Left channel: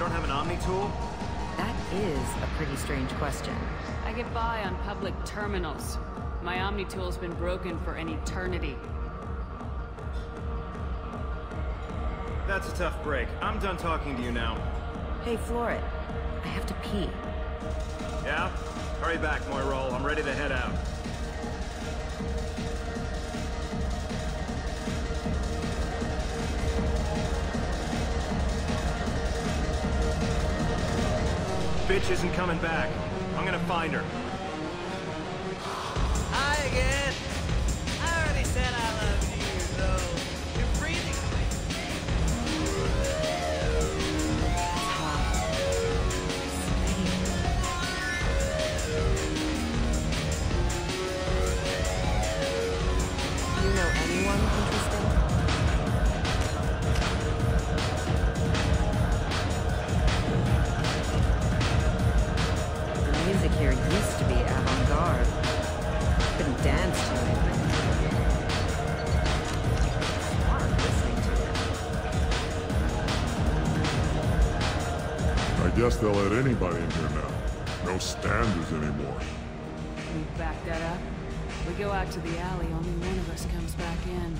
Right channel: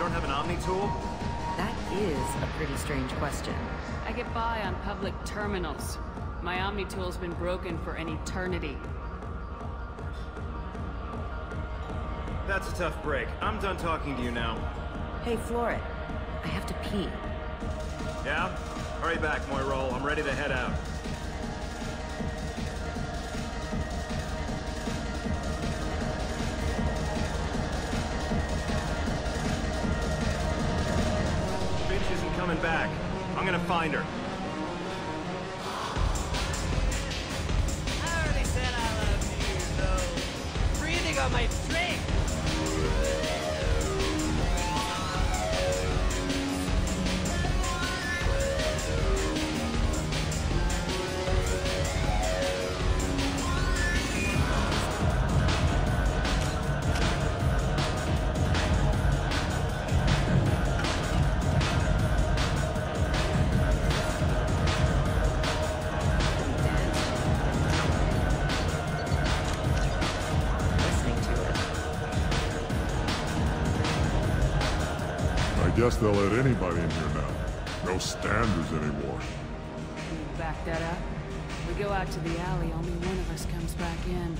You don't have an Omni tool? That is a pretty strange question. I get by on public terminals. My Omni tool's been broken for an eternity. That's a tough break. I'm done talking to you now. Hey, Floret. I have to pee. Yeah? Hurry back, Moirol. I'm ready to head out. Bitch isn't coming back. I'm gonna find her. Hi again. You're breathing on my drink. It's hot. Do you know anyone The music here used to be avant-garde. Couldn't dance to it, but hard listening to it. I guess they'll let anybody in here now. No standards anymore. Can you back that up? We go out to the alley, only one of us comes back in.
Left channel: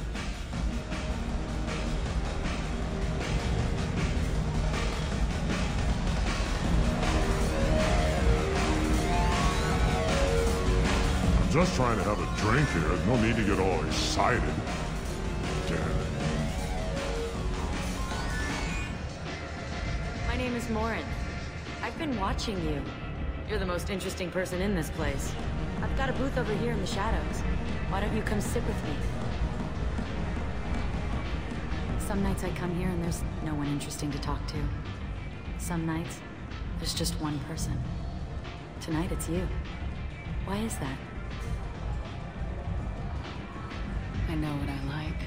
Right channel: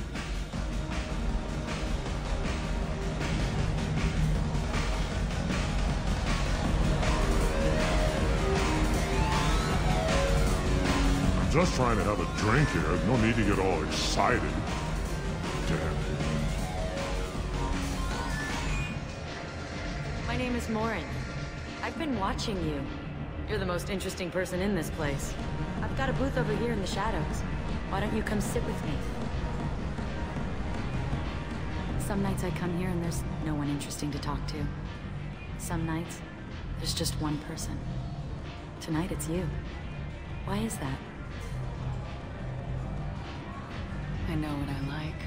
I'm just trying to have a drink here. No need to get all excited. Damn humans. My name is Morin. I've been watching you. You're the most interesting person in this place. I've got a booth over here in the shadows. Why don't you come sit with me? Some nights I come here and there's no one interesting to talk to. Some nights, there's just one person. Tonight it's you. Why is that? I know what I like.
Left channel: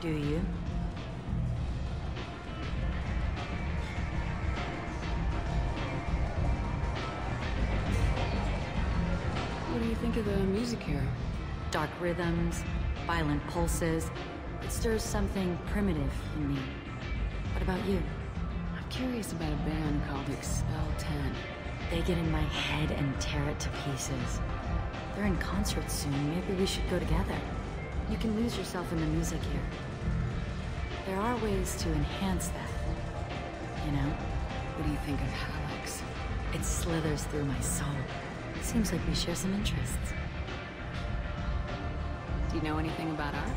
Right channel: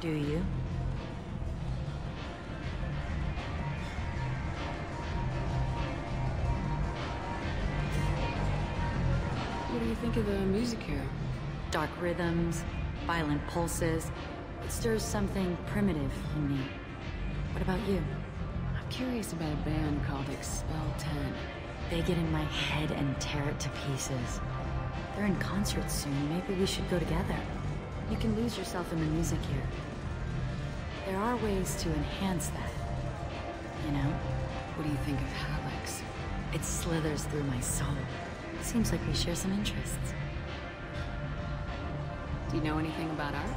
Do you? What do you think of the music here? Dark rhythms, violent pulses. It stirs something primitive in me. What about you? I'm curious about a band called Expel 10. They get in my head and tear it to pieces. They're in concert soon. Maybe we should go together. You can lose yourself in the music here. There are ways to enhance that. You know? What do you think of Hallex? It slithers through my soul. Seems like we share some interests. Do you know anything about art?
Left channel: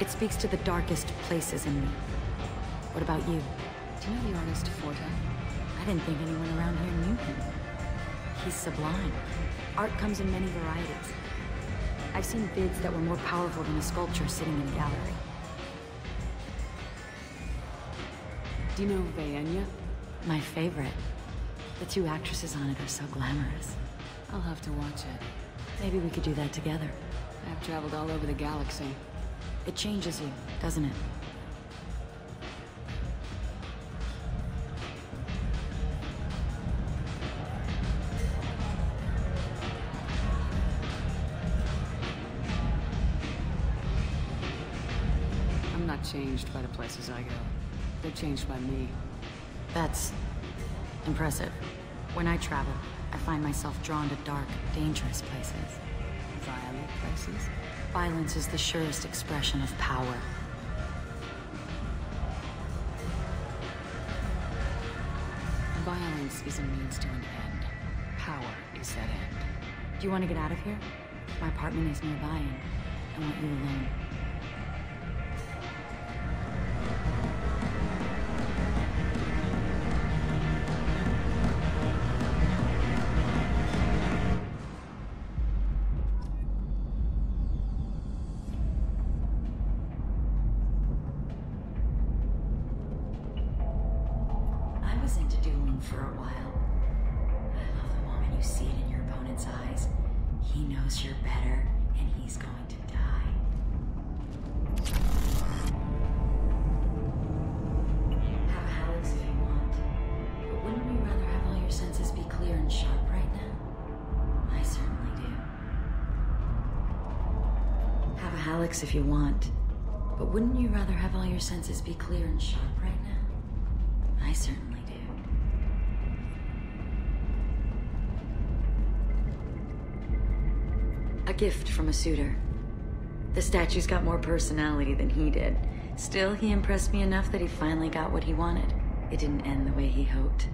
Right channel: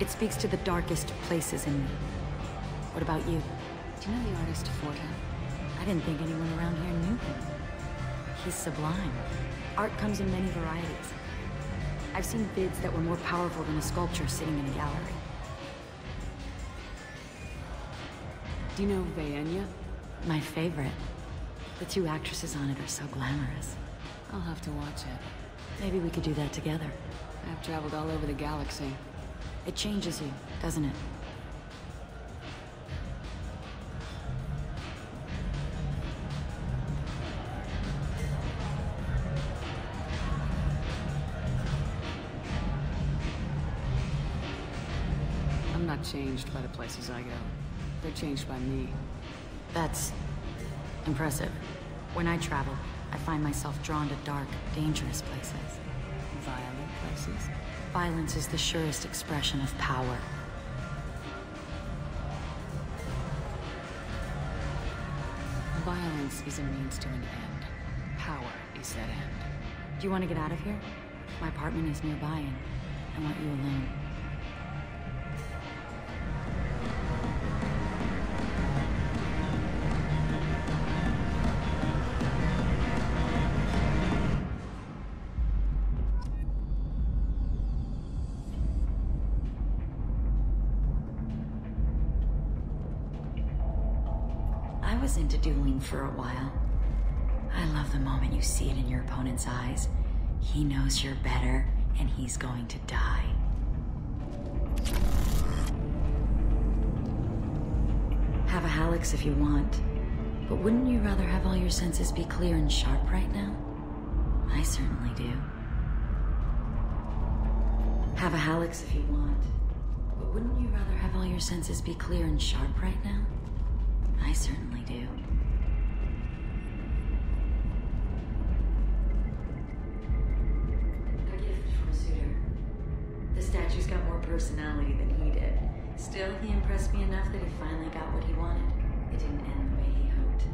It speaks to the darkest places in me. What about you? Do you know the artist Forta? I didn't think anyone around here knew him. He's sublime. Art comes in many varieties. I've seen vids that were more powerful than a sculpture sitting in a gallery. Do you know Vaenia? My favorite. The two actresses on it are so glamorous. I'll have to watch it. Maybe we could do that together. I've traveled all over the galaxy. It changes you, doesn't it? I'm not changed by the places I go. They're changed by me. That's impressive. When I travel, I find myself drawn to dark, dangerous places. Violent places? Violence is the surest expression of power. Violence is a means to an end. Power is that end. Do you want to get out of here? My apartment is nearby and I want you alone. For a while. I love the moment you see it in your opponent's eyes. He knows you're better, and he's going to die. Have a Hallex if you want, but wouldn't you rather have all your senses be clear and sharp right now? I certainly do. Have a Hallex if you want, but wouldn't you rather have all your senses be clear and sharp right now? I certainly do. gift from a suitor. The statue's got more personality than he did. Still, he impressed me enough that he finally got what he wanted. It didn't end the way he hoped.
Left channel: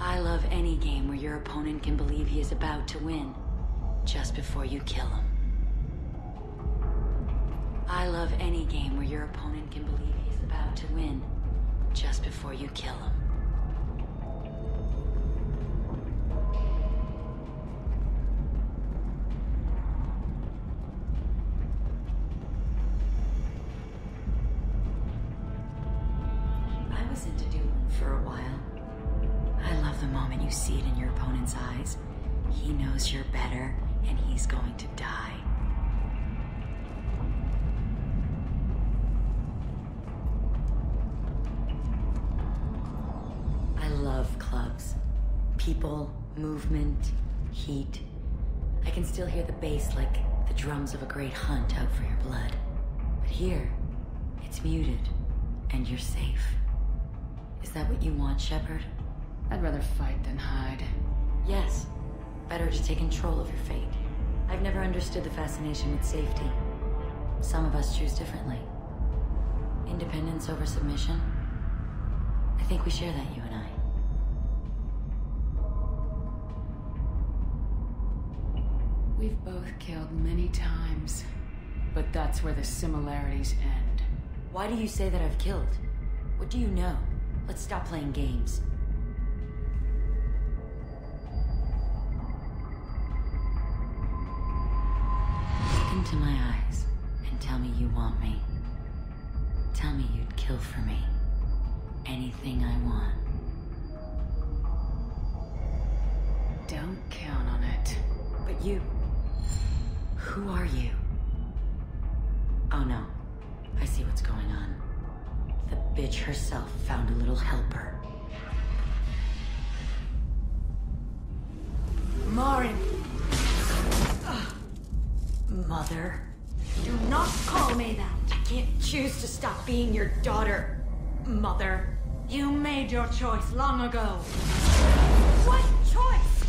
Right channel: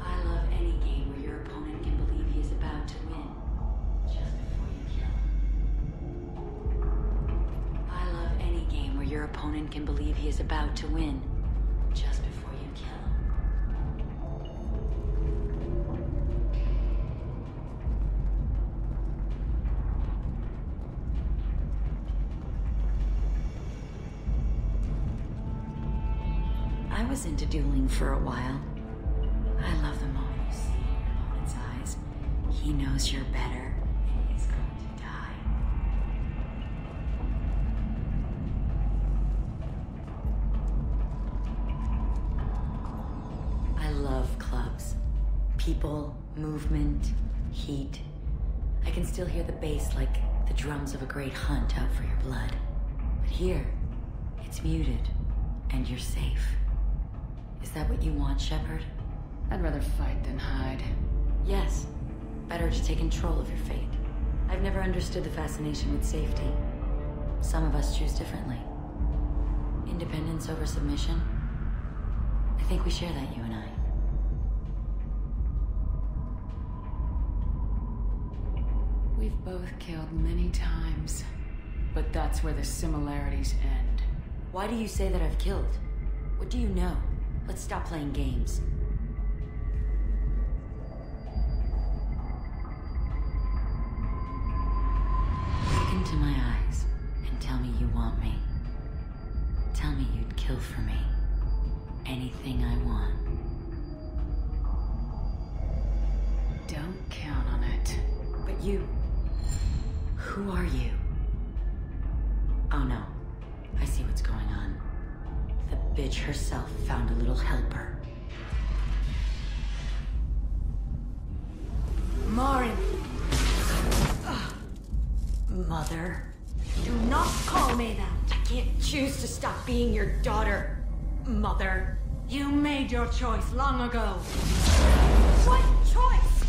I love any game where your opponent can believe he is about to win, just before you kill him. I love any game where your opponent can believe he is about to win, just before you kill him. I was into dueling for a while. I love the moment you see it in your opponent's eyes. He knows you're better, and he's going to die. I love clubs. People, movement, heat. I can still hear the bass like the drums of a great hunt out for your blood. But here, it's muted, and you're safe. Is that what you want, Shepard? I'd rather fight than hide. Yes. Better to take control of your fate. I've never understood the fascination with safety. Some of us choose differently. Independence over submission? I think we share that, you and I. We've both killed many times, but that's where the similarities end. Why do you say that I've killed? What do you know? Let's stop playing games. Look into my eyes and tell me you want me. Tell me you'd kill for me. Anything I want. Don't count on it. But you... Who are you? Oh no. I see what's going on. The bitch herself found a little helper. Morin! Mother? Do not call me that! I can't choose to stop being your daughter, Mother. You made your choice long ago. What choice?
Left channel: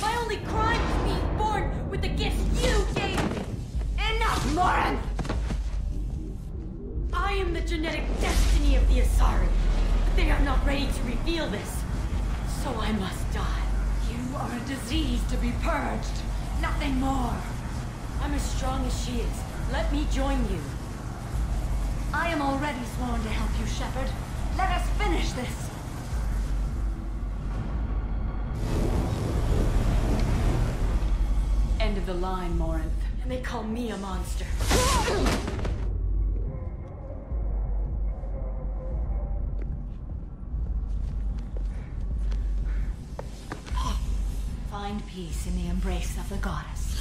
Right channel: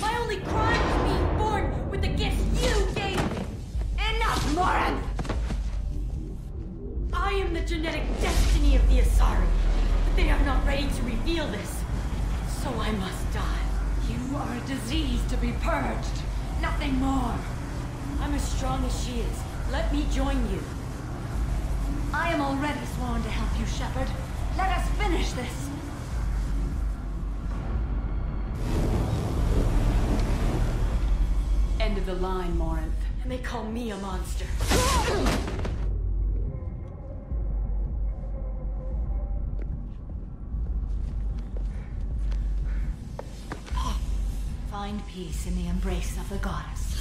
My only crime was being born with the gifts you gave me. Enough, Morin! I am the genetic destiny of the Asari, but they are not ready to reveal this. So I must die. You are a disease to be purged. Nothing more. I'm as strong as she is. Let me join you. I am already sworn to help you, Shepard. Let us finish this. End of the line, Morinth. And they call me a monster. Find peace in the embrace of the goddess.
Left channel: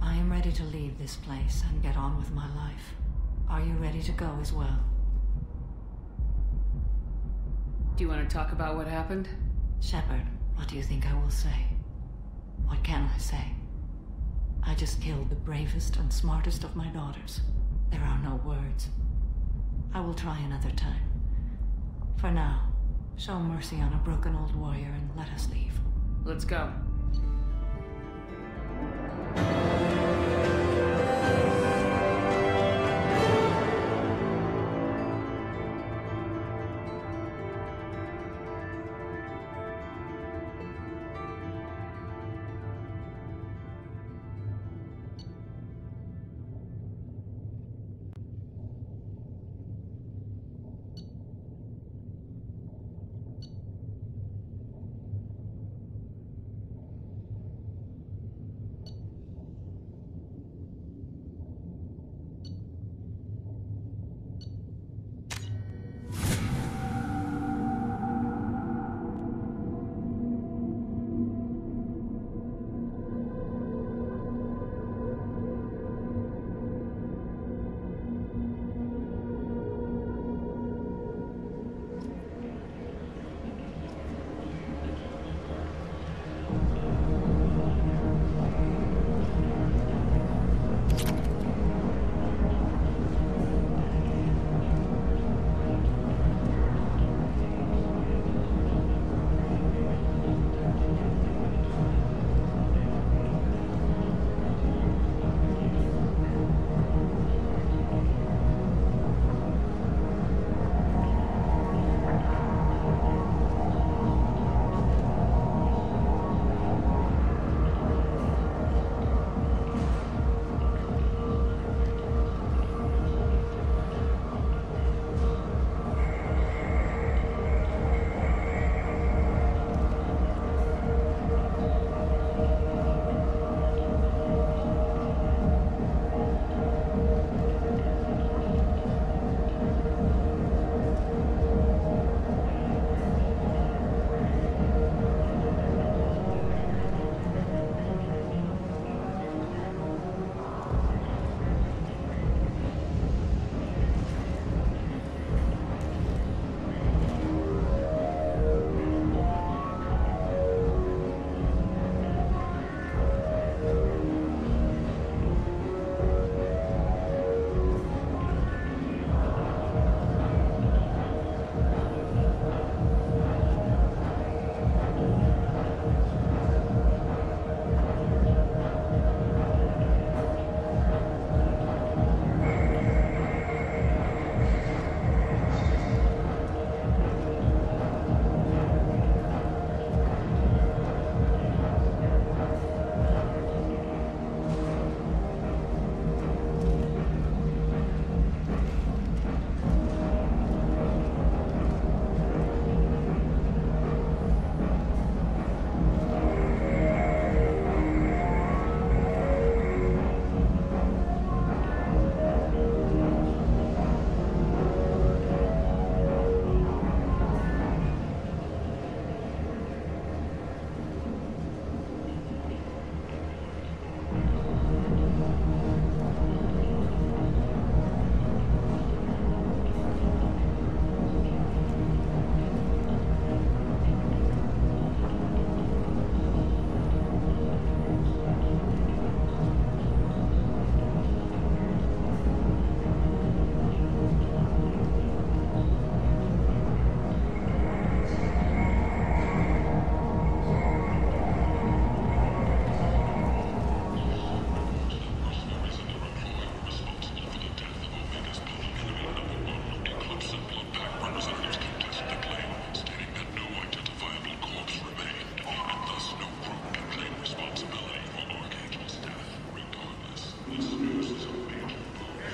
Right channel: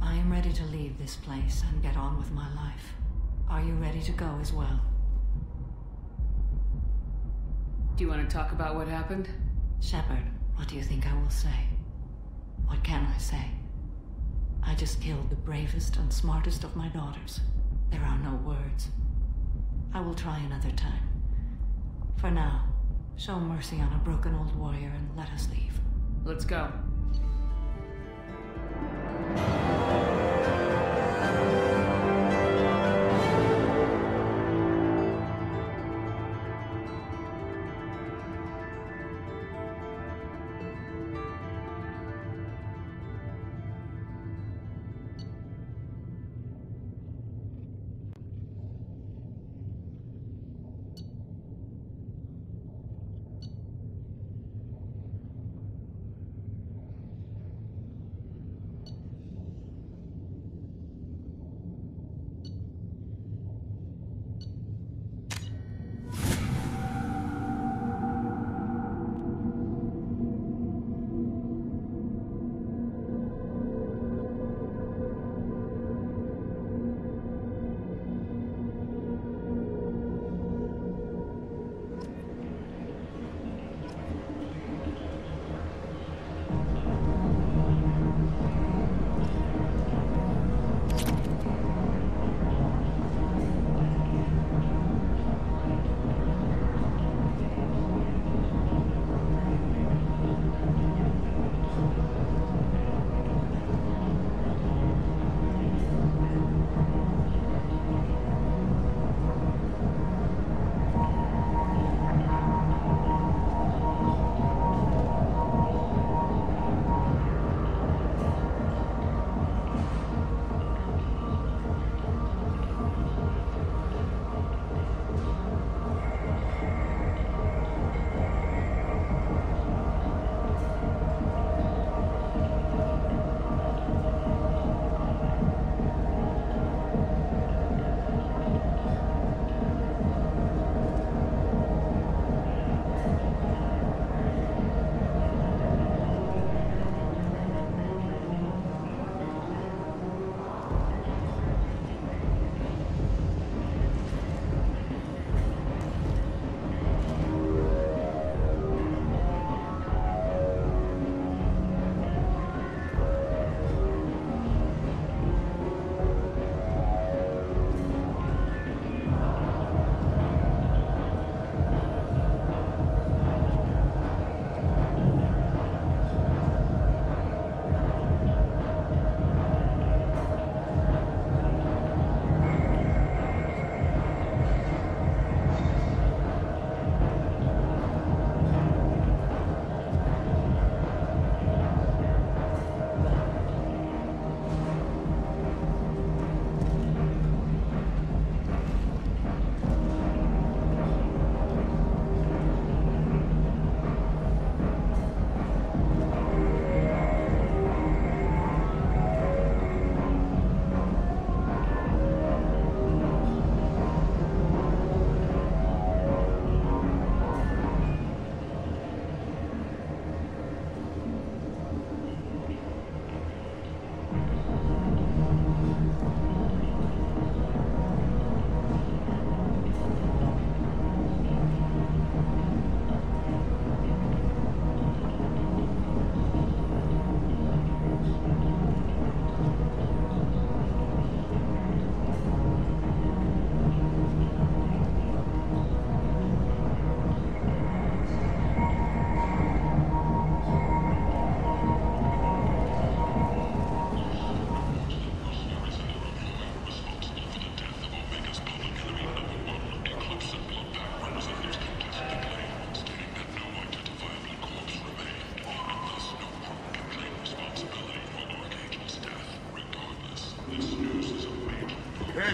I am ready to leave this place and get on with my life. Are you ready to go as well? Do you want to talk about what happened? Shepard, what do you think I will say? What can I say? I just killed the bravest and smartest of my daughters. There are no words. I will try another time. For now, show mercy on a broken old warrior and let us leave. Let's go.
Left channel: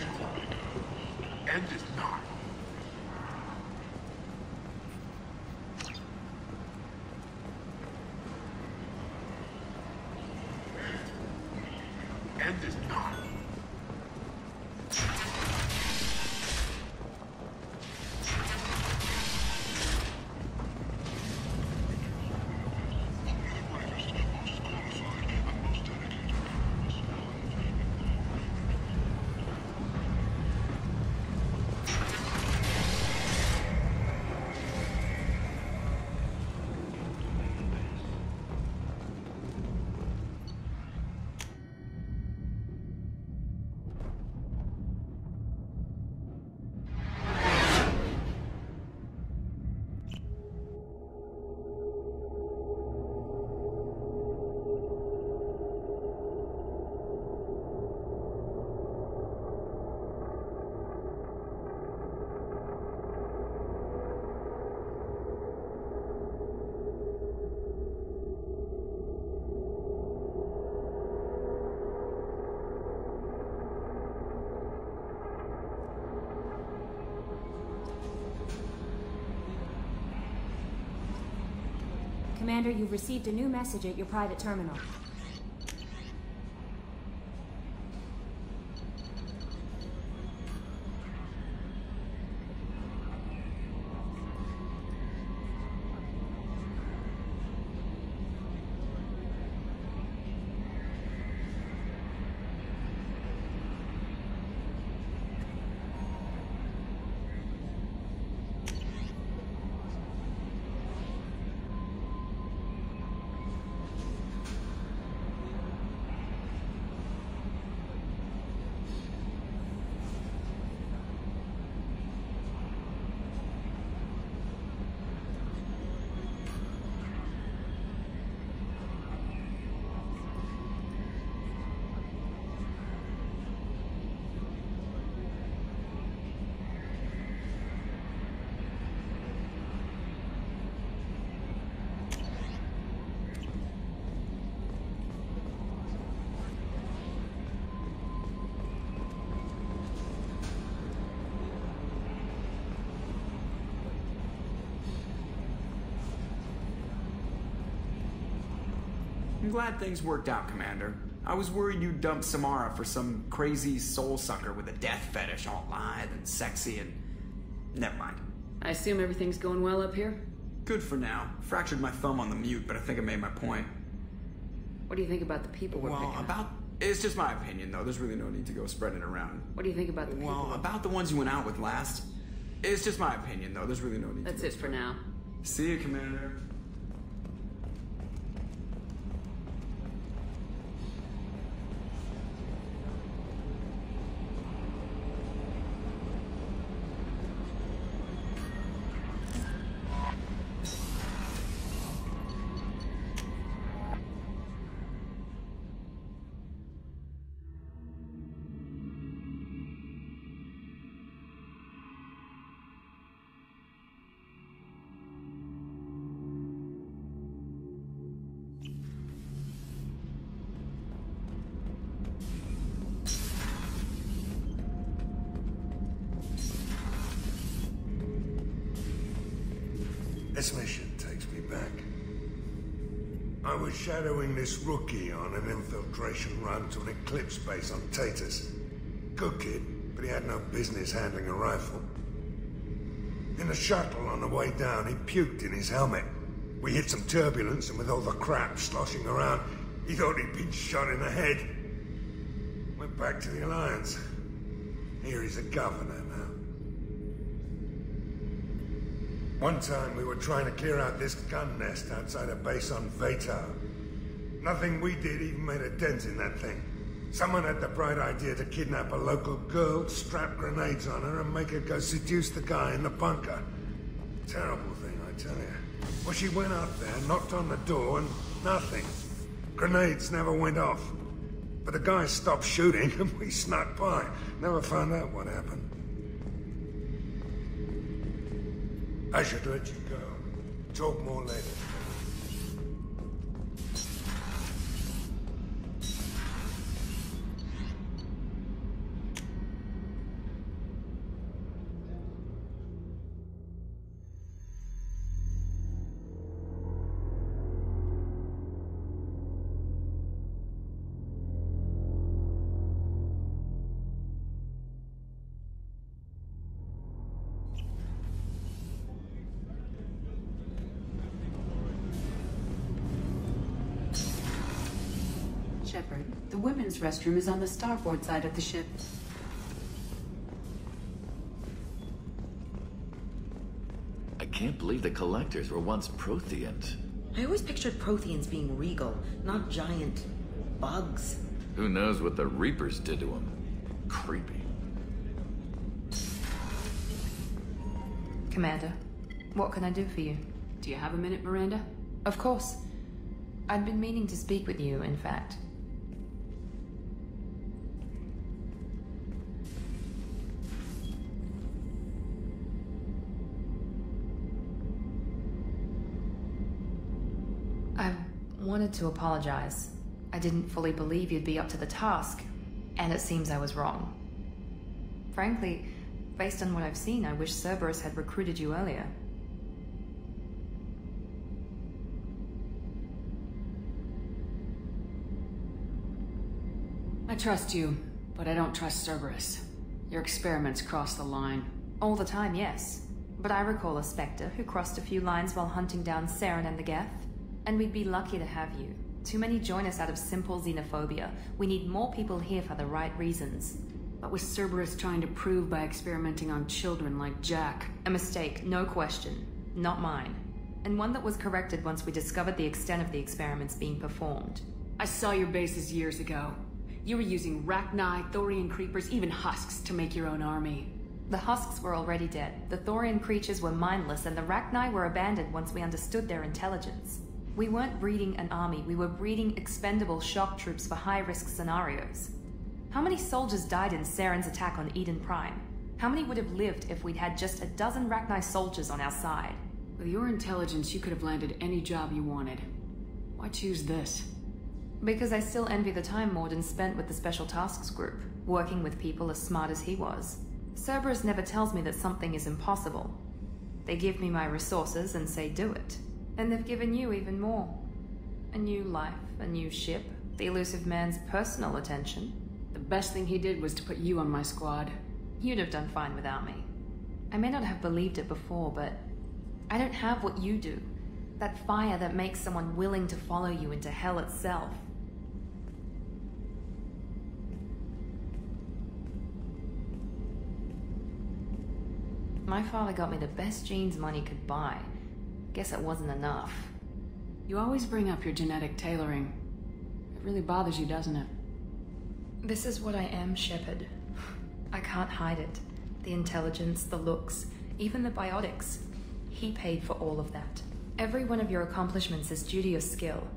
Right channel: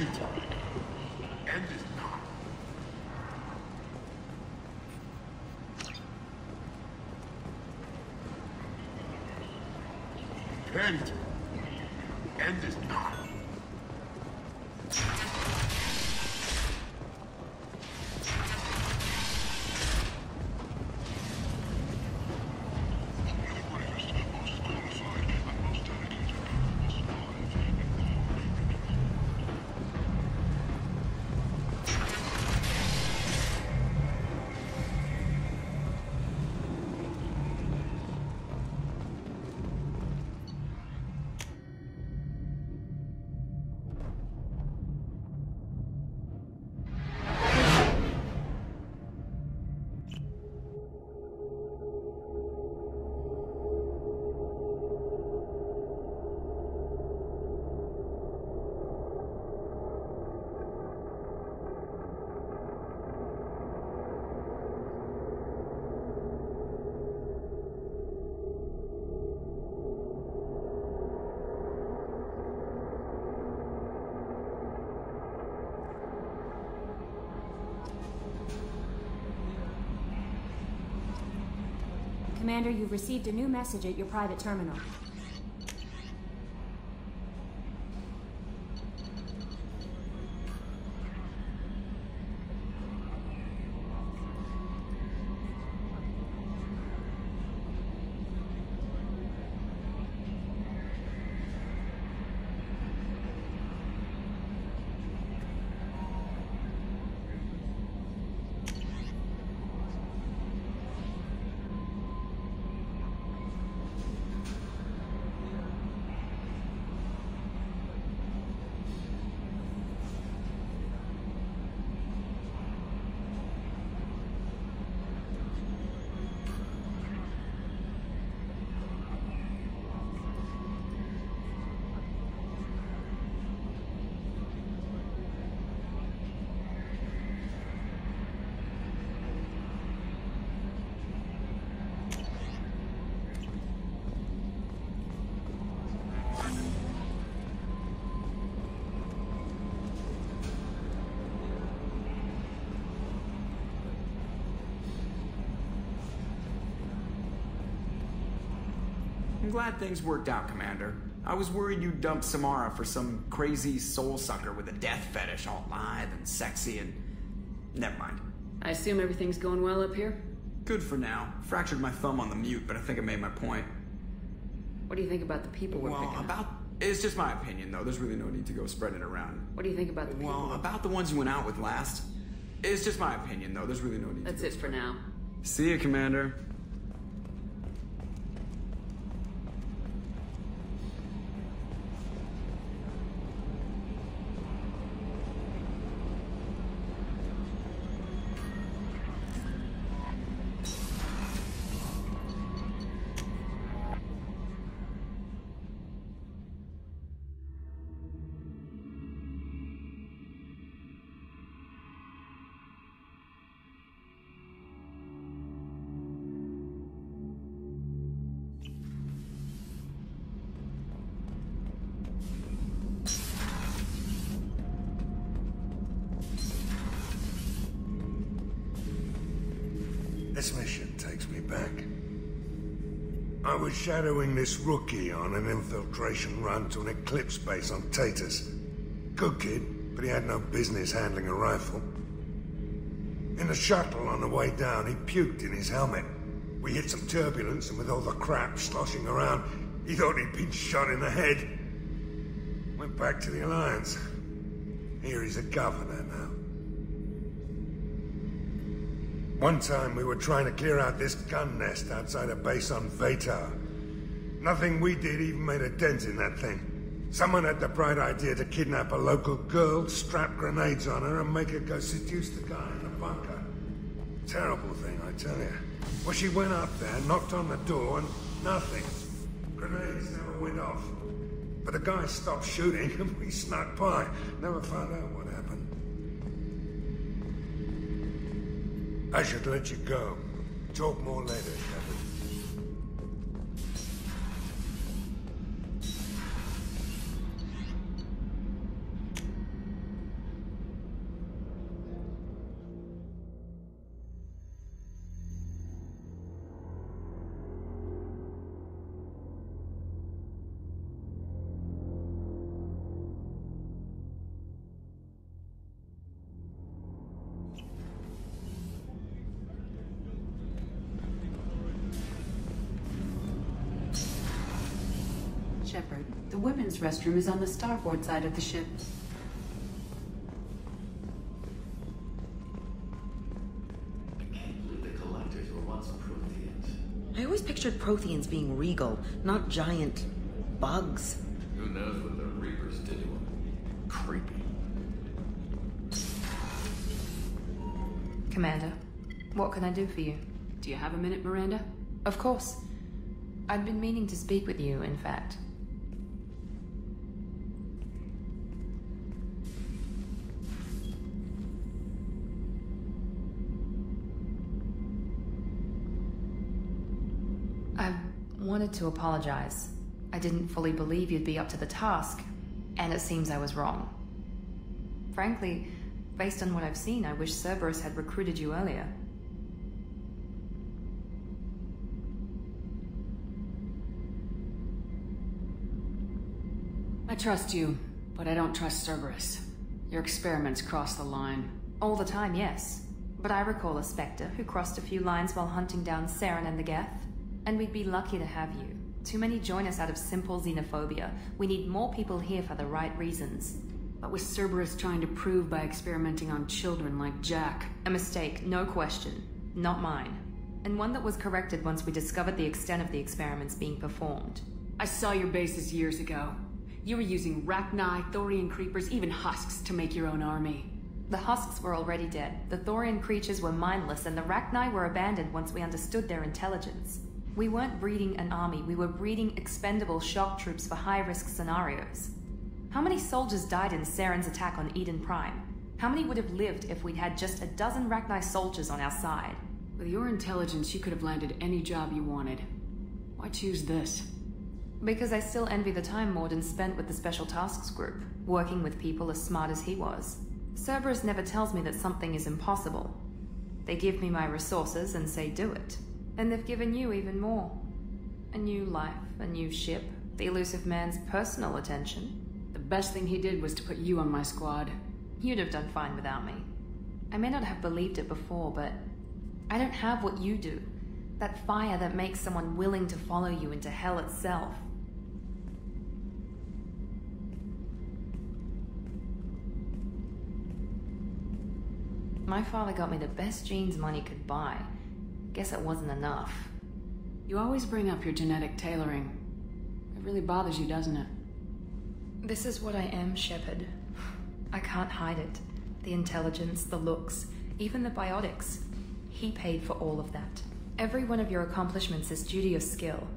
Can't. Can't. Commander, you've received a new message at your private terminal. I'm glad things worked out, Commander. I was worried you'd dump Samara for some crazy soul sucker with a death fetish, all lithe and sexy and... Never mind. I assume everything's going well up here? Good for now. Fractured my thumb on the mute, but I think I made my point. What do you think about the people we're picking up? It's just my opinion, though. There's really no need to go spreading it around. What do you think about the people? Well, about the ones you went out with last. It's just my opinion, though. There's really no need to go That's it for now. See you, Commander. This mission takes me back. I was shadowing this rookie on an infiltration run to an Eclipse base on Tatus. Good kid, but he had no business handling a rifle. In the shuttle on the way down, he puked in his helmet. We hit some turbulence, and with all the crap sloshing around, he thought he'd been shot in the head. Went back to the Alliance. Here he's a governor now. One time we were trying to clear out this gun nest outside a base on Vatar. Nothing we did even made a dent in that thing. Someone had the bright idea to kidnap a local girl, strap grenades on her, and make her go seduce the guy in the bunker. Terrible thing, I tell you. When she went up, nothing. Grenades never went off. But the guy stopped shooting and we snuck by. Never found out what happened. I should let you go. Shepard, the women's restroom is on the starboard side of the ship. I can't believe the Collectors were once Protheans. I always pictured Protheans being regal, not giant bugs. Who knows what the Reapers did to them? Commander, what can I do for you? Do you have a minute, Miranda? Of course. I'd been meaning to speak with you, in fact. I wanted to apologize. I didn't fully believe you'd be up to the task, and it seems I was wrong. Frankly, based on what I've seen, I wish Cerberus had recruited you earlier. I trust you, but I don't trust Cerberus. Your experiments cross the line. All the time, yes. But I recall a Spectre who crossed a few lines while hunting down Saren and the Geth. And we'd be lucky to have you. Too many join us out of simple xenophobia. We need more people here for the right reasons. What was Cerberus trying to prove by experimenting on children like Jack? A mistake, no question. Not mine. And one that was corrected once we discovered the extent of the experiments being performed. I saw your bases years ago. You were using Rachni, Thorian creepers, even husks to make your own army. The husks were already dead. The Thorian creatures were mindless, and the Rachni were abandoned once we understood their intelligence. We weren't breeding an army, we were breeding expendable shock troops for high-risk scenarios. How many soldiers died in Saren's attack on Eden Prime? How many would have lived if we'd had just a dozen Rachni soldiers on our side? With your intelligence, you could have landed any job you wanted. Why choose this? Because I still envy the time Mordin spent with the Special Tasks Group, working with people as smart as he was. Cerberus never tells me that something is impossible. They give me my resources and say do it. And they've given you even more. A new life, a new ship, the elusive man's personal attention. The best thing he did was to put you on my squad. You'd have done fine without me. I may not have believed it before, but I don't have what you do. That fire that makes someone willing to follow you into hell itself. My father got me the best genes money could buy. Guess it wasn't enough. You always bring up your genetic tailoring. It really bothers you, doesn't it? This is what I am, Shepard. I can't hide it. The intelligence, the looks, even the biotics. He paid for all of that. Every one of your accomplishments is due to your skill.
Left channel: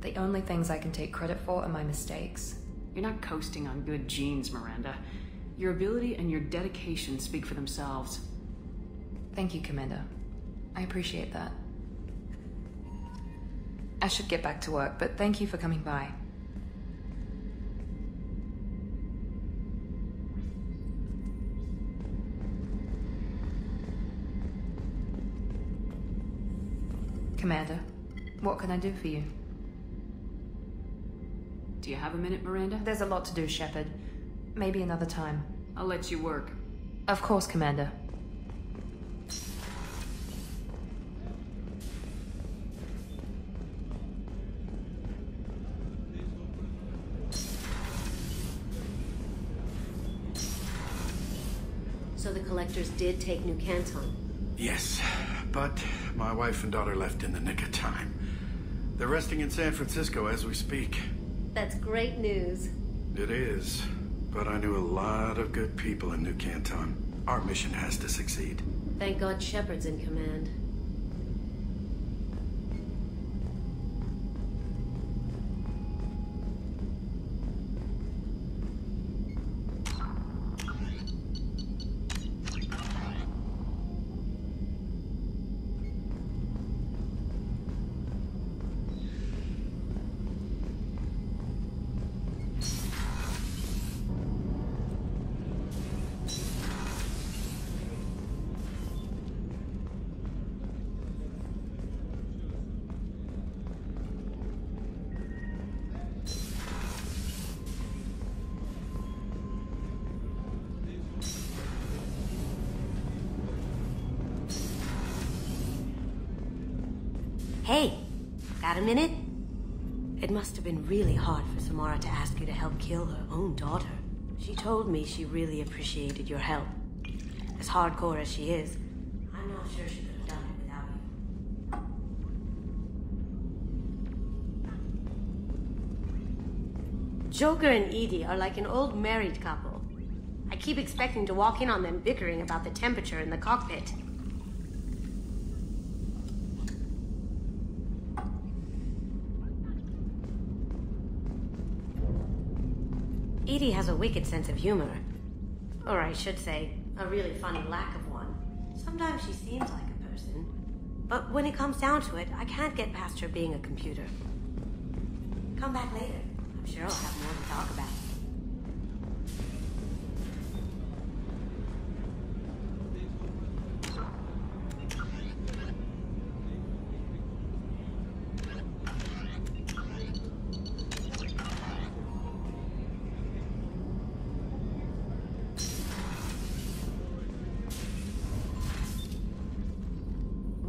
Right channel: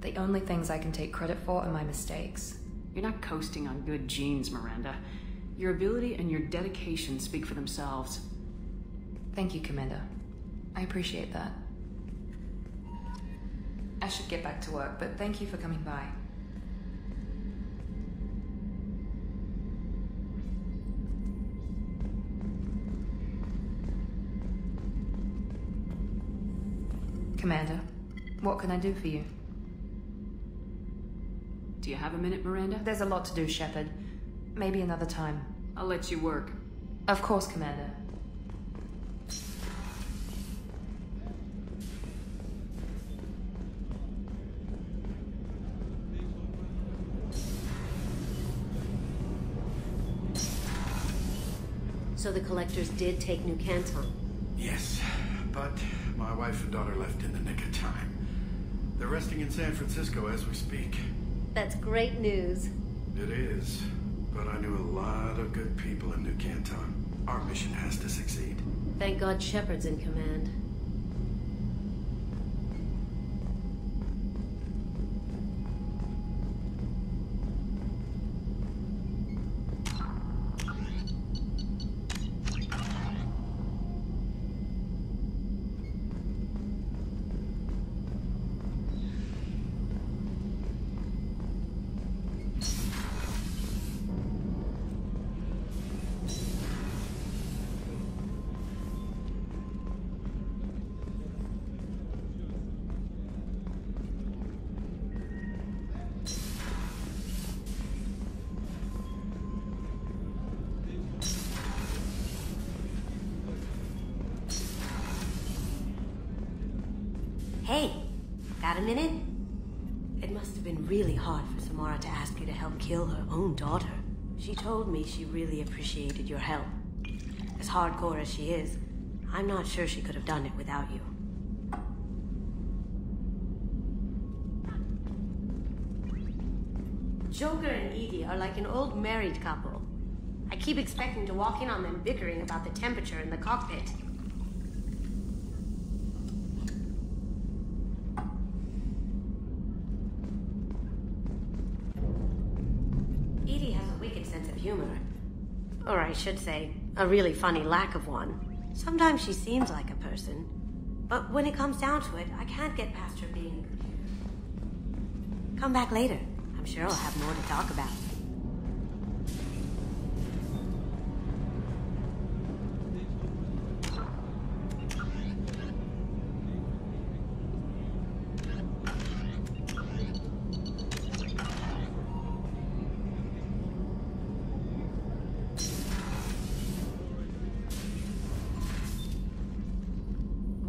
The only things I can take credit for are my mistakes. You're not coasting on good genes, Miranda. Your ability and your dedication speak for themselves. Thank you, Commander. I appreciate that. I should get back to work, but thank you for coming by. Commander, what can I do for you? Do you have a minute, Miranda? There's a lot to do, Shepard. Maybe another time. I'll let you work. Of course, Commander. So the Collectors did take New Canton? Yes, but my wife and daughter left in the nick of time. They're resting in San Francisco as we speak. That's great news. It is, but I knew a lot of good people in New Canton. Our mission has to succeed. Thank God Shepard's in command. Hey, got a minute? It must have been really hot when Samara I'm not sure she could have done it without you. Joker and Edie are like an old married couple. I keep expecting to walk in on them bickering about the temperature in the cockpit. Edie has a wicked sense of humor. Or I should say, a really funny lack of one. Sometimes she seems like a person. But when it comes down to it, I can't get past her being a computer. Come back later. I'm sure I'll have more to talk about.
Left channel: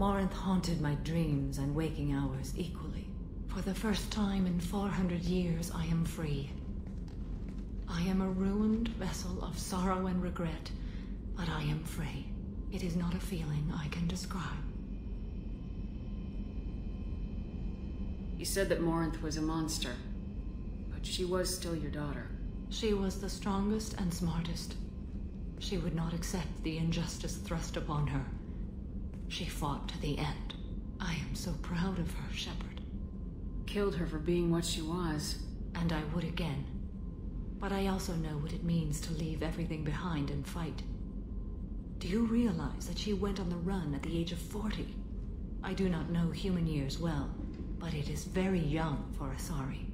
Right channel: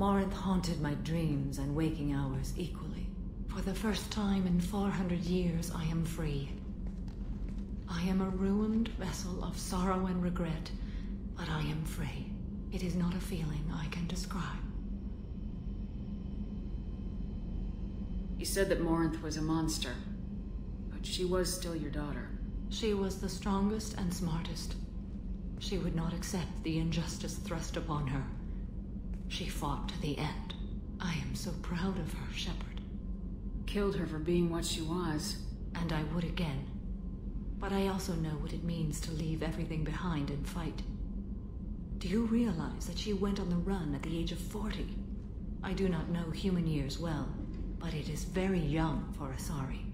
Morinth haunted my dreams and waking hours equally. For the first time in 400 years, I am free. I am a ruined vessel of sorrow and regret, but I am free. It is not a feeling I can describe. You said that Morinth was a monster, but she was still your daughter. She was the strongest and smartest. She would not accept the injustice thrust upon her. She fought to the end. I am so proud of her, Shepard. Killed her for being what she was. And I would again. But I also know what it means to leave everything behind and fight. Do you realize that she went on the run at the age of 40? I do not know human years well, but it is very young for Asari.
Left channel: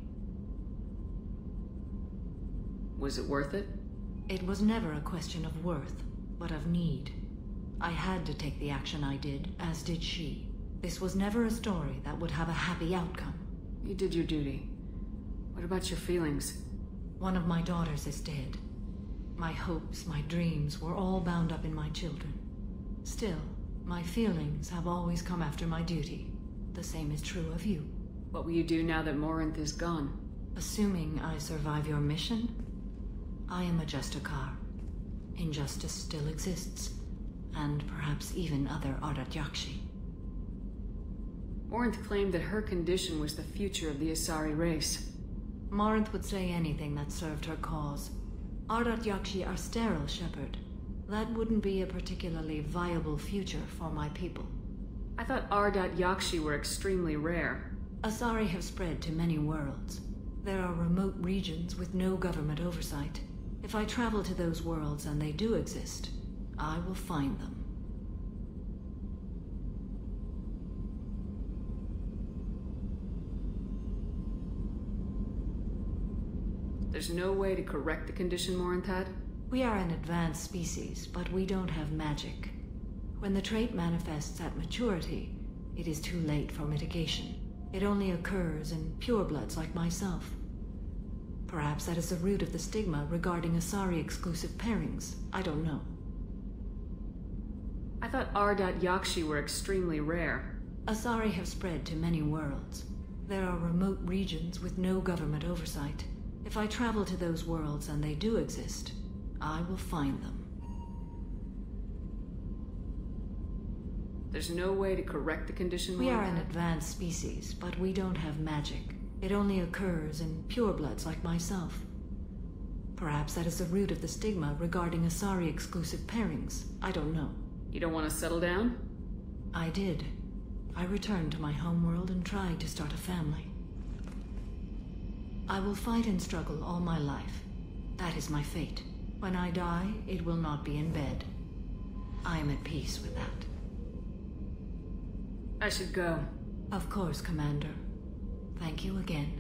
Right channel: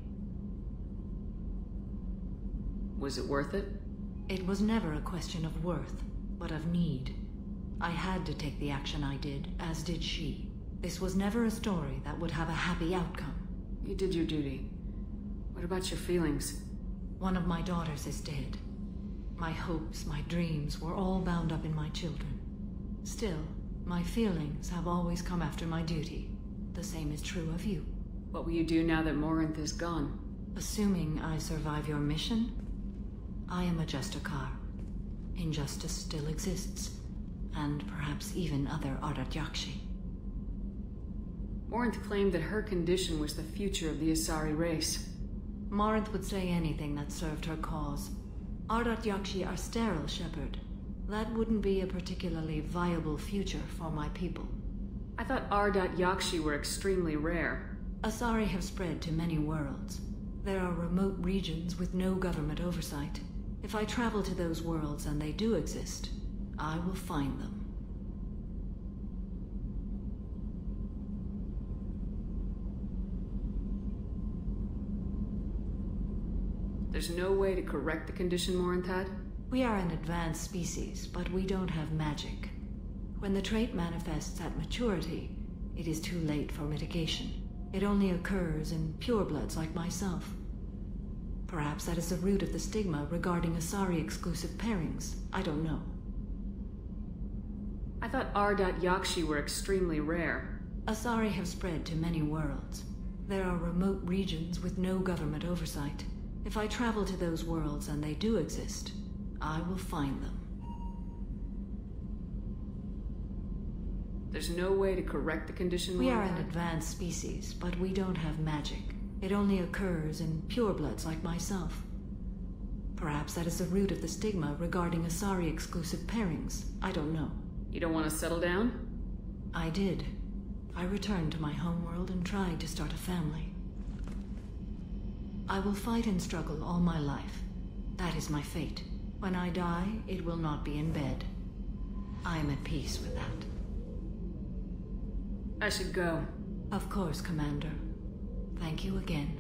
Was it worth it? It was never a question of worth, but of need. I had to take the action I did, as did she. This was never a story that would have a happy outcome. You did your duty. What about your feelings? One of my daughters is dead. My hopes, my dreams were all bound up in my children. Still, my feelings have always come after my duty. The same is true of you. What will you do now that Morinth is gone? Assuming I survive your mission, I am a Justicar. Injustice still exists. And perhaps even other Ardat Yakshi. Morinth claimed that her condition was the future of the Asari race. Morinth would say anything that served her cause. Ardat Yakshi are sterile, Shepard. That wouldn't be a particularly viable future for my people. I thought Ardat Yakshi were extremely rare. Asari have spread to many worlds. There are remote regions with no government oversight. If I travel to those worlds and they do exist, I will find them. There's no way to correct the condition Morinth had? We are an advanced species, but we don't have magic. When the trait manifests at maturity, it is too late for mitigation. It only occurs in purebloods like myself. Perhaps that is the root of the stigma regarding Asari-exclusive pairings. I don't know. I thought Ardat Yakshi were extremely rare. Asari have spread to many worlds. There are remote regions with no government oversight. If I travel to those worlds and they do exist, I will find them. There's no way to correct the condition We are an advanced species, but we don't have magic. It only occurs in purebloods like myself. Perhaps that is the root of the stigma regarding Asari-exclusive pairings. I don't know. You don't want to settle down? I did. I returned to my homeworld and tried to start a family. I will fight and struggle all my life. That is my fate. When I die, it will not be in bed. I am at peace with that. I should go. Of course, Commander. Thank you again.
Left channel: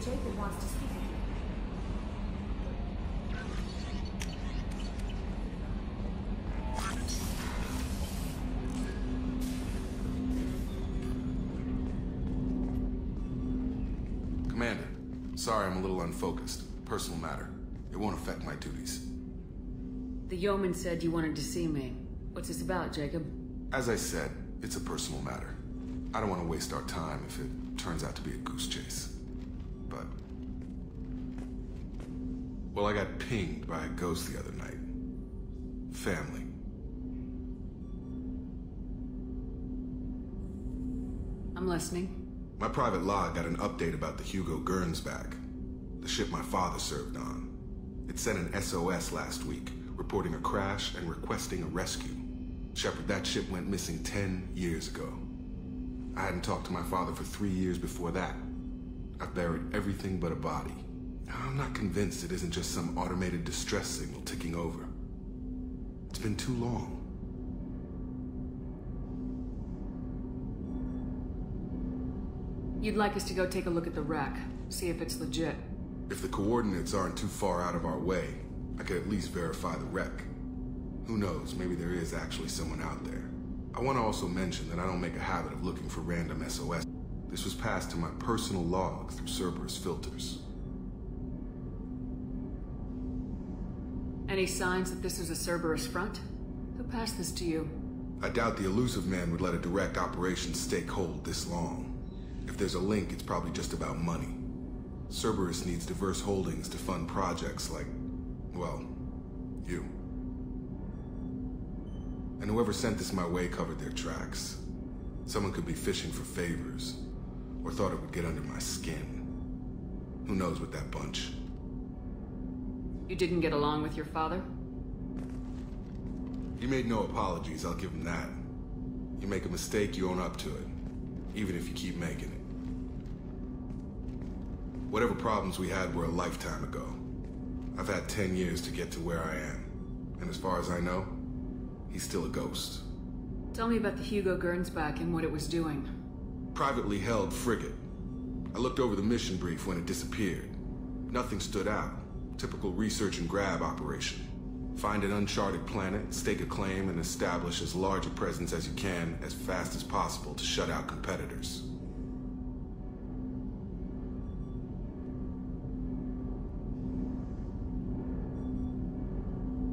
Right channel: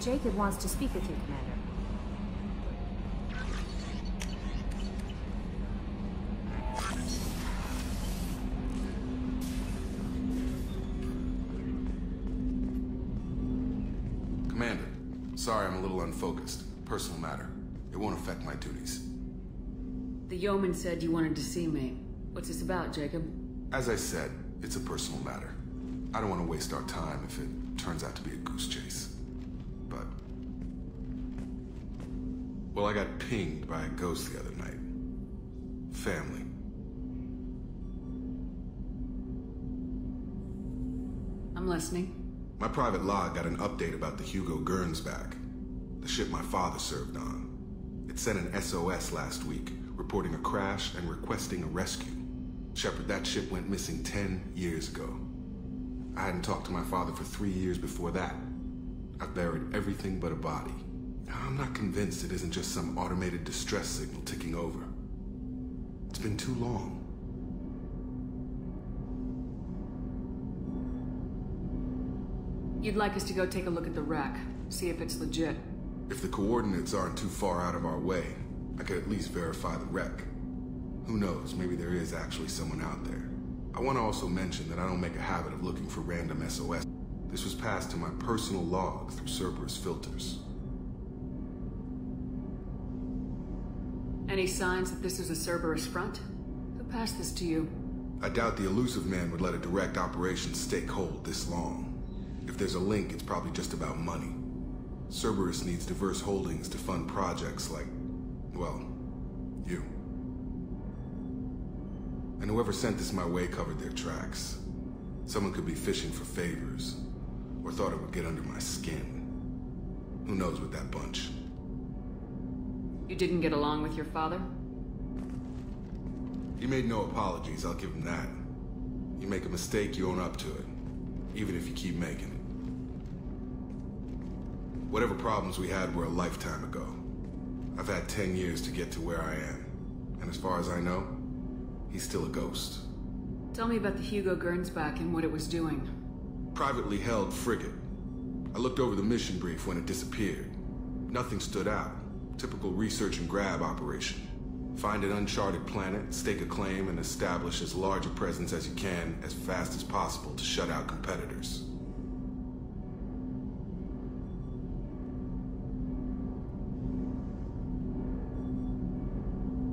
Jacob wants to speak with you, Commander. Commander, sorry I'm a little unfocused. Personal matter. It won't affect my duties. The yeoman said you wanted to see me. What's this about, Jacob? As I said, it's a personal matter. I don't want to waste our time if it turns out to be a goose chase. But... well, I got pinged by a ghost the other night. Family. I'm listening. My private log got an update about the Hugo Gernsback, the ship my father served on. It sent an SOS last week, reporting a crash and requesting a rescue. Shepard, that ship went missing 10 years ago. I hadn't talked to my father for 3 years before that. I've buried everything but a body. I'm not convinced it isn't just some automated distress signal ticking over. It's been too long. You'd like us to go take a look at the wreck, see if it's legit. If the coordinates aren't too far out of our way, I could at least verify the wreck. Who knows, maybe there is actually someone out there. I want to also mention that I don't make a habit of looking for random SOS. This was passed to my personal log through Cerberus filters. Any signs that this is a Cerberus front? Who passed this to you? I doubt the Illusive Man would let a direct operation stake hold this long. If there's a link, it's probably just about money. Cerberus needs diverse holdings to fund projects like, well, you. And whoever sent this my way covered their tracks. Someone could be fishing for favors, or thought it would get under my skin. Who knows with that bunch? You didn't get along with your father? He made no apologies, I'll give him that. You make a mistake, you own up to it. Even if you keep making it. Whatever problems we had were a lifetime ago. I've had 10 years to get to where I am. And as far as I know, he's still a ghost. Tell me about the Hugo Gernsback and what it was doing. Privately held frigate. I looked over the mission brief when it disappeared. Nothing stood out. Typical research and grab operation. Find an uncharted planet, stake a claim, and establish as large a presence as you can as fast as possible to shut out competitors.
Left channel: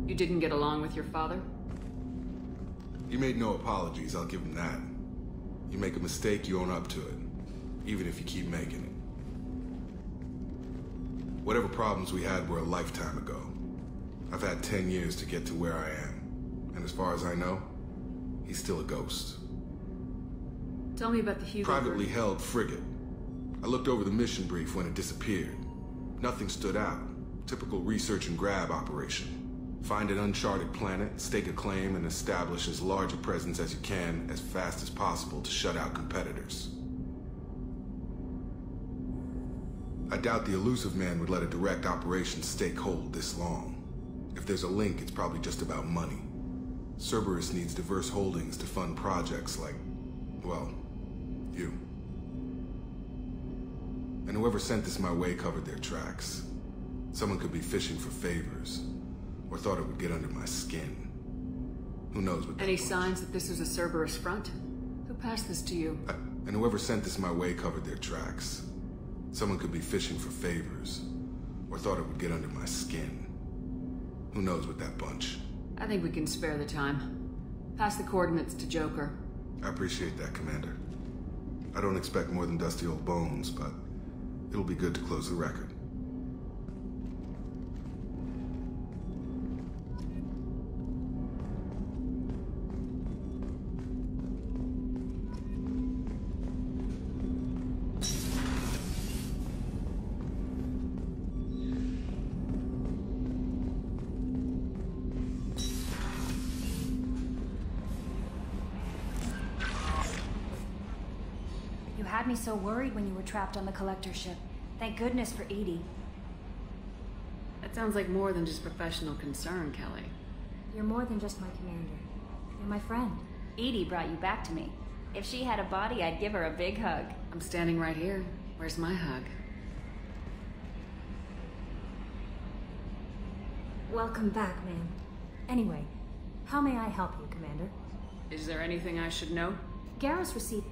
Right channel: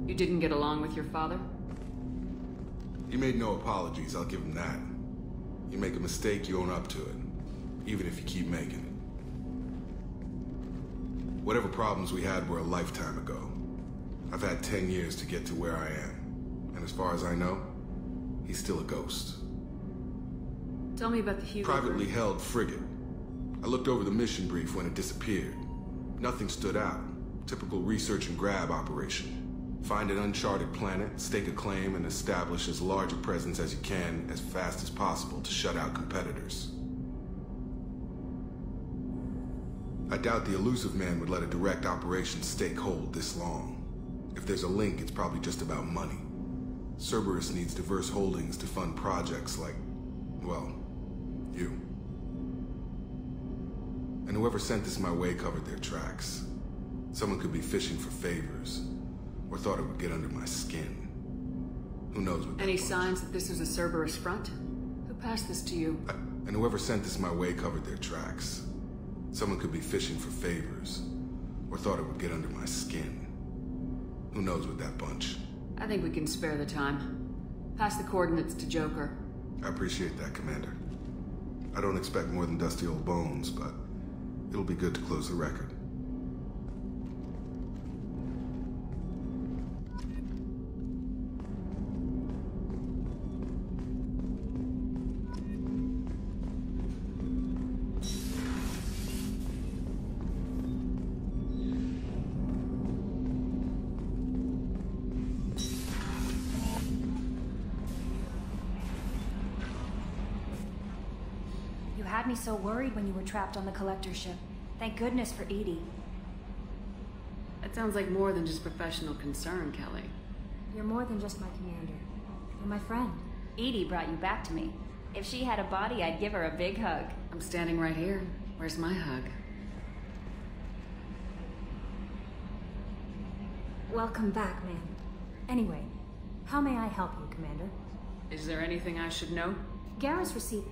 You didn't get along with your father? He made no apologies, I'll give him that. You make a mistake, you own up to it. Even if you keep making it. Whatever problems we had were a lifetime ago. I've had 10 years to get to where I am. And as far as I know, he's still a ghost. Tell me about the Hugo Privately held frigate. I looked over the mission brief when it disappeared. Nothing stood out. Typical research and grab operation. Find an uncharted planet, stake a claim, and establish as large a presence as you can as fast as possible to shut out competitors. I doubt the Illusive Man would let a direct operation stake hold this long. If there's a link, it's probably just about money. Cerberus needs diverse holdings to fund projects like, well, you. And whoever sent this my way covered their tracks. Someone could be fishing for favors, or thought it would get under my skin. Who knows what that Any bunch. signs that this is a Cerberus front? Who passed this to you? And whoever sent this my way covered their tracks. Someone could be fishing for favors, or thought it would get under my skin. Who knows with that bunch. I think we can spare the time. Pass the coordinates to Joker. I appreciate that, Commander. I don't expect more than dusty old bones, but it'll be good to close the record. You had me so worried when you were trapped on the Collector ship. Thank goodness for EDI. That sounds like more than just professional concern, Kelly. You're more than just my commander. You're my friend. EDI brought you back to me. If she had a body, I'd give her a big hug. I'm standing right here. Where's my hug? Welcome back, ma'am. Anyway, how may I help you, Commander? Is there anything I should know? Garrus received...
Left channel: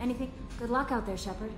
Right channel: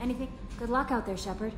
Anything? Good luck out there, Shepard.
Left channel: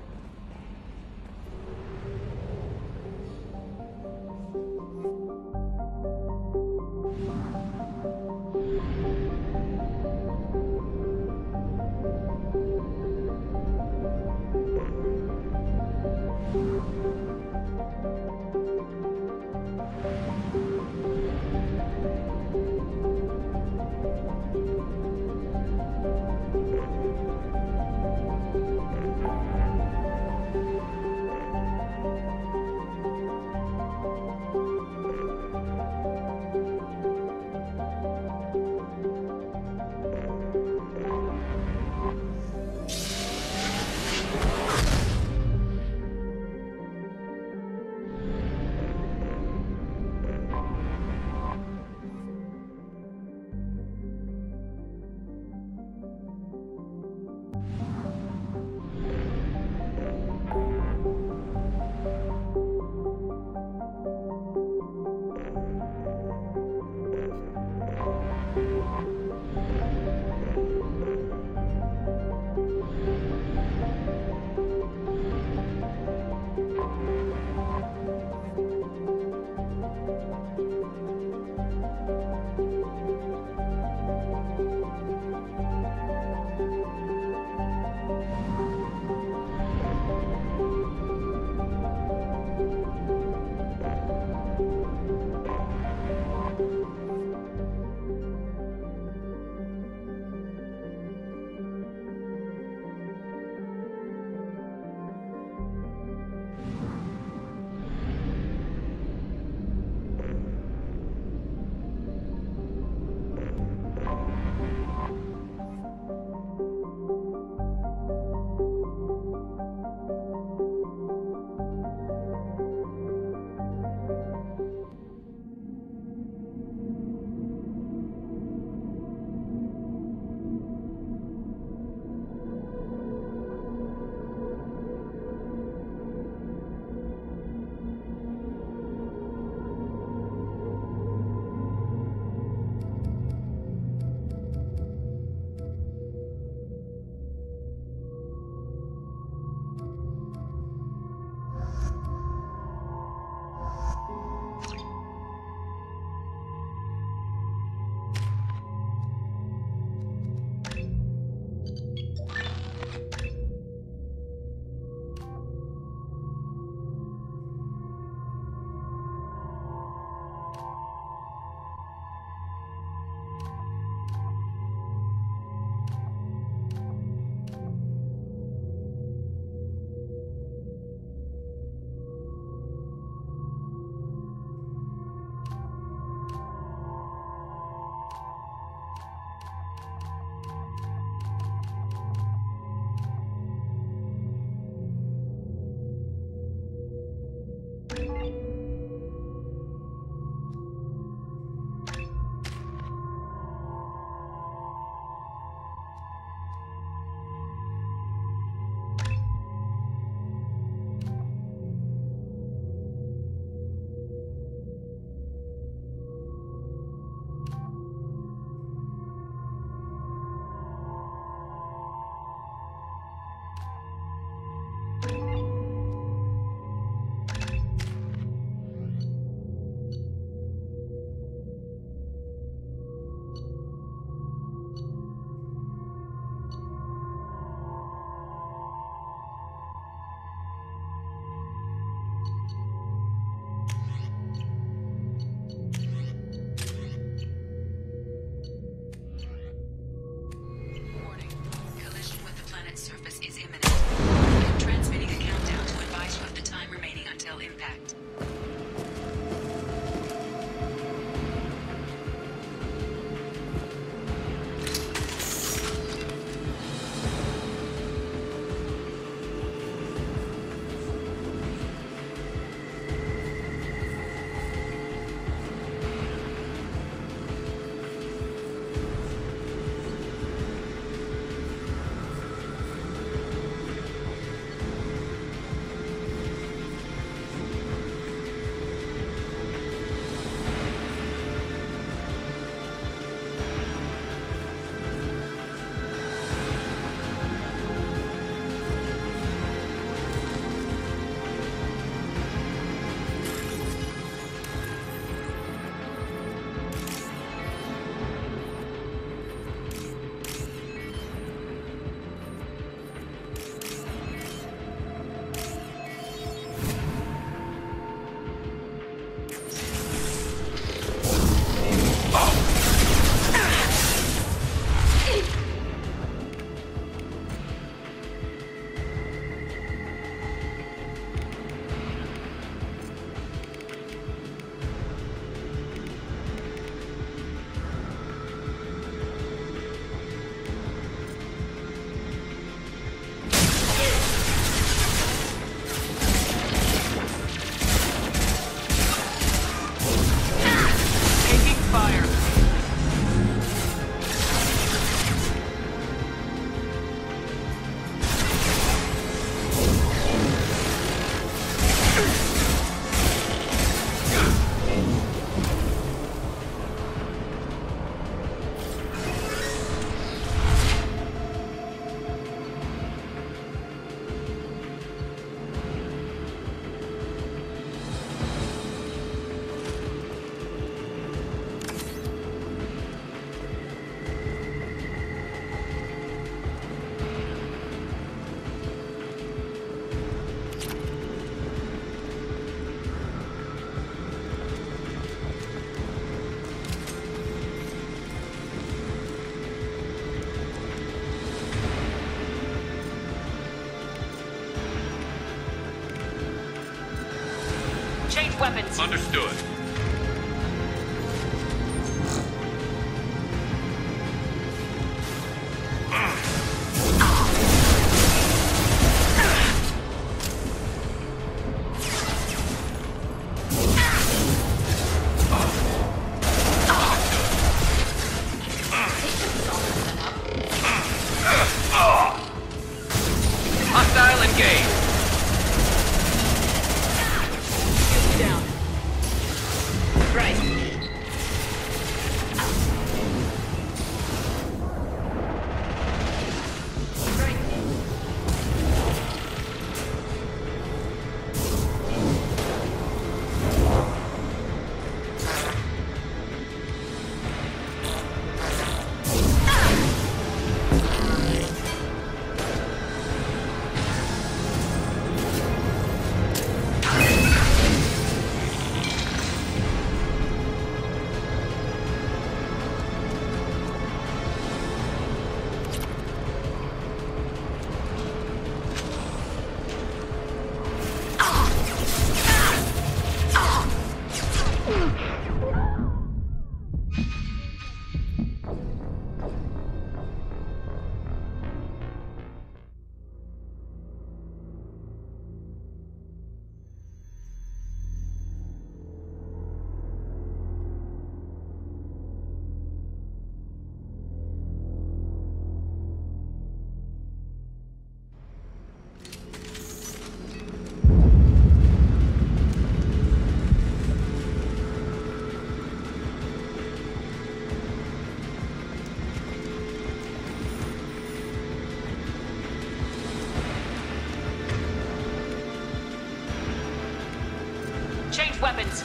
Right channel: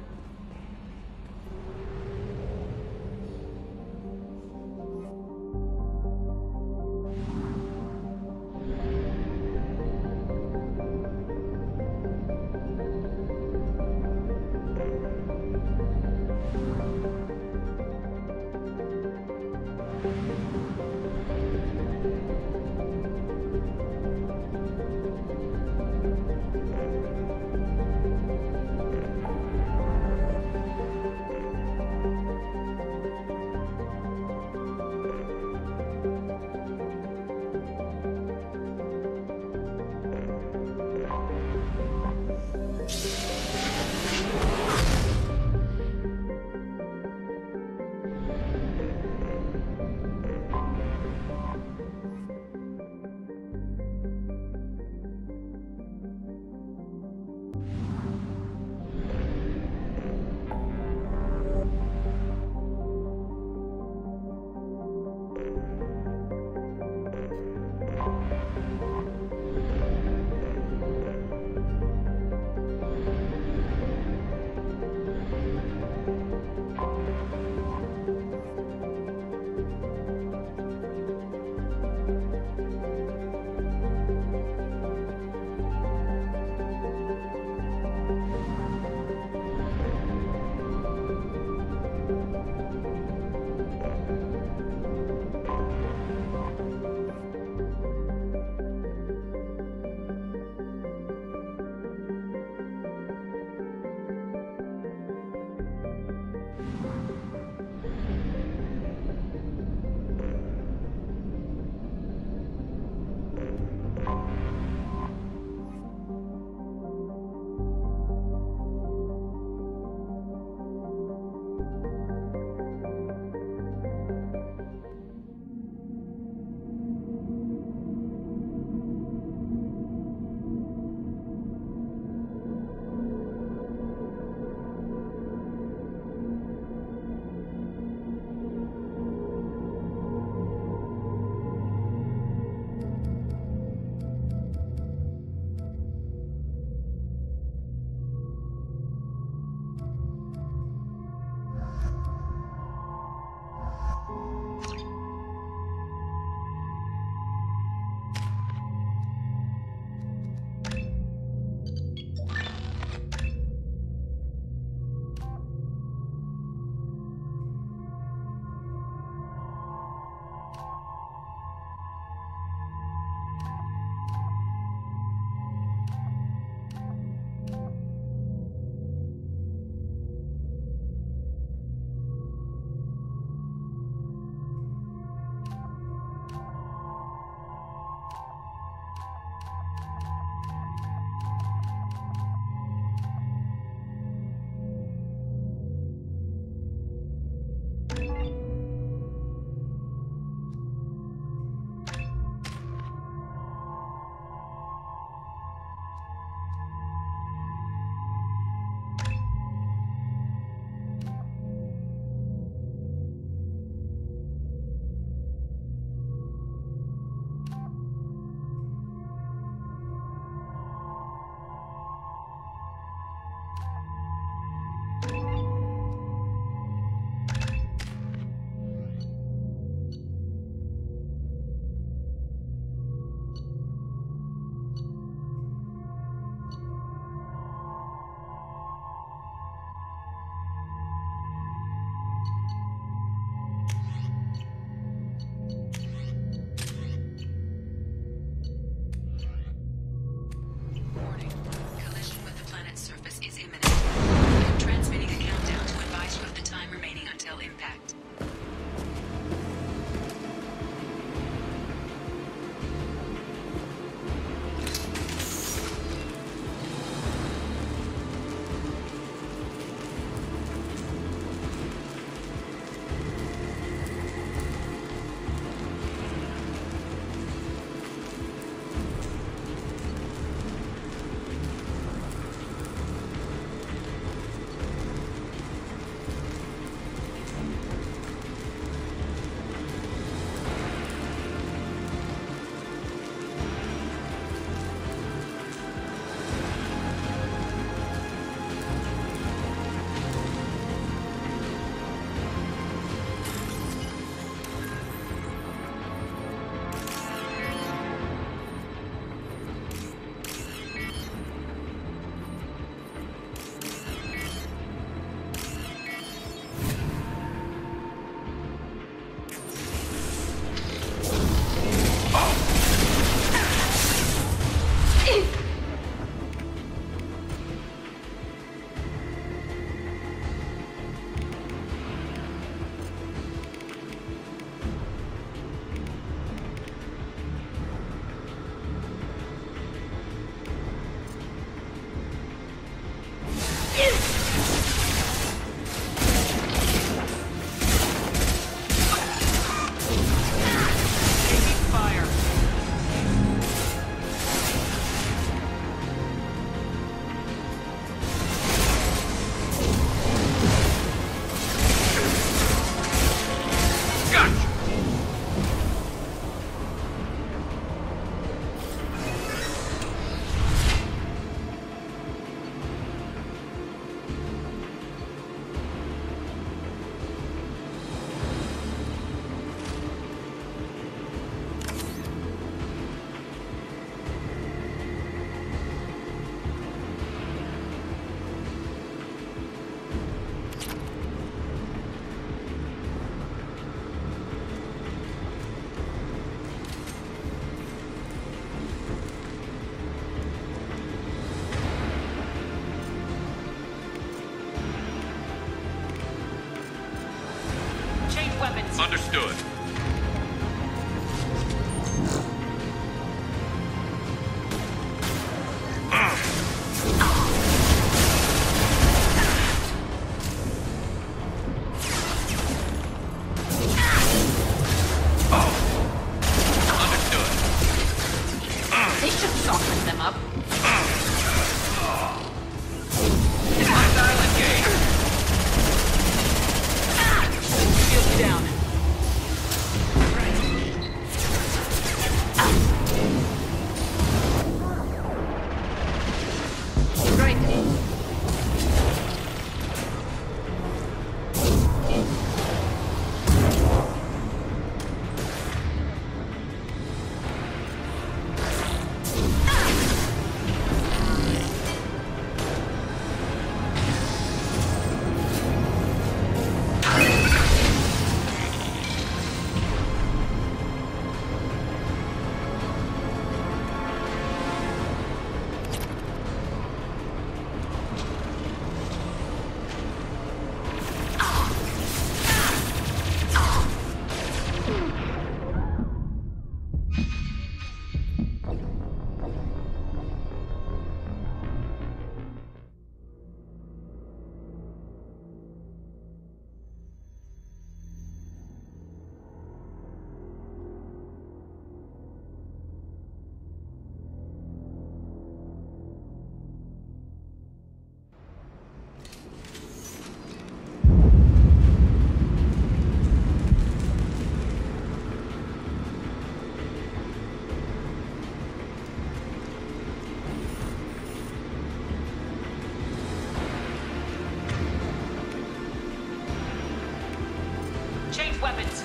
weapons. Hostile engaged. Shields down. Change weapons.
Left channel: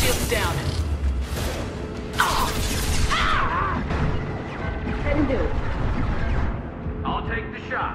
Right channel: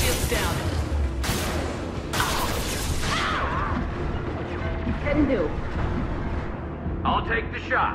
Shields down. I'll take the shot.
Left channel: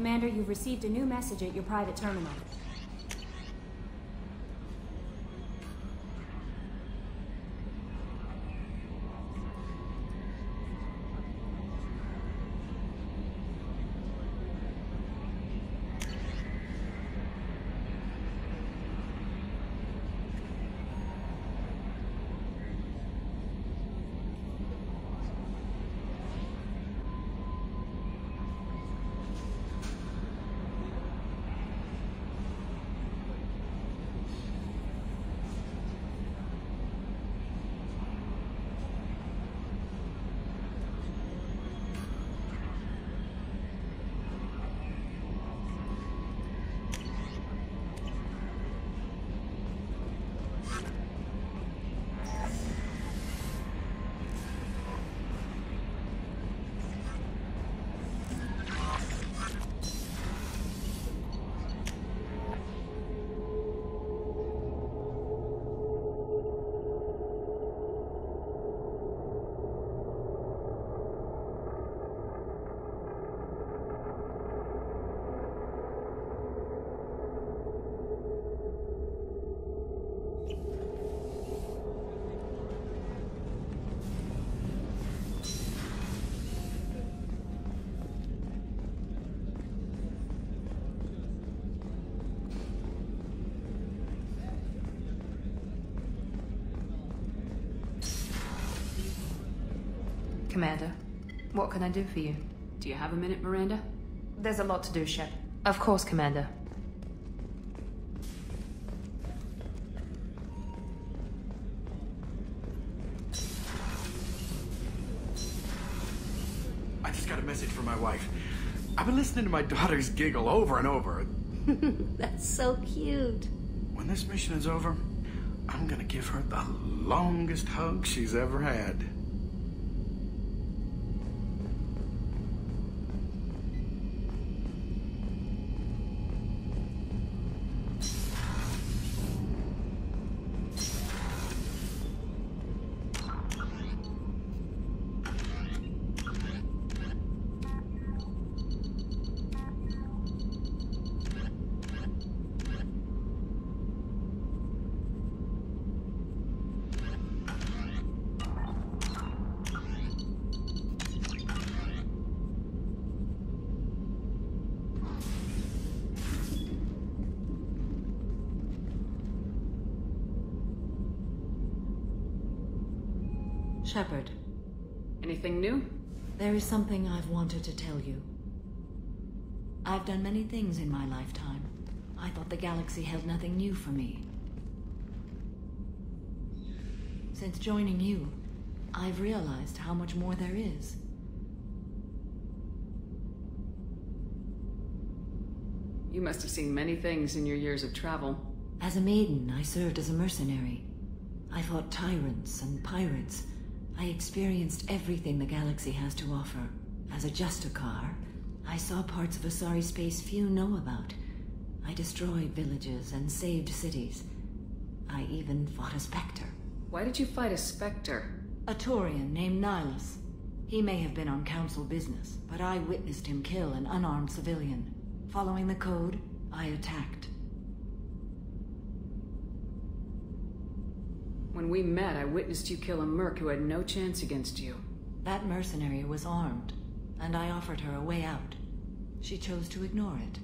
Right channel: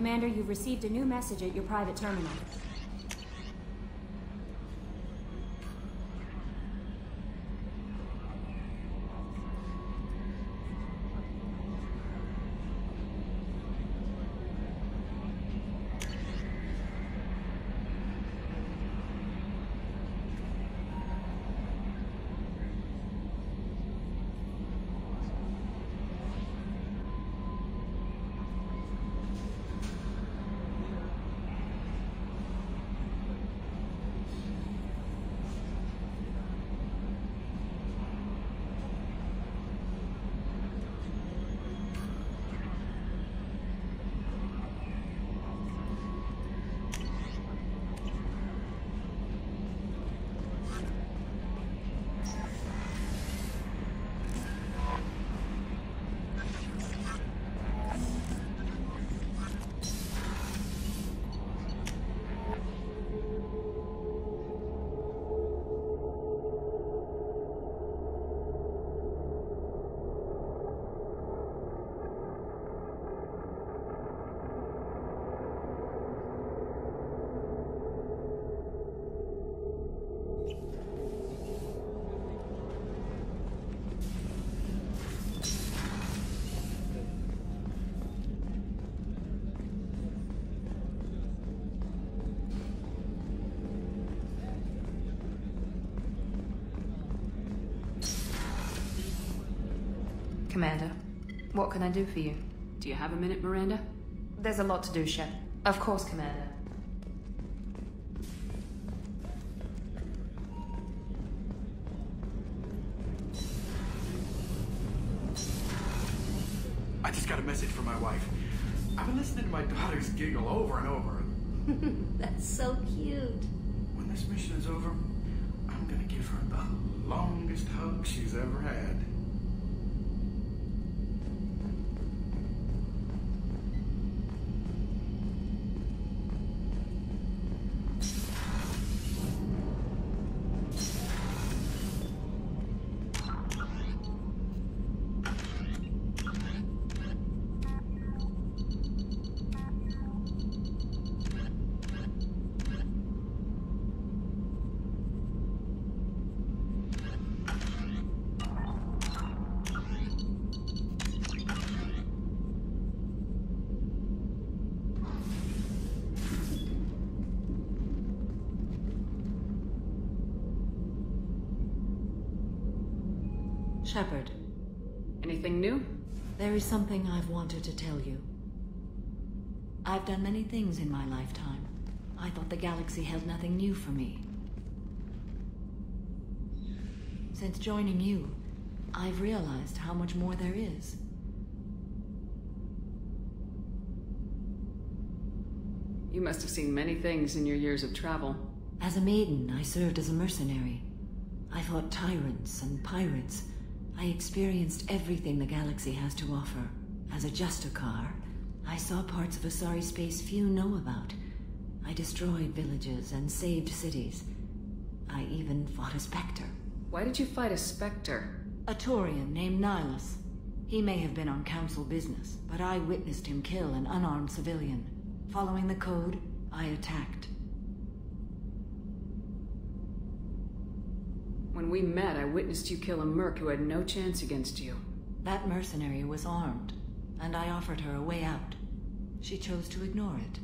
Commander, you've received a new message at your private terminal. Commander, what can I do for you? Do you have a minute, Miranda? There's a lot to do, Shep. Of course, Commander. I just got a message from my wife. I've been listening to my daughter's giggle over and over. That's so cute. When this mission is over, I'm gonna give her the longest hug she's ever had. Shepard. Anything new? There is something I've wanted to tell you. I've done many things in my lifetime. I thought the galaxy held nothing new for me. Since joining you, I've realized how much more there is. You must have seen many things in your years of travel. As a maiden, I served as a mercenary. I fought tyrants and pirates. I experienced everything the galaxy has to offer. As a Justicar, I saw parts of Asari space few know about. I destroyed villages and saved cities. I even fought a Spectre. Why did you fight a Spectre? A Taurian named Nihilus. He may have been on Council business, but I witnessed him kill an unarmed civilian. Following the code, I attacked. When we met, I witnessed you kill a merc who had no chance against you. That mercenary was armed, and I offered her a way out. She chose to ignore it.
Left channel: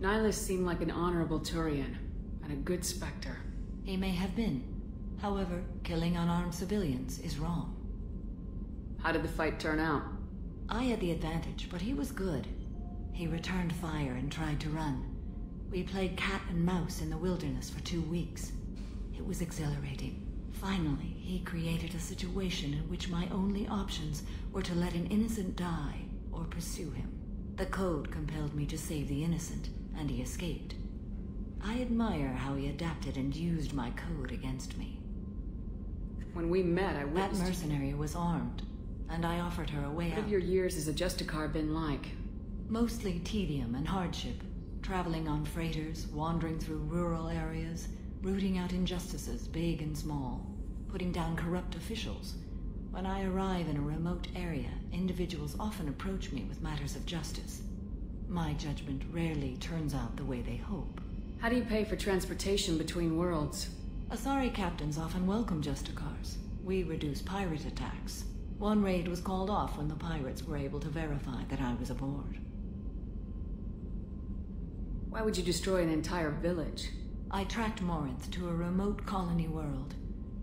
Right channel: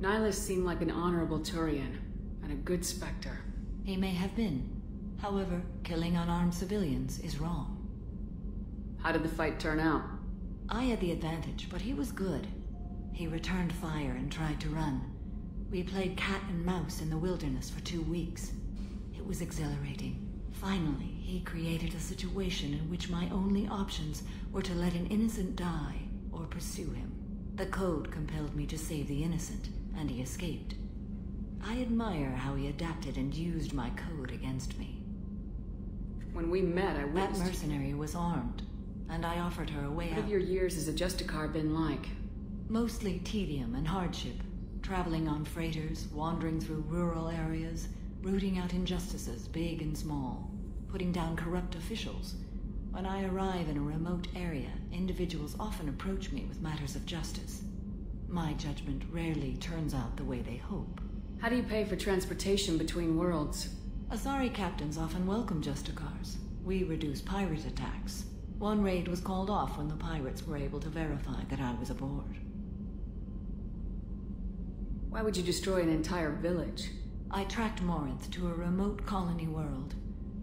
Nihilus seemed like an honorable Turian, and a good Spectre. He may have been. However, killing unarmed civilians is wrong. How did the fight turn out? I had the advantage, but he was good. He returned fire and tried to run. We played cat and mouse in the wilderness for 2 weeks. It was exhilarating. Finally, he created a situation in which my only options were to let an innocent die or pursue him. The code compelled me to save the innocent, and he escaped. I admire how he adapted and used my code against me. When we met, I witnessed... That mercenary was armed, and I offered her a way out. What have your years as a Justicar been like? Mostly tedium and hardship. Traveling on freighters, wandering through rural areas, rooting out injustices, big and small, putting down corrupt officials, When I arrive in a remote area, individuals often approach me with matters of justice. My judgment rarely turns out the way they hope. How do you pay for transportation between worlds? Asari captains often welcome Justicars. We reduce pirate attacks. One raid was called off when the pirates were able to verify that I was aboard. Why would you destroy an entire village? I tracked Morinth to a remote colony world.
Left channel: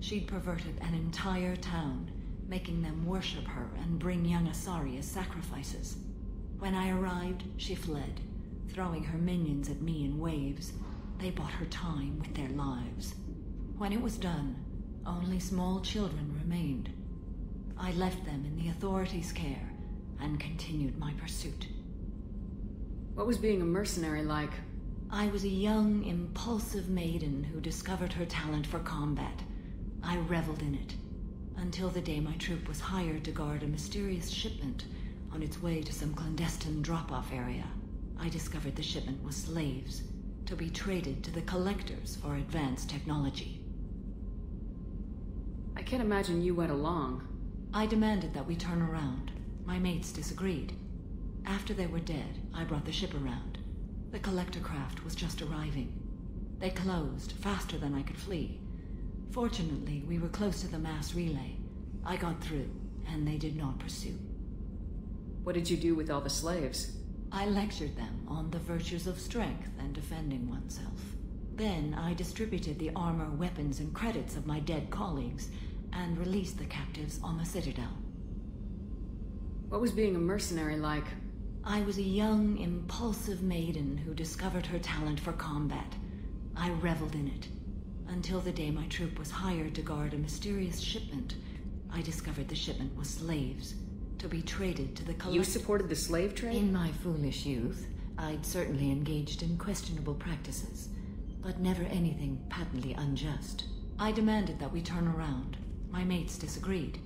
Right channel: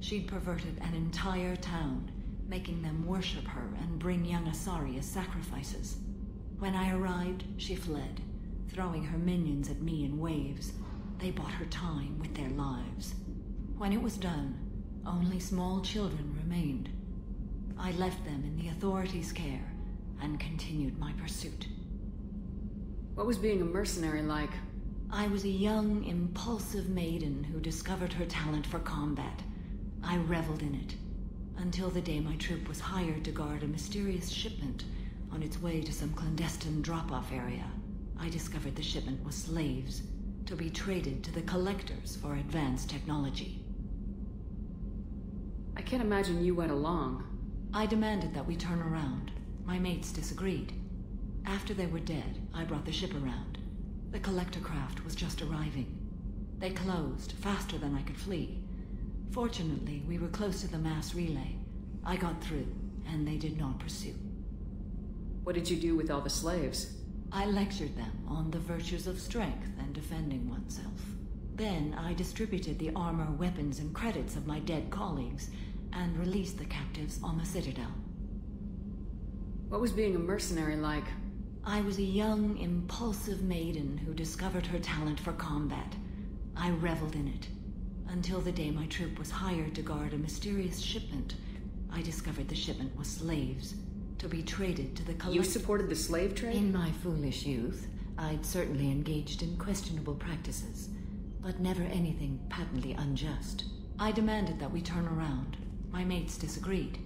She'd perverted an entire town, making them worship her and bring young Asari as sacrifices. When I arrived, she fled, throwing her minions at me in waves. They bought her time with their lives. When it was done, only small children remained. I left them in the authorities' care and continued my pursuit. What was being a mercenary like? I was a young, impulsive maiden who discovered her talent for combat. I reveled in it, until the day my troop was hired to guard a mysterious shipment on its way to some clandestine drop-off area. I discovered the shipment was slaves, to be traded to the Collectors for advanced technology. I can't imagine you went along. I demanded that we turn around. My mates disagreed. After they were dead, I brought the ship around. The Collector craft was just arriving. They closed faster than I could flee. Fortunately, we were close to the mass relay. I got through, and they did not pursue. What did you do with all the slaves? I lectured them on the virtues of strength and defending oneself. Then I distributed the armor, weapons, and credits of my dead colleagues, and released the captives on the Citadel. What was being a mercenary like? I was a young, impulsive maiden who discovered her talent for combat. I reveled in it, until the day my troop was hired to guard a mysterious shipment. I discovered the shipment was slaves, to be traded to the Collectors. You supported the slave trade? In my foolish youth, I'd certainly engaged in questionable practices, but never anything patently unjust. I demanded that we turn around. My mates disagreed.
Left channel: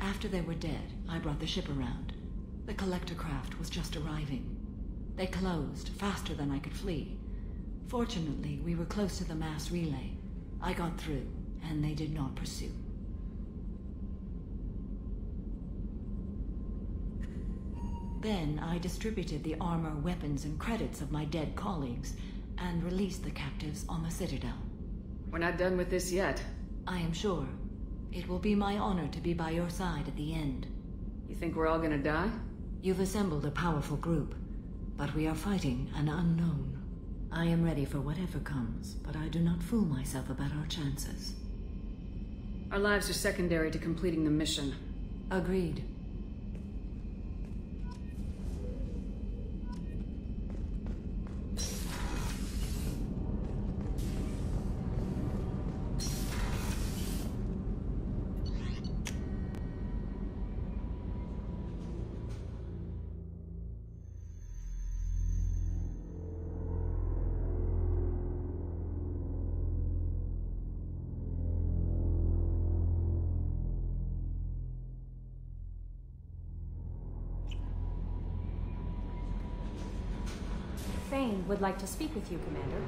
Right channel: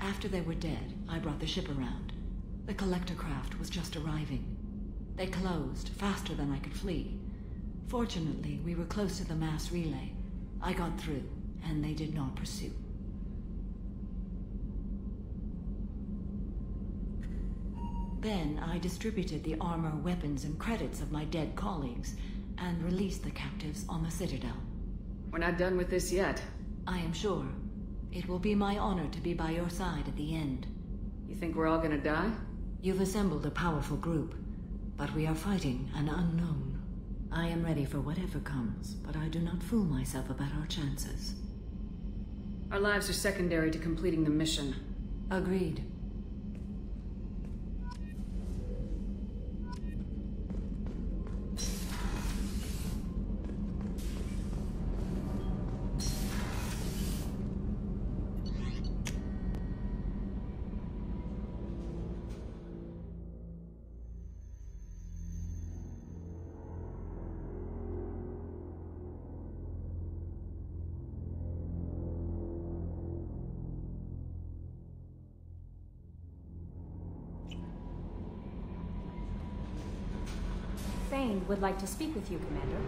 After they were dead, I brought the ship around. The Collector craft was just arriving. They closed faster than I could flee. Fortunately, we were close to the mass relay. I got through, and they did not pursue. Then I distributed the armor, weapons, and credits of my dead colleagues, and released the captives on the Citadel. We're not done with this yet. I am sure. It will be my honor to be by your side at the end. You think we're all gonna die? You've assembled a powerful group, but we are fighting an unknown. I am ready for whatever comes, but I do not fool myself about our chances. Our lives are secondary to completing the mission. Agreed. Thane would like to speak with you, Commander.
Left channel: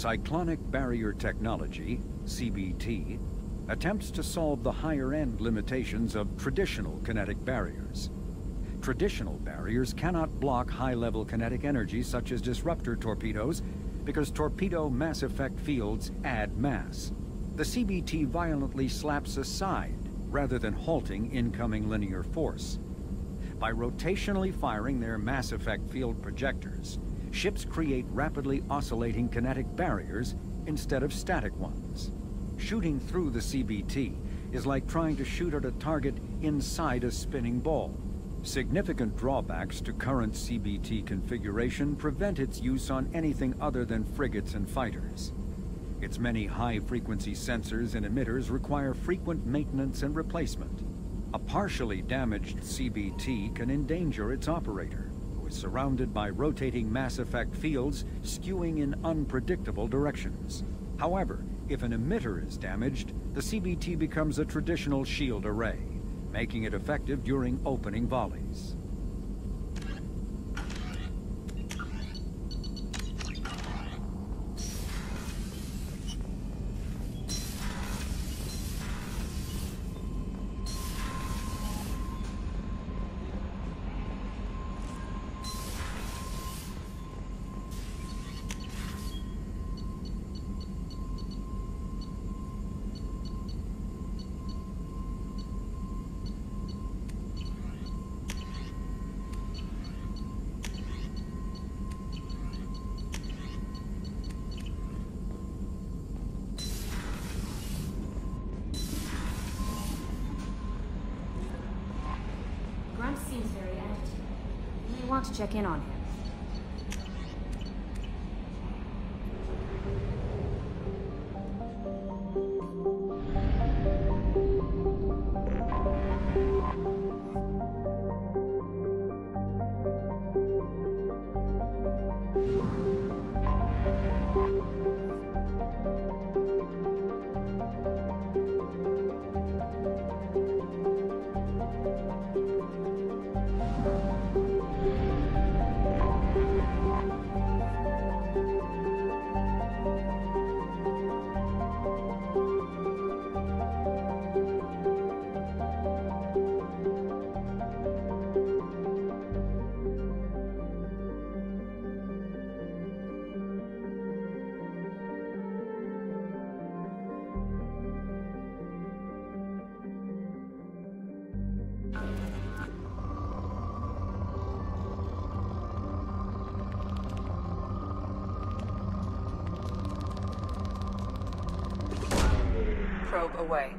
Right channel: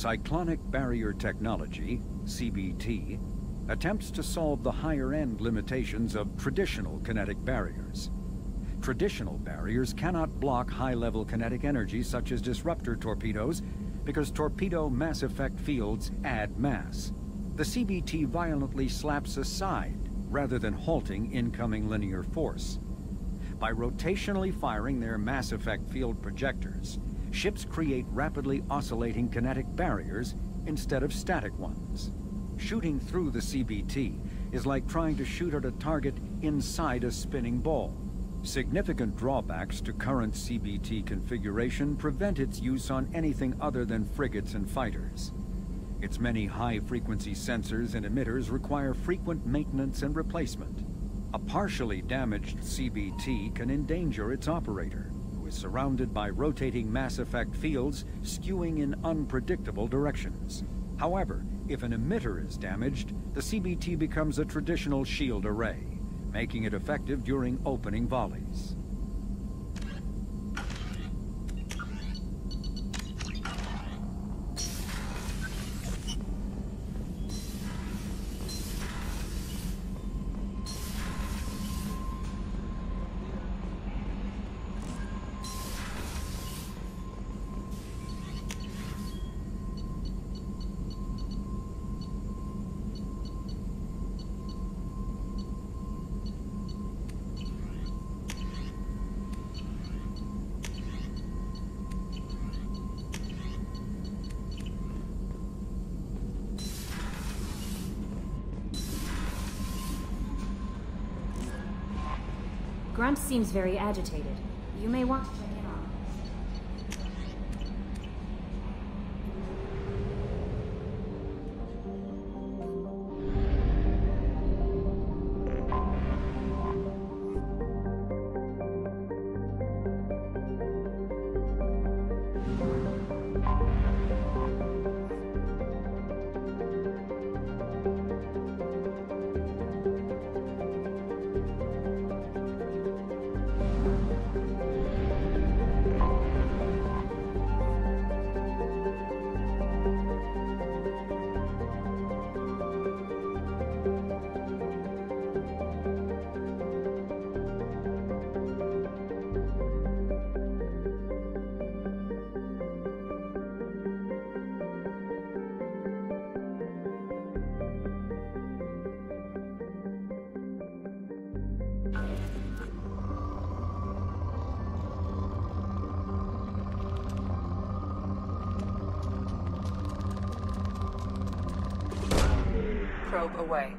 Cyclonic Barrier Technology, CBT, attempts to solve the higher-end limitations of traditional kinetic barriers. Traditional barriers cannot block high-level kinetic energy such as disruptor torpedoes because torpedo mass effect fields add mass. The CBT violently slaps aside rather than halting incoming linear force. By rotationally firing their mass effect field projectors, ships create rapidly oscillating kinetic barriers instead of static ones. Shooting through the CBT is like trying to shoot at a target inside a spinning ball. Significant drawbacks to current CBT configuration prevent its use on anything other than frigates and fighters. Its many high-frequency sensors and emitters require frequent maintenance and replacement. A partially damaged CBT can endanger its operator, who is surrounded by rotating mass effect fields skewing in unpredictable directions. However, if an emitter is damaged, the CBT becomes a traditional shield array, making it effective during opening volleys. Grunt seems very agitated. You may want to check in on him. Probe away.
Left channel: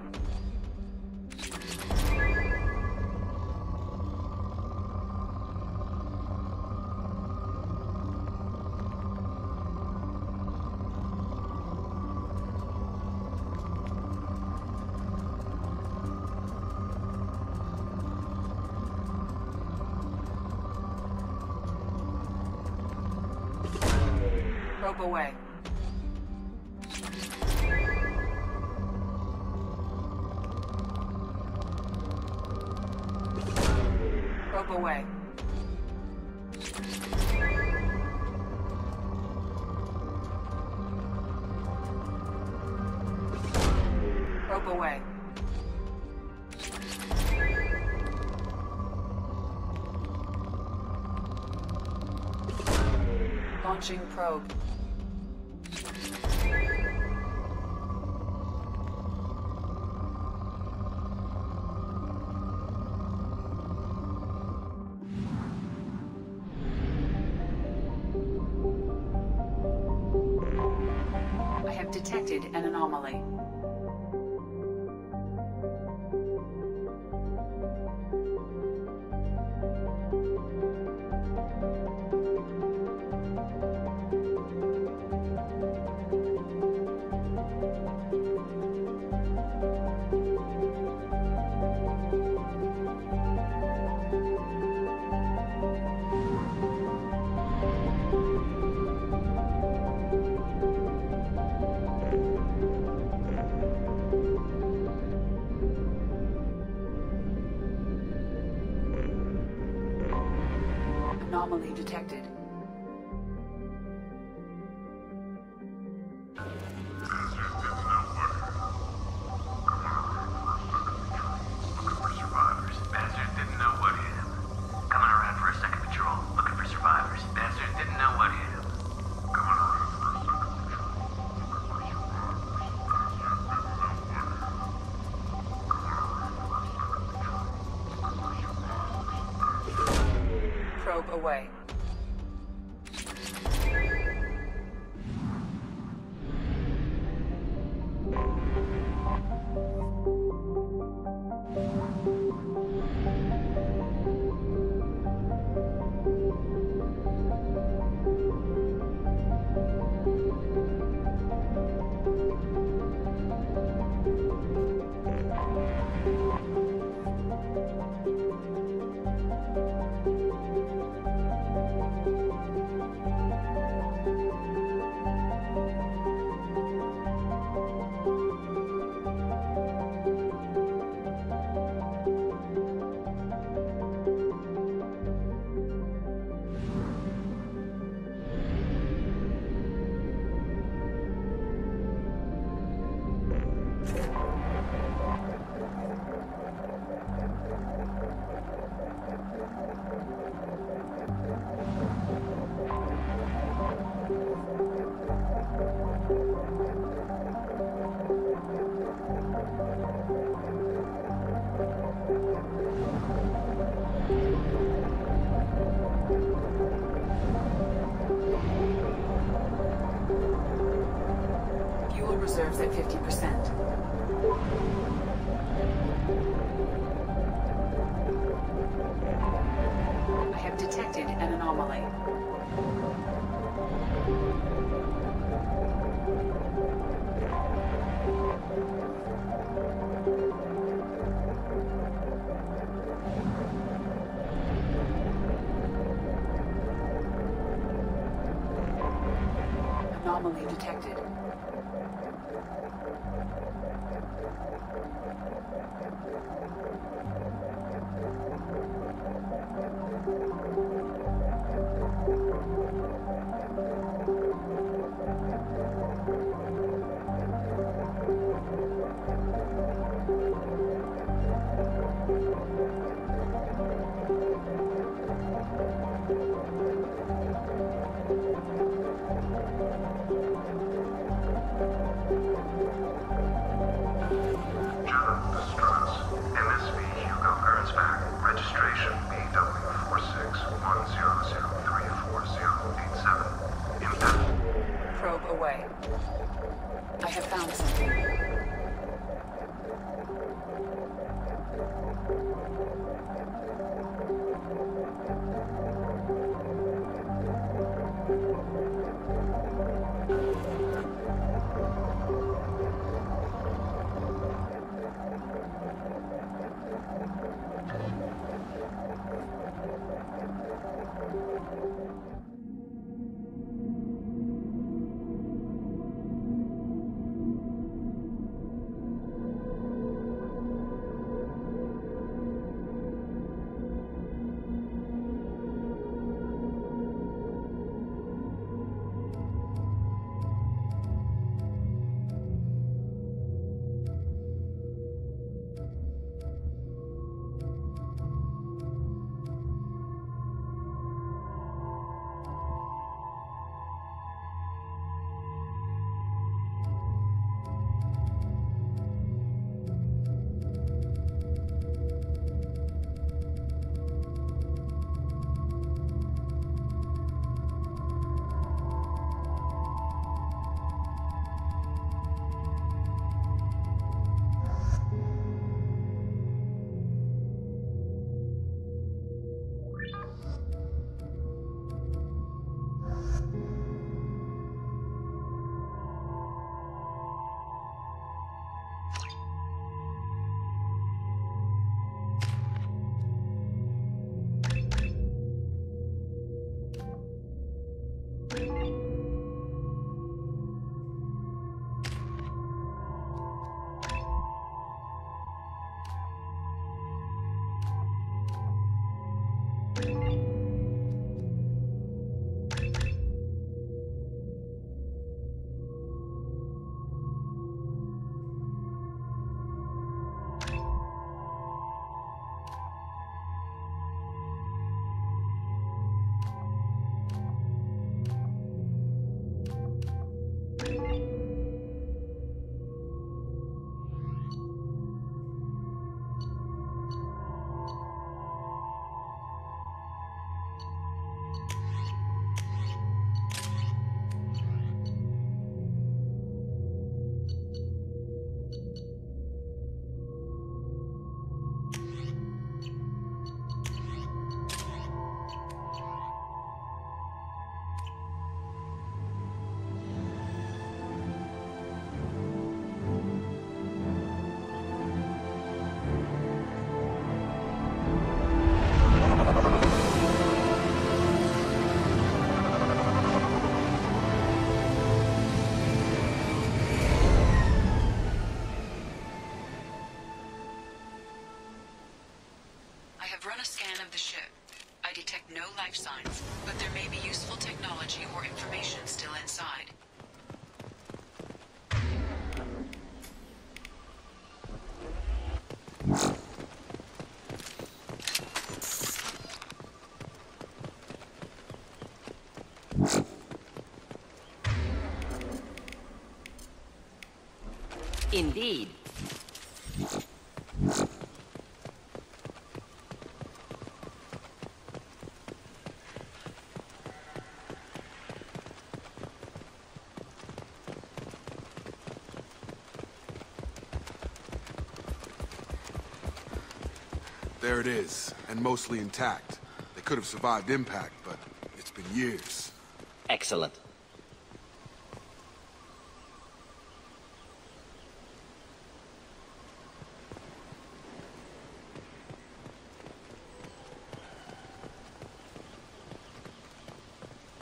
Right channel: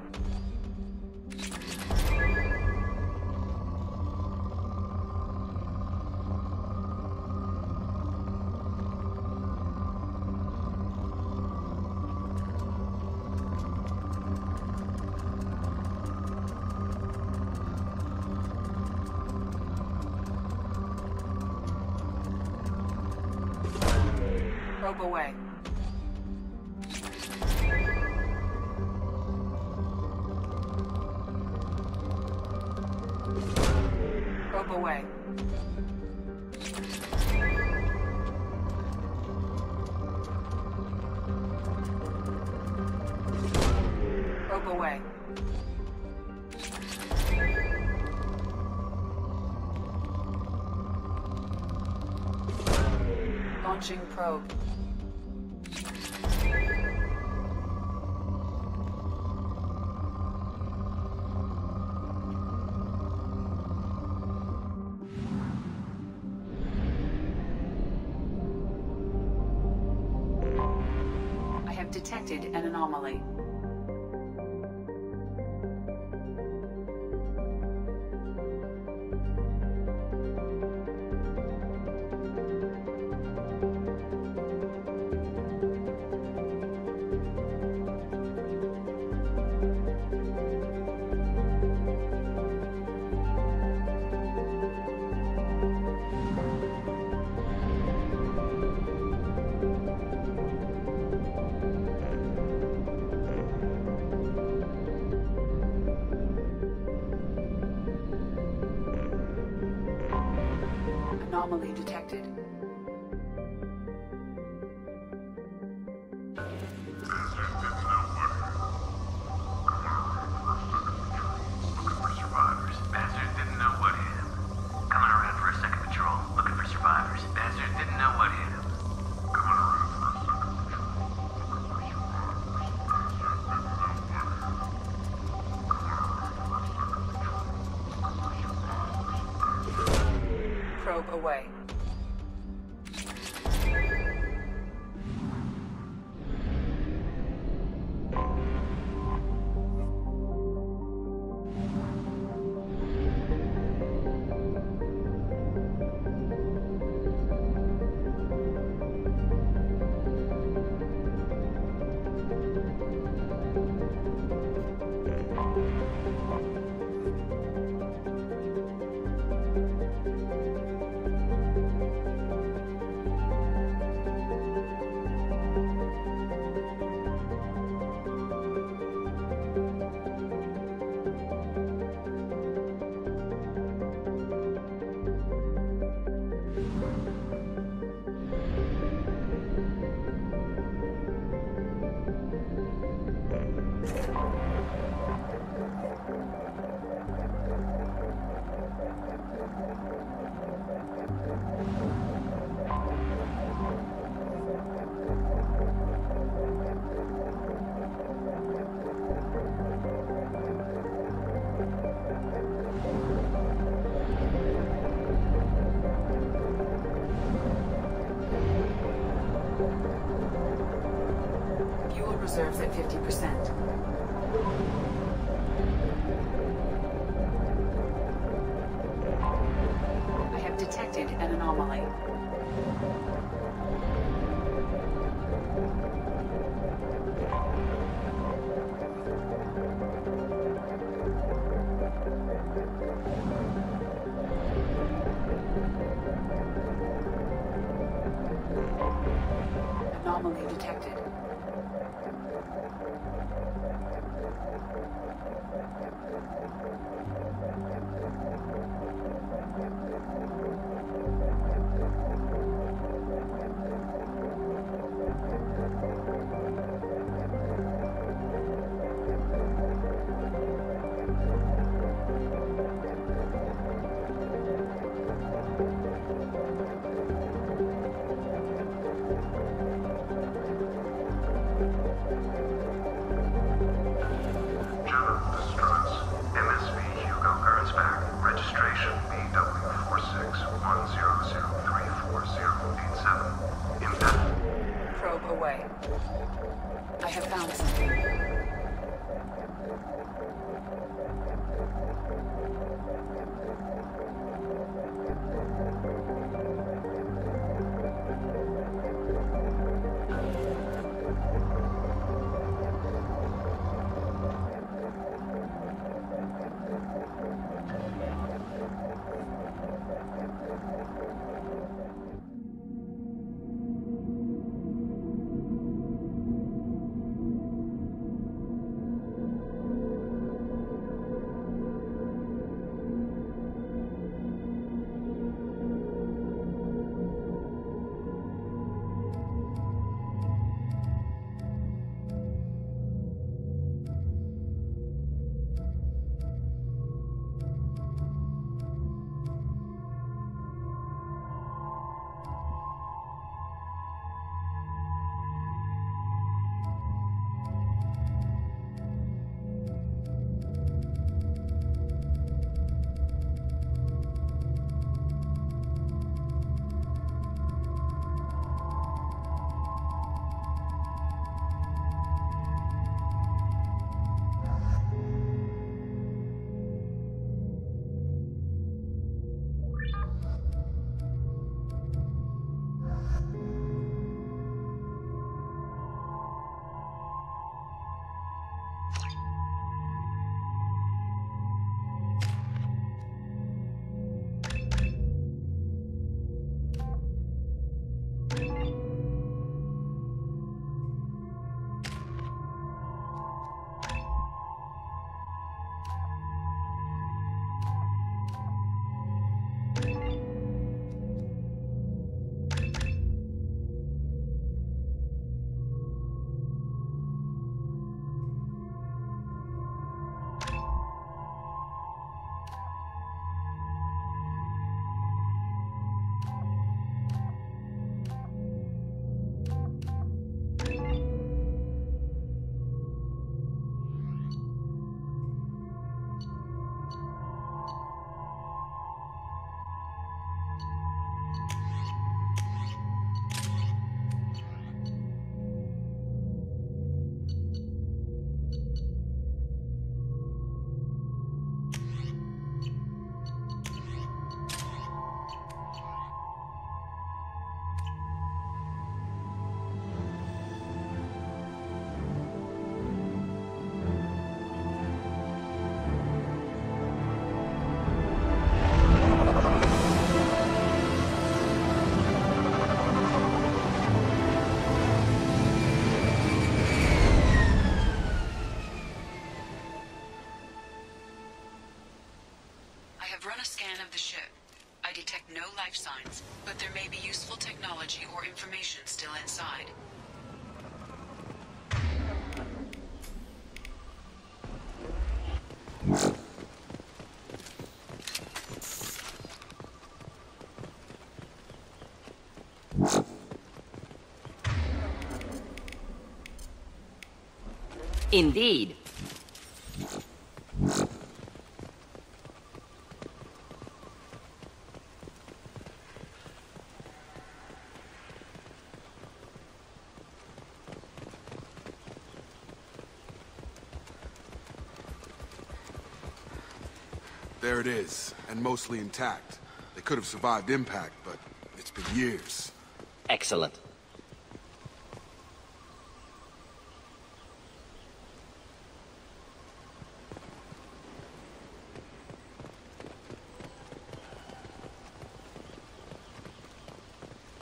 Probe away. Probe away. Probe away. Launching probe. I have detected an anomaly. Anomaly detected. away. Fuel reserves at 50%. I have detected an anomaly. Anomaly detected. General distress. MSV Hugo Gernsback. Registration BW4610034087. Impact. Probe away. I have found something. I've run a scan of the ship. I detect no life signs, but there may be useful technology or information still inside. Indeed. Excellent.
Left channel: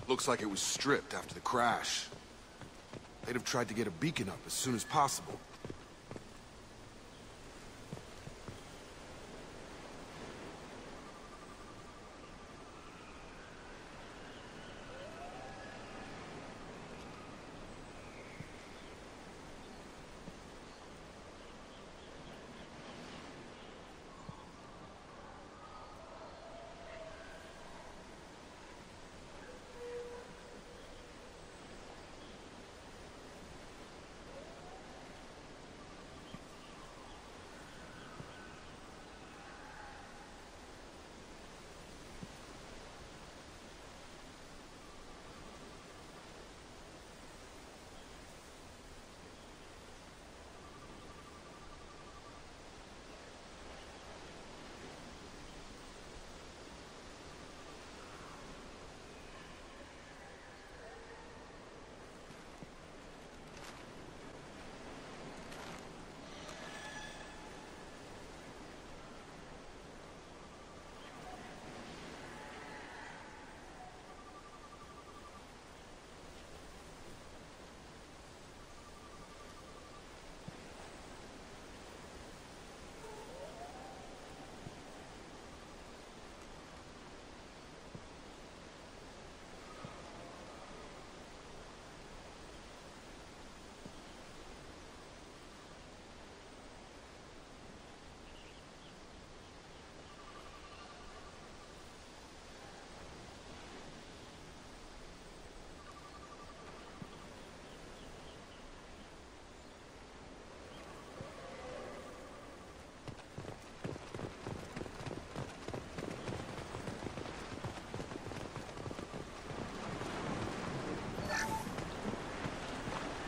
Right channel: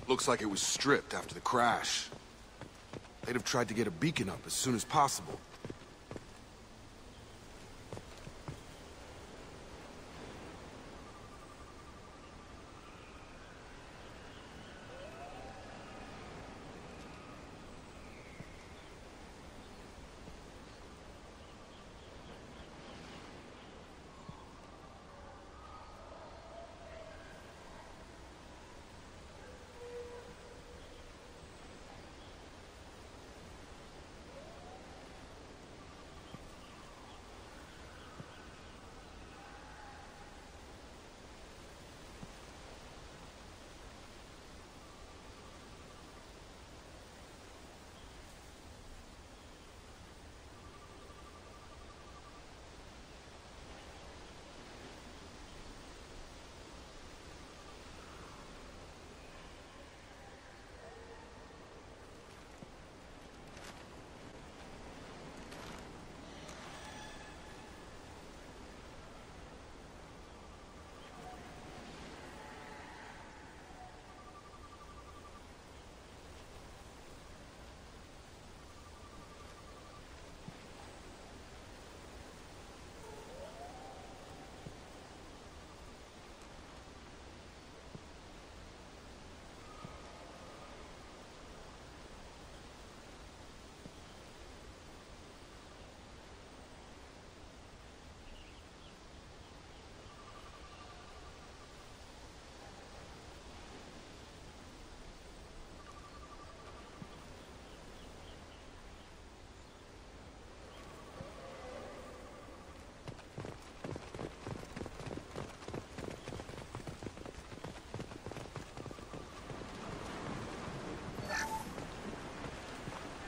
Looks like it was stripped after the crash. They'd have tried to get a beacon up as soon as possible.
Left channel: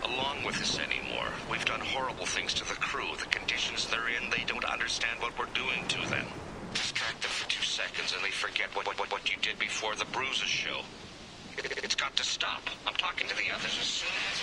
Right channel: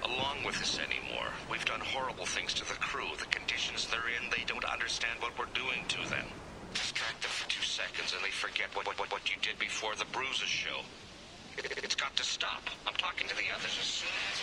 Along with us anymore. We've done horrible things to the crew. The conditions they're in, they don't understand what we're doing to them. Distract them for 2 seconds and they forget what you did before the bruises show. It's got to stop. I'm talking to the others as soon as...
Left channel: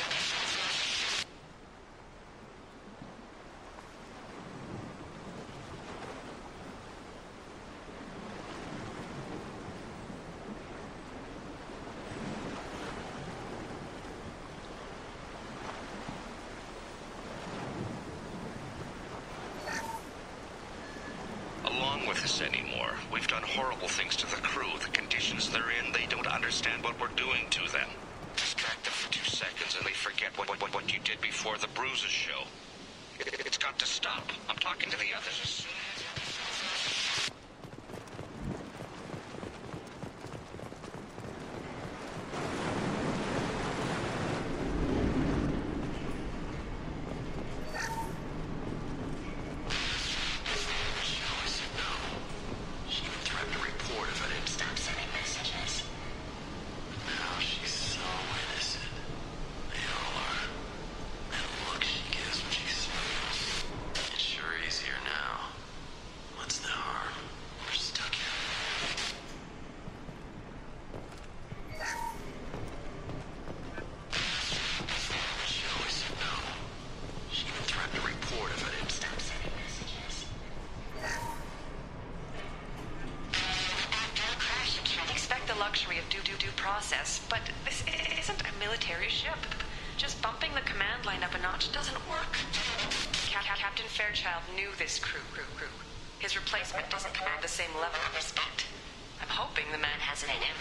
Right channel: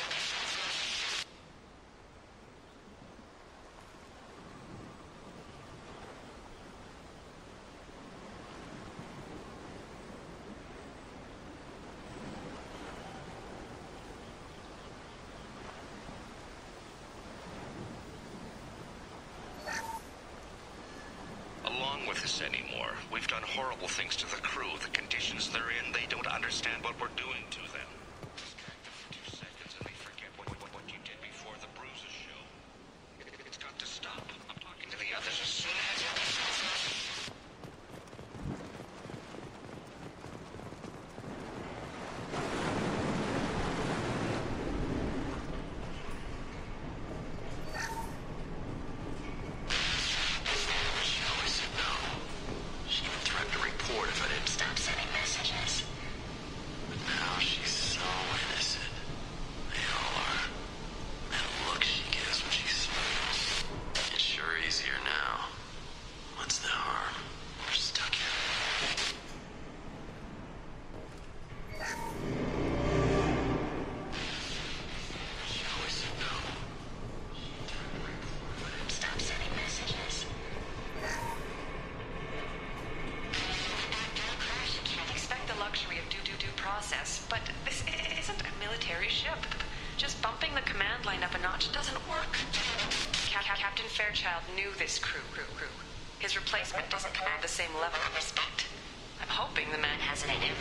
With us anymore. We've done horrible things to the crew. The conditions they're in, they don't understand what we're doing to them. Distract them for 2 seconds and they forget what you did before the bruises show. It's got to stop. I'm talking to the others as soon as... process, but this isn't a military ship. Just bumping the command line up a notch doesn't work. Captain Fairchild knew this crew. His replacement doesn't command the same level of respect. I'm hoping the man has it in him.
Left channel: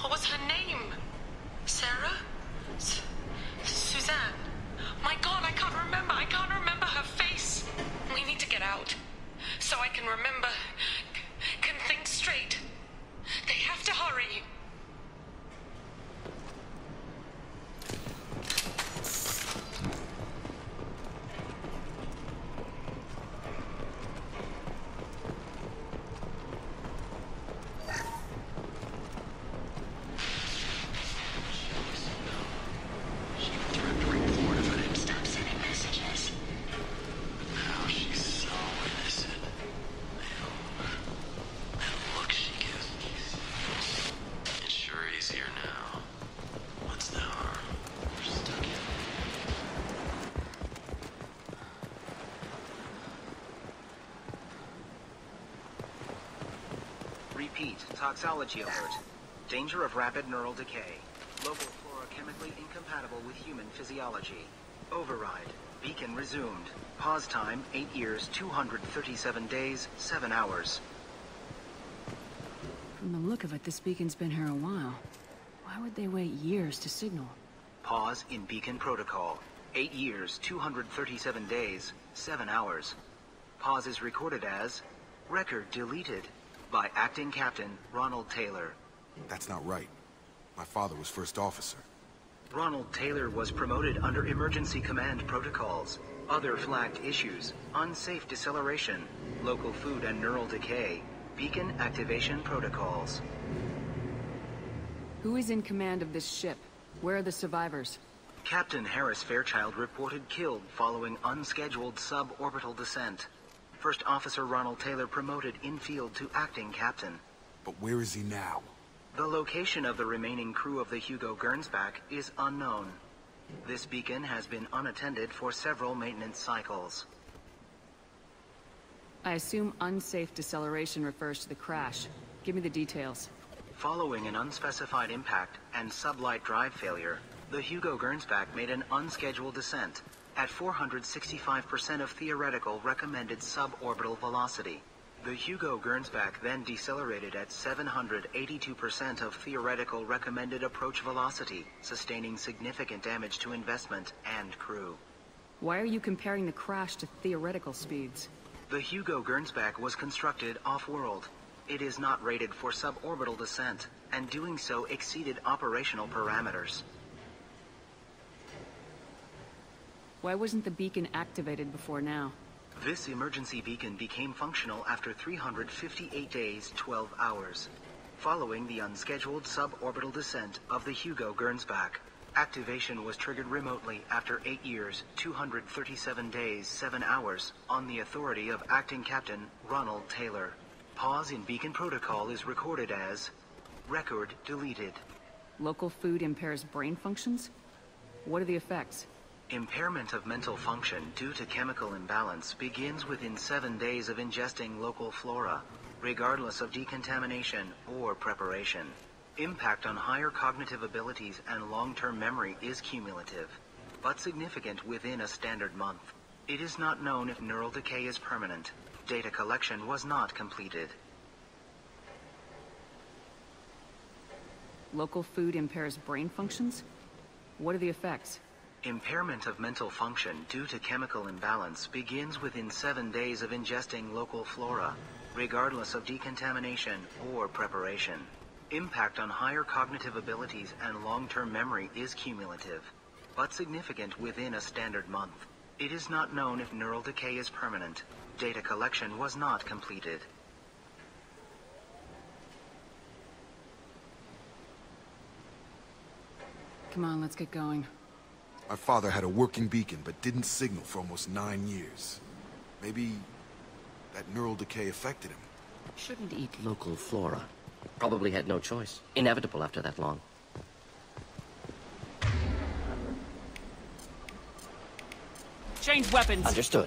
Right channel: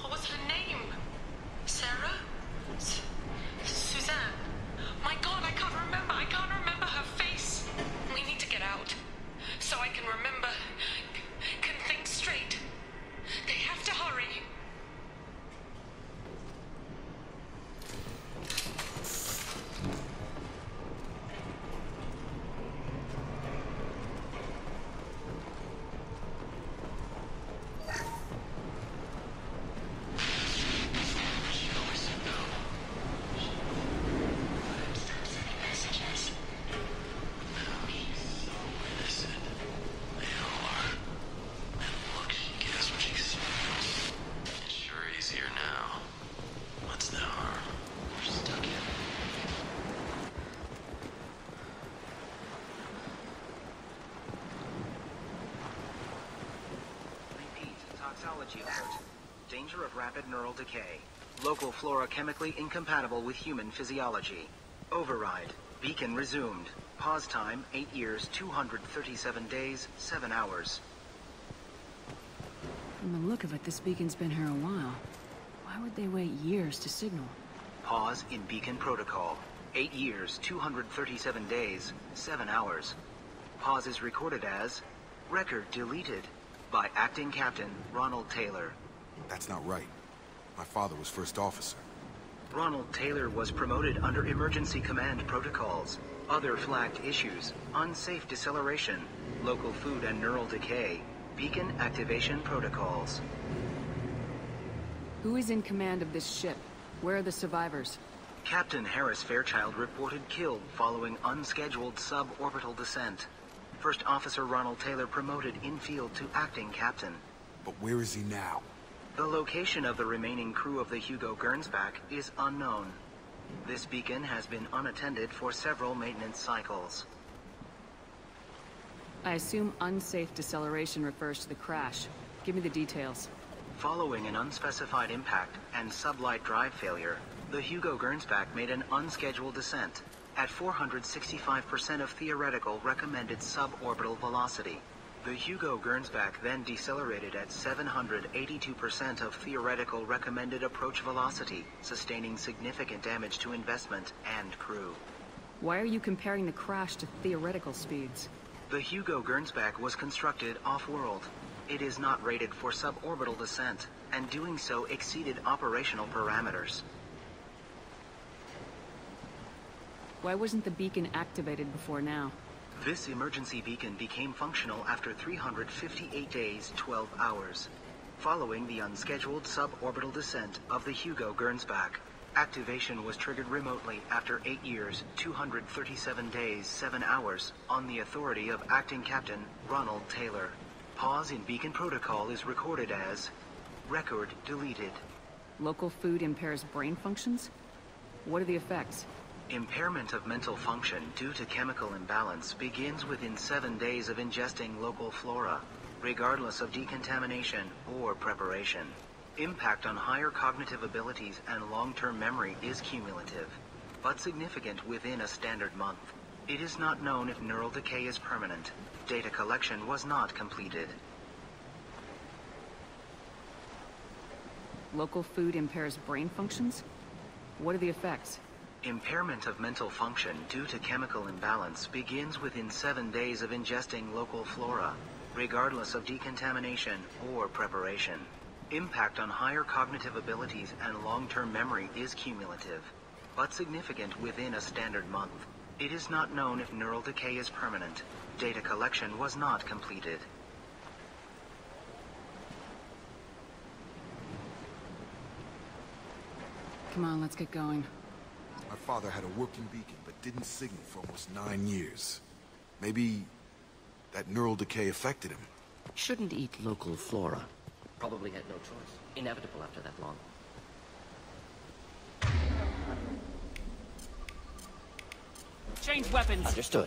What was her name? Sarah? Suzanne? My God, I can't remember. I can't remember her face. We need to get out. So I can remember. Can think straight. They have to hurry. Toxology alert. Danger of rapid neural decay. Local flora chemically incompatible with human physiology. Override. Beacon resumed. Pause time 8 years, 237 days, 7 hours. From the look of it, this beacon's been here a while. Why would they wait years to signal? Pause in beacon protocol. 8 years, 237 days, 7 hours. Pause is recorded as record deleted. By Acting Captain Ronald Taylor. That's not right. My father was first officer. Ronald Taylor was promoted under emergency command protocols. Other flagged issues: unsafe deceleration, local food and neural decay, beacon activation protocols. Who is in command of this ship? Where are the survivors? Captain Harris Fairchild reported killed following unscheduled suborbital descent. First Officer Ronald Taylor promoted in-field to acting captain. But where is he now? The location of the remaining crew of the Hugo Gernsback is unknown. This beacon has been unattended for several maintenance cycles. I assume unsafe deceleration refers to the crash. Give me the details. Following an unspecified impact and sublight drive failure, the Hugo Gernsback made an unscheduled descent at 465% of theoretical recommended suborbital velocity. The Hugo Gernsback then decelerated at 782% of theoretical recommended approach velocity, sustaining significant damage to investment and crew. Why are you comparing the crash to theoretical speeds? The Hugo Gernsback was constructed off-world. It is not rated for suborbital descent, and doing so exceeded operational parameters. Why wasn't the beacon activated before now? This emergency beacon became functional after 358 days, 12 hours. Following the unscheduled suborbital descent of the Hugo Gernsback, activation was triggered remotely after 8 years, 237 days, 7 hours, on the authority of Acting Captain Ronald Taylor. Pause in beacon protocol is recorded as record deleted. Local food impairs brain functions? What are the effects? Impairment of mental function due to chemical imbalance begins within 7 days of ingesting local flora, regardless of decontamination or preparation. Impact on higher cognitive abilities and long-term memory is cumulative, but significant within a standard month. It is not known if neural decay is permanent. Data collection was not completed. Local food impairs brain functions? What are the effects? Impairment of mental function due to chemical imbalance begins within 7 days of ingesting local flora, regardless of decontamination or preparation. Impact on higher cognitive abilities and long-term memory is cumulative, but significant within a standard month. It is not known if neural decay is permanent. Data collection was not completed. Come on, let's get going. My father had a working beacon, but didn't signal for almost 9 years. Maybe that neural decay affected him. Shouldn't be. Probably had no choice. Inevitable after that long. Change weapons. Understood.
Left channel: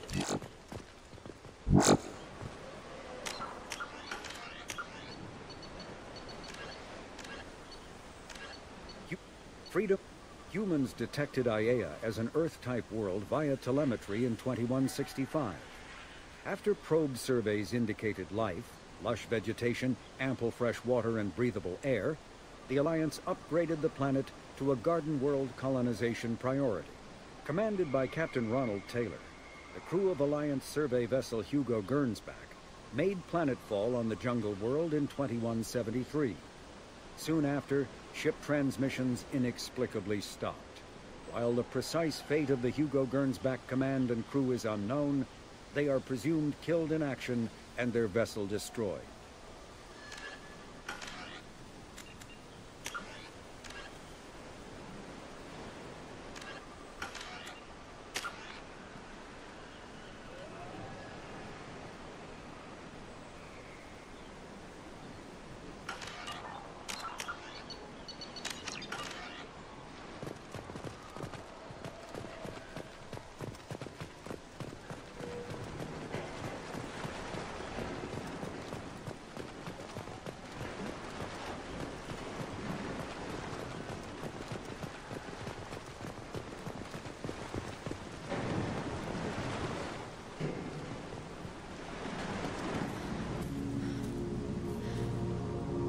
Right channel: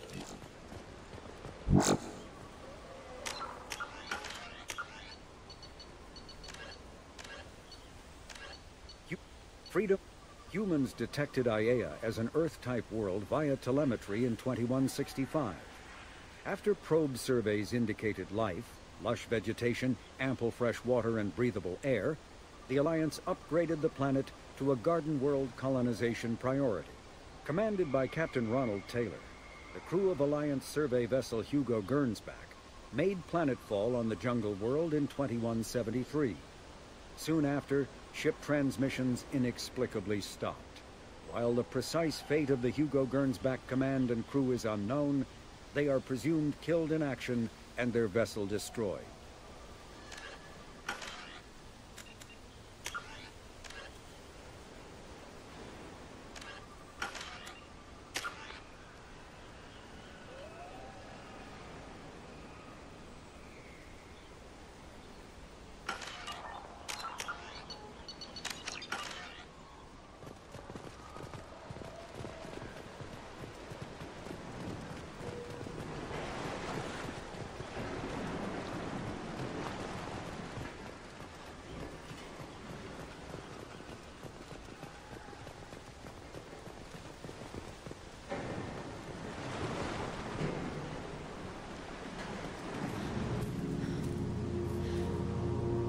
Freedom. Humans detected Aiea as an Earth-type world via telemetry in 2165. After probe surveys indicated life, lush vegetation, ample fresh water, and breathable air, the Alliance upgraded the planet to a garden world colonization priority. Commanded by Captain Ronald Taylor, the crew of Alliance survey vessel Hugo Gernsback made planetfall on the jungle world in 2173. Soon after, ship transmissions inexplicably stopped. While the precise fate of the Hugo Gernsback command and crew is unknown, they are presumed killed in action and their vessel destroyed.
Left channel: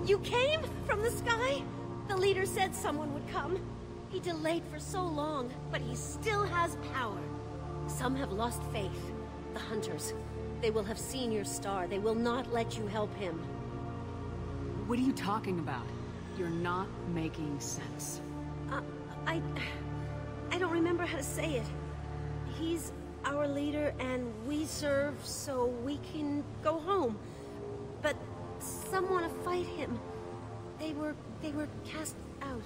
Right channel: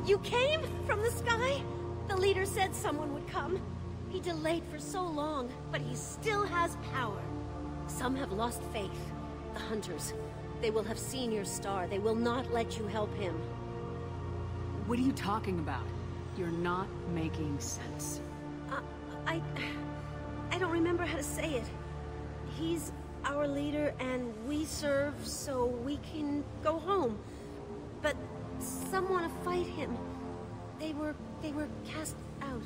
You came from the sky? The leader said someone would come. He delayed for so long, but he still has power. Some have lost faith. The Hunters. They will have seen your star. They will not let you help him. What are you talking about? You're not making sense. I don't remember how to say it. He's our leader and we serve so we can go home. But some want to fight him. They were cast out.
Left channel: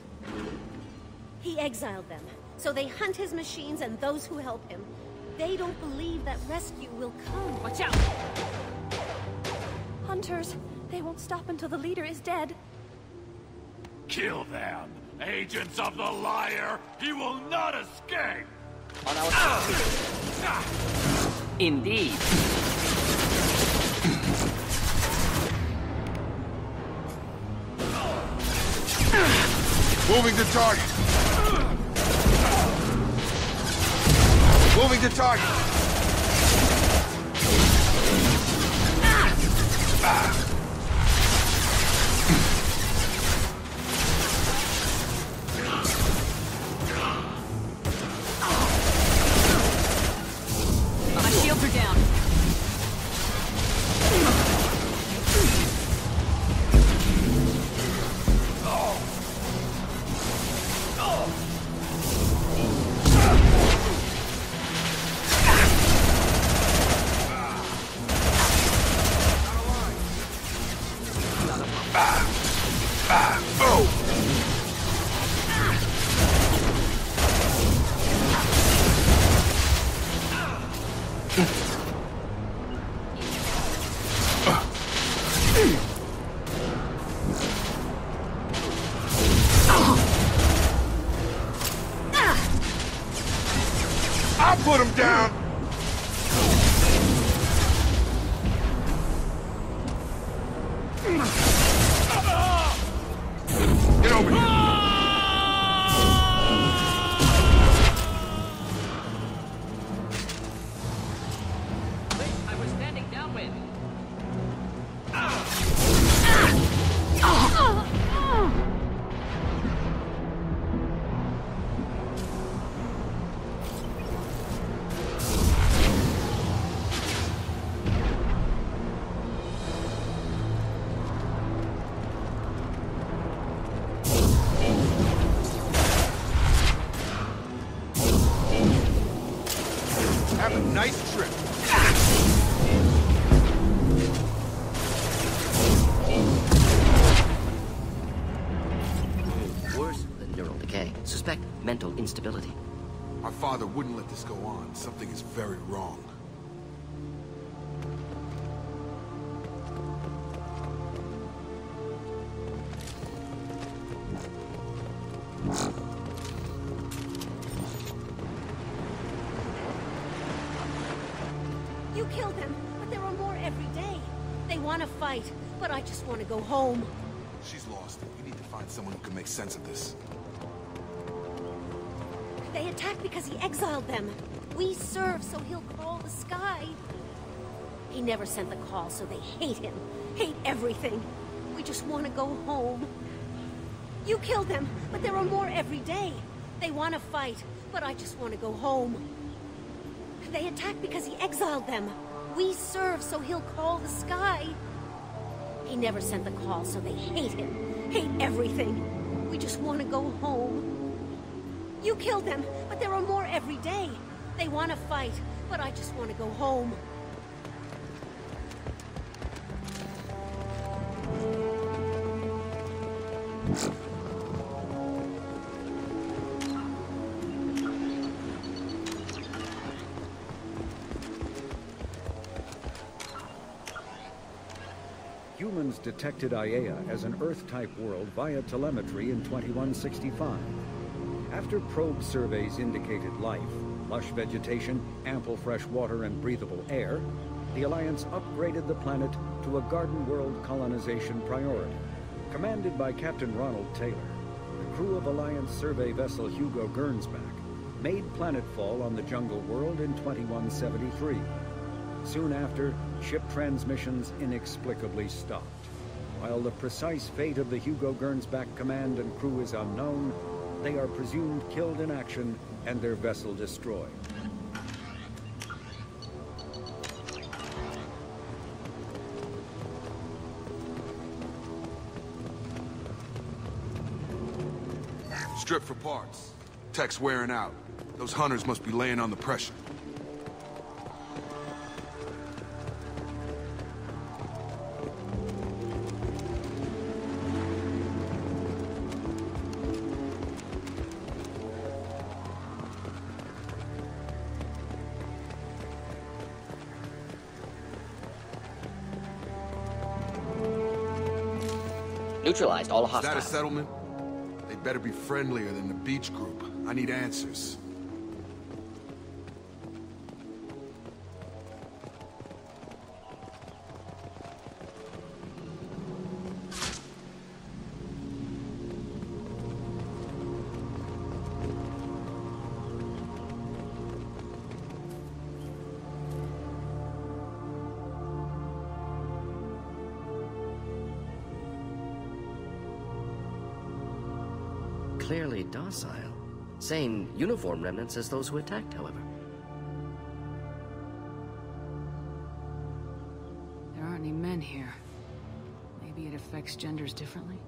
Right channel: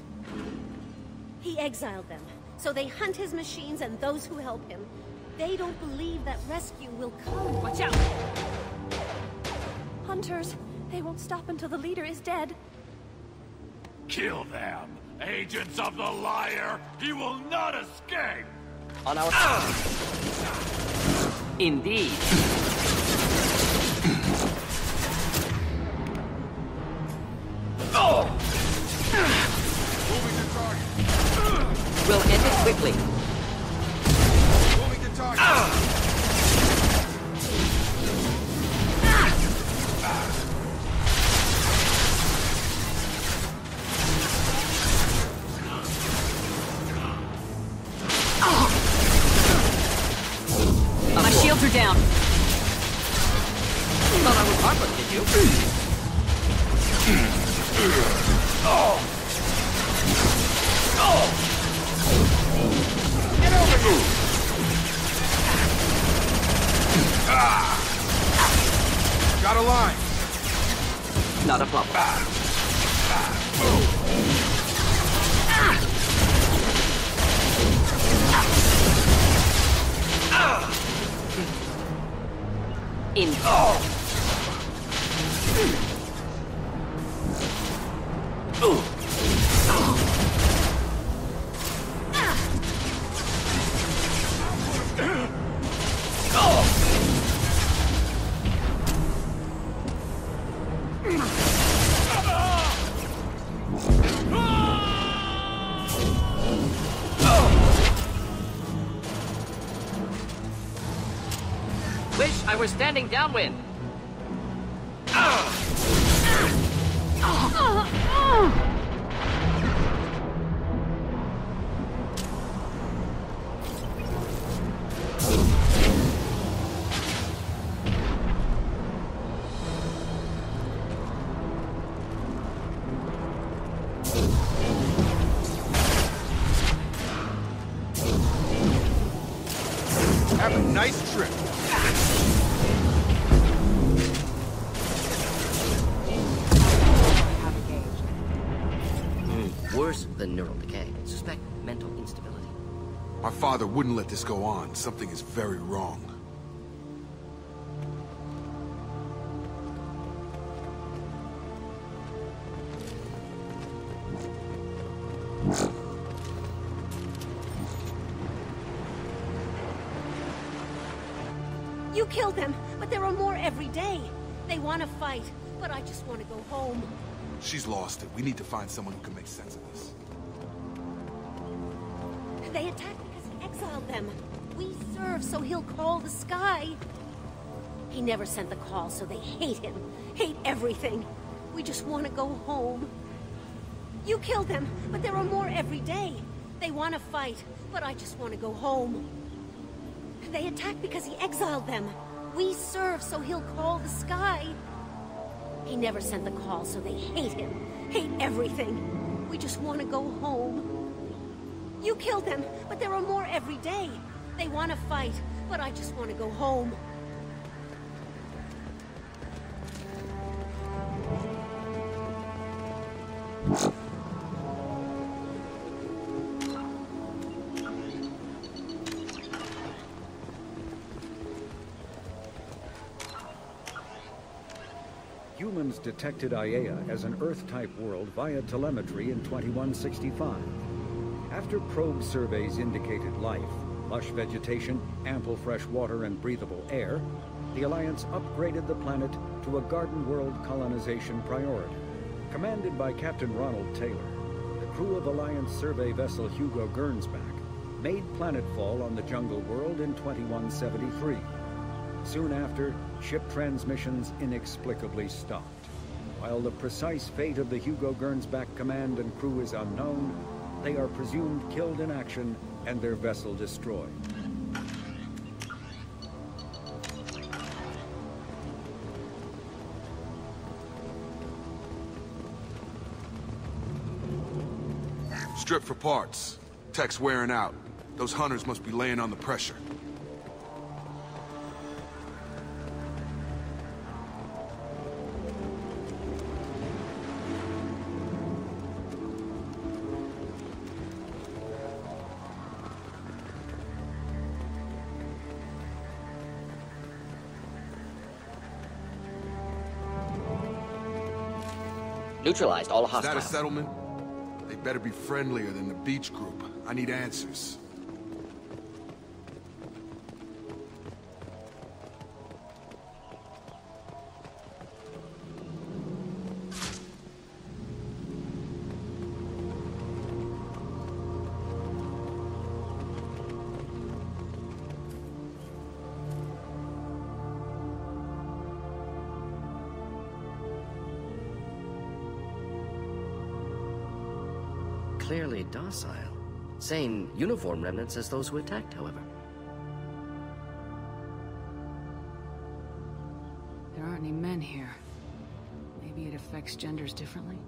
He exiled them, so they hunt his machines and those who help him. They don't believe that rescue will come. Watch out! Hunters, they won't stop until the leader is dead. Kill them! Agents of the Liar! He will not escape! Moving to target. We'll get him quickly. Moving to target. My shields are down. Got a line. Not a problem. I'll put him down. Get over here. Wish I were standing downwind. neural decay. Suspect mental instability. My father wouldn't let this go on. Something is very wrong. You killed them, but there are more every day. They want to fight, but I just want to go home. She's lost it. We need to find something to make sense of this. They attacked because he exiled them. We serve, so he'll call the sky. He never sent the call, so they hate him. Hate everything. We just want to go home. You killed them, but there are more every day. They want to fight, but I just want to go home. They attacked because he exiled them. We serve, so he'll call the sky. He never sent the call, so they hate him. Hate everything. We just want to go home. You killed them, but there are more every day. They want to fight, but I just want to go home. Humans detected Aiea as an Earth-type world via telemetry in 2165. After probe surveys indicated life, lush vegetation, ample fresh water, and breathable air, the Alliance upgraded the planet to a garden world colonization priority. Commanded by Captain Ronald Taylor, the crew of Alliance survey vessel Hugo Gernsback made planetfall on the jungle world in 2173. Soon after, ship transmissions inexplicably stopped. While the precise fate of the Hugo Gernsback command and crew is unknown, they are presumed killed in action and their vessel destroyed. Strip for parts. Tech's wearing out. Those hunters must be laying on the pressure. Is that a settlement? They better be friendlier than the beach group. I need answers. Clearly docile. Same uniform remnants as those who attacked, however. There aren't any men here. Maybe it affects genders differently?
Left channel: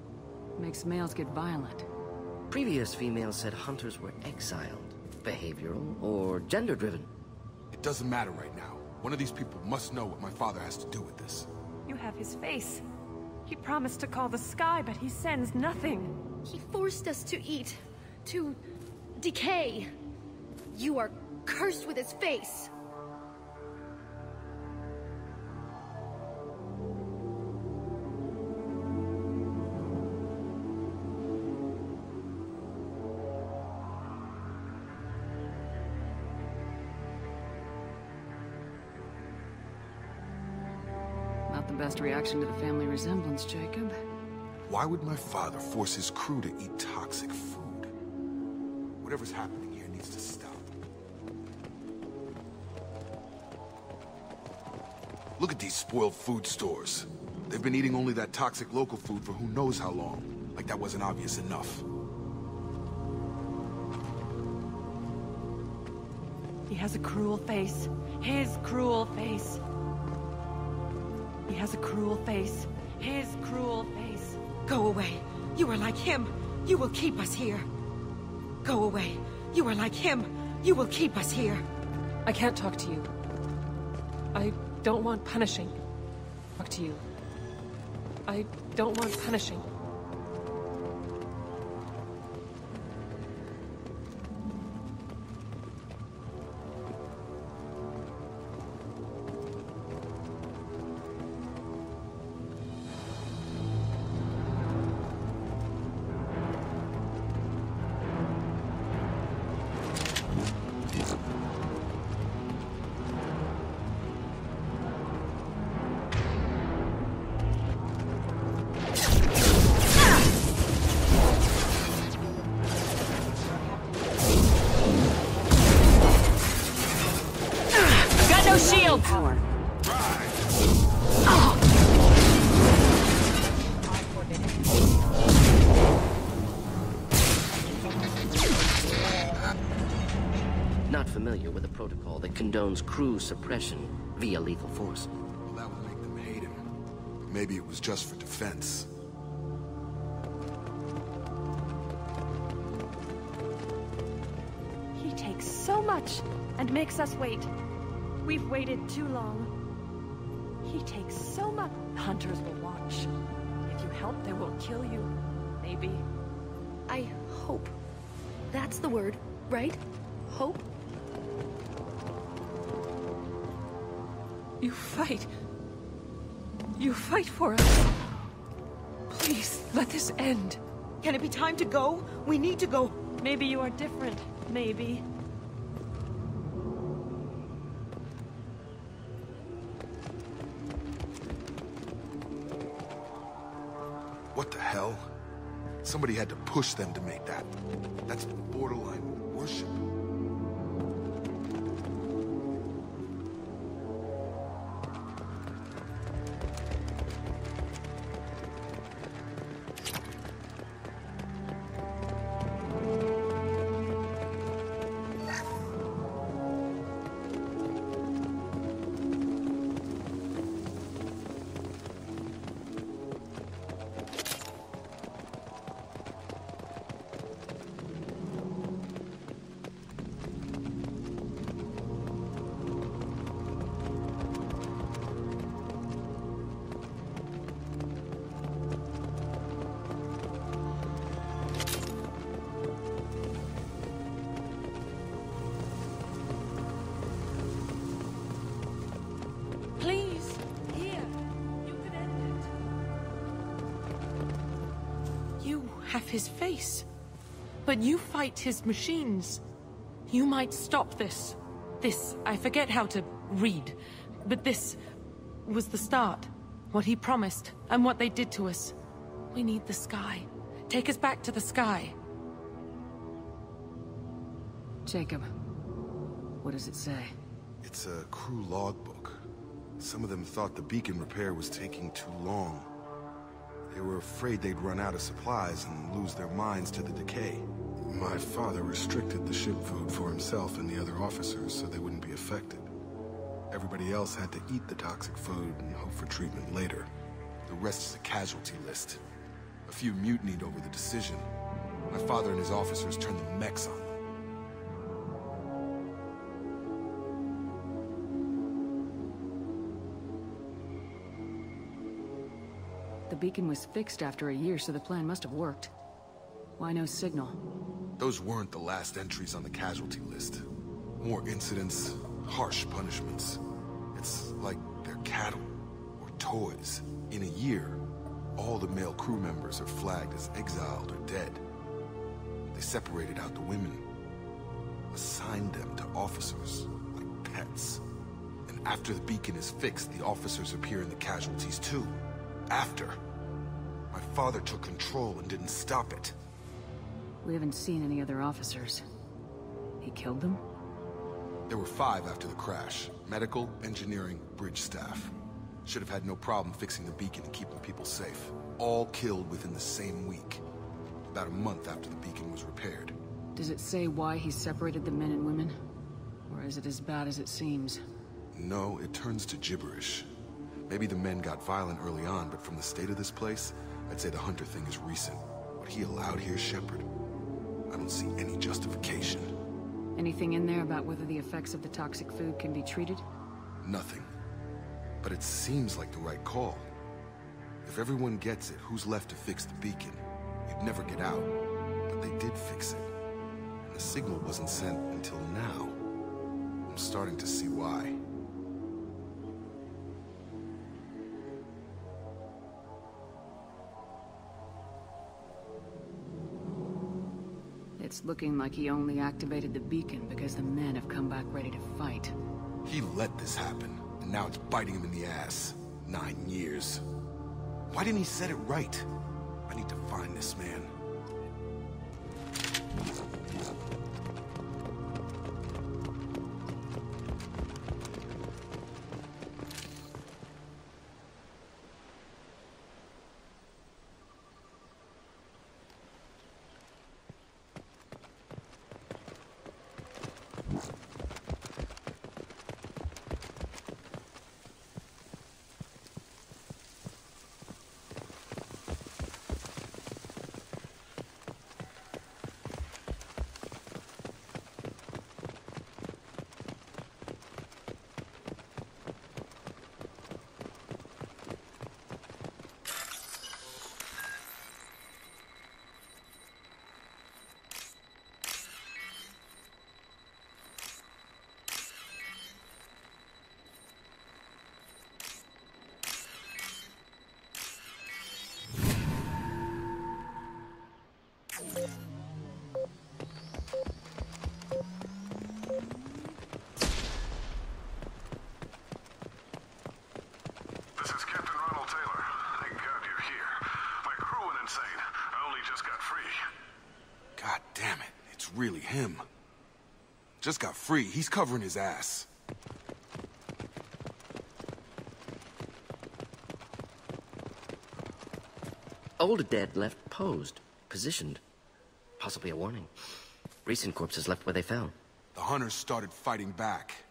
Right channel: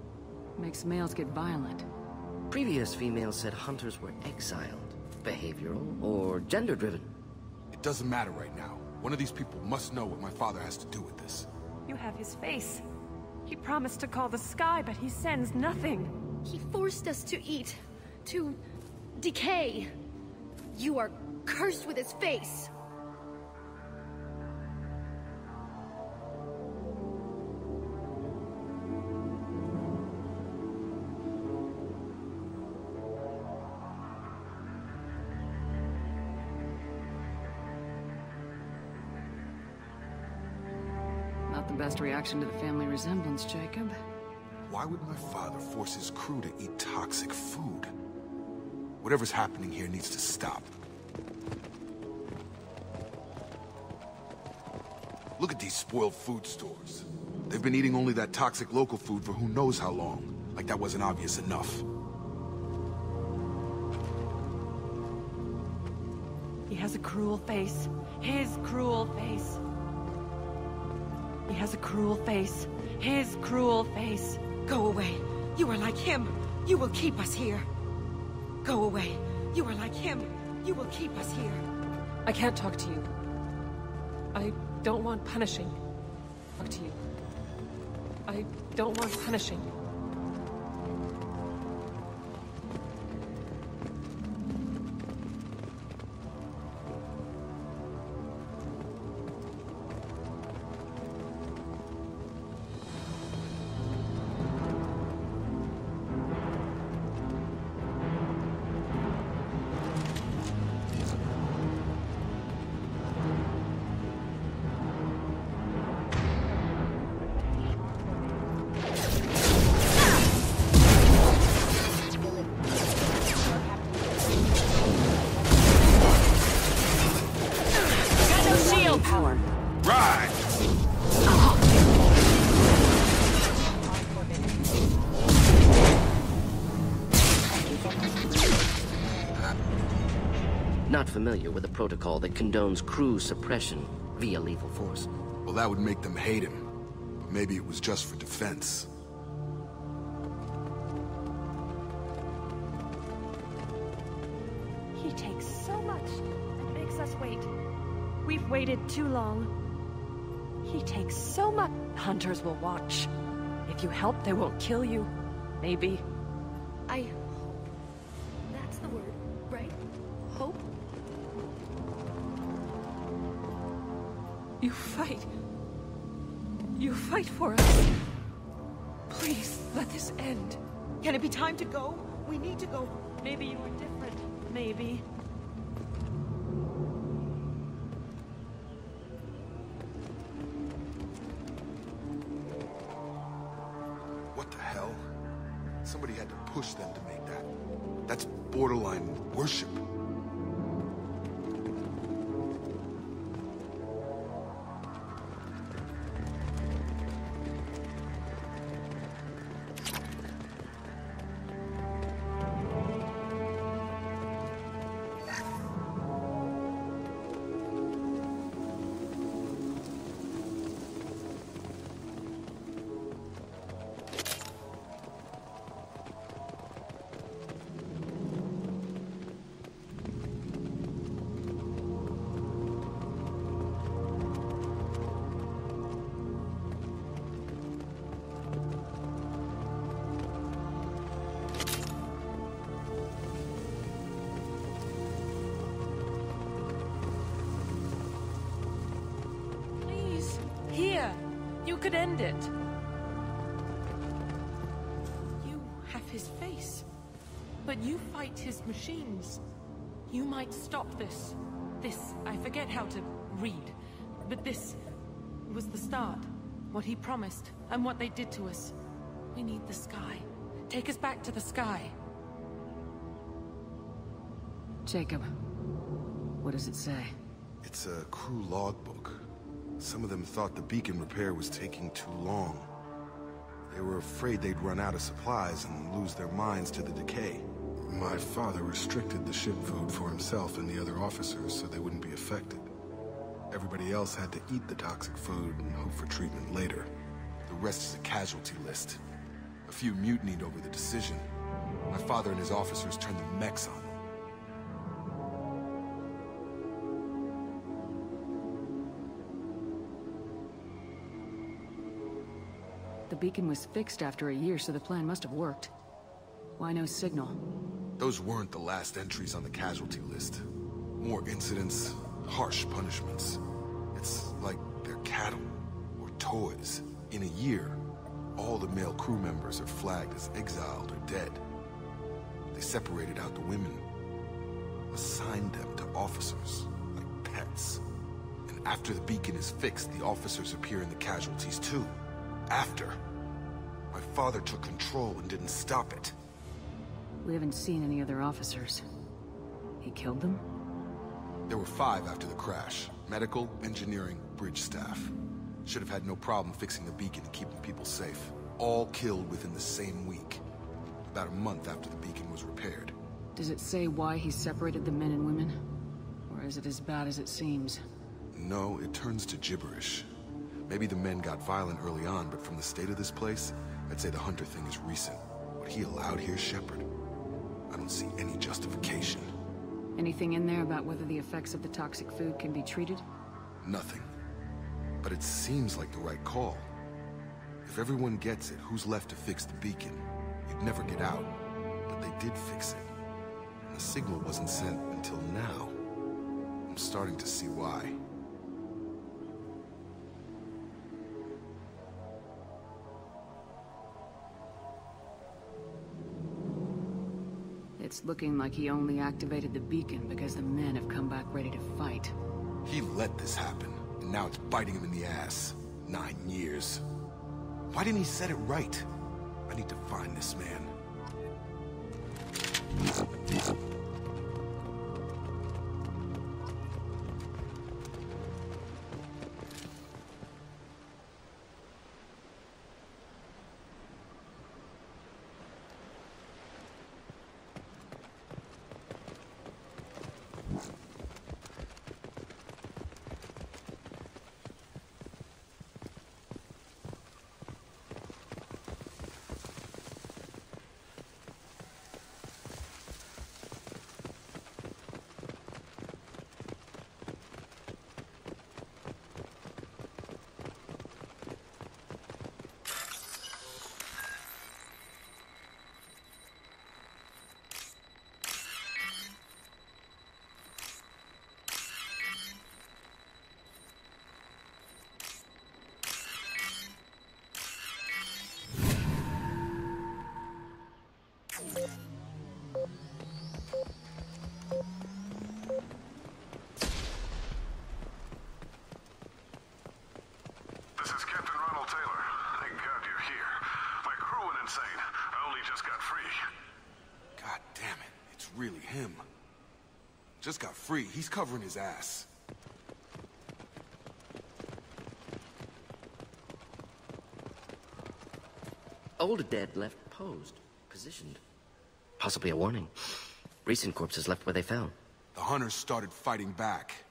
Makes males get violent. Previous females said hunters were exiled. Behavioral or gender-driven. It doesn't matter right now. One of these people must know what my father has to do with this. You have his face. He promised to call the sky, but he sends nothing. He forced us to eat, to decay. You are cursed with his face. Not the best reaction to the family resemblance, Jacob. Why would my father force his crew to eat toxic food? Whatever's happening here needs to stop. Look at these food stores. They've been eating only that toxic local food for who knows how long. Like that wasn't obvious enough. He has a cruel face. His cruel face. He has a cruel face. His cruel face. Go away. You are like him. You will keep us here. Go away. You are like him. You will keep us here. I can't talk to you. I don't want punishing. Talk to you. it condones crew suppression via lethal force. Well, that would make them hate him. But maybe it was just for defense. He takes so much and makes us wait. We've waited too long. He takes so much. Hunters will watch. If you help, they won't kill you. Maybe. I hope. That's the word, right? Hope? You fight. You fight for us. Please, let this end. Can it be time to go? We need to go. Maybe you are different. Maybe. What the hell? Somebody had to push them to make that. That's borderline worship. Please, here. You could end it. You have his face. But you fight his machines. You might stop this. This, I forget how to read. But this was the start. What he promised, and what they did to us. We need the sky. Take us back to the sky. Jacob, what does it say? It's a crew logbook. Some of them thought the beacon repair was taking too long. They were afraid they'd run out of supplies and lose their minds to the decay. My father restricted the ship food for himself and the other officers so they wouldn't be affected. Everybody else had to eat the toxic food and hope for treatment later. The rest is a casualty list. A few mutinied over the decision. My father and his officers turned the mechs on them. The beacon was fixed after a year, so the plan must have worked. Why no signal? Those weren't the last entries on the casualty list. More incidents, harsh punishments. It's like they're cattle, or toys. In a year, all the male crew members are flagged as exiled or dead. They separated out the women, assigned them to officers, like pets. And after the beacon is fixed, the officers appear in the casualties too. After. My father took control and didn't stop it. We haven't seen any other officers. He killed them? There were 5 after the crash. Medical, engineering, bridge staff. Should have had no problem fixing the beacon and keeping people safe. All killed within the same week. About a month after the beacon was repaired. Does it say why he separated the men and women? Or is it as bad as it seems? No, it turns to gibberish. Maybe the men got violent early on, but from the state of this place, I'd say the Hunter thing is recent. What he allowed here, Shepard, I don't see any justification. Anything in there about whether the effects of the toxic food can be treated? Nothing. But it seems like the right call. If everyone gets it, who's left to fix the beacon? You'd never get out. But they did fix it. And the signal wasn't sent until now. I'm starting to see why. It's looking like he only activated the beacon because the men have come back ready to fight. He let this happen, and now it's biting him in the ass. 9 years. Why didn't he set it right? I need to find this man. really him. Just got free. He's covering his ass. Old dead left posed, positioned. Possibly a warning. Recent corpses left where they fell. The hunters started fighting back.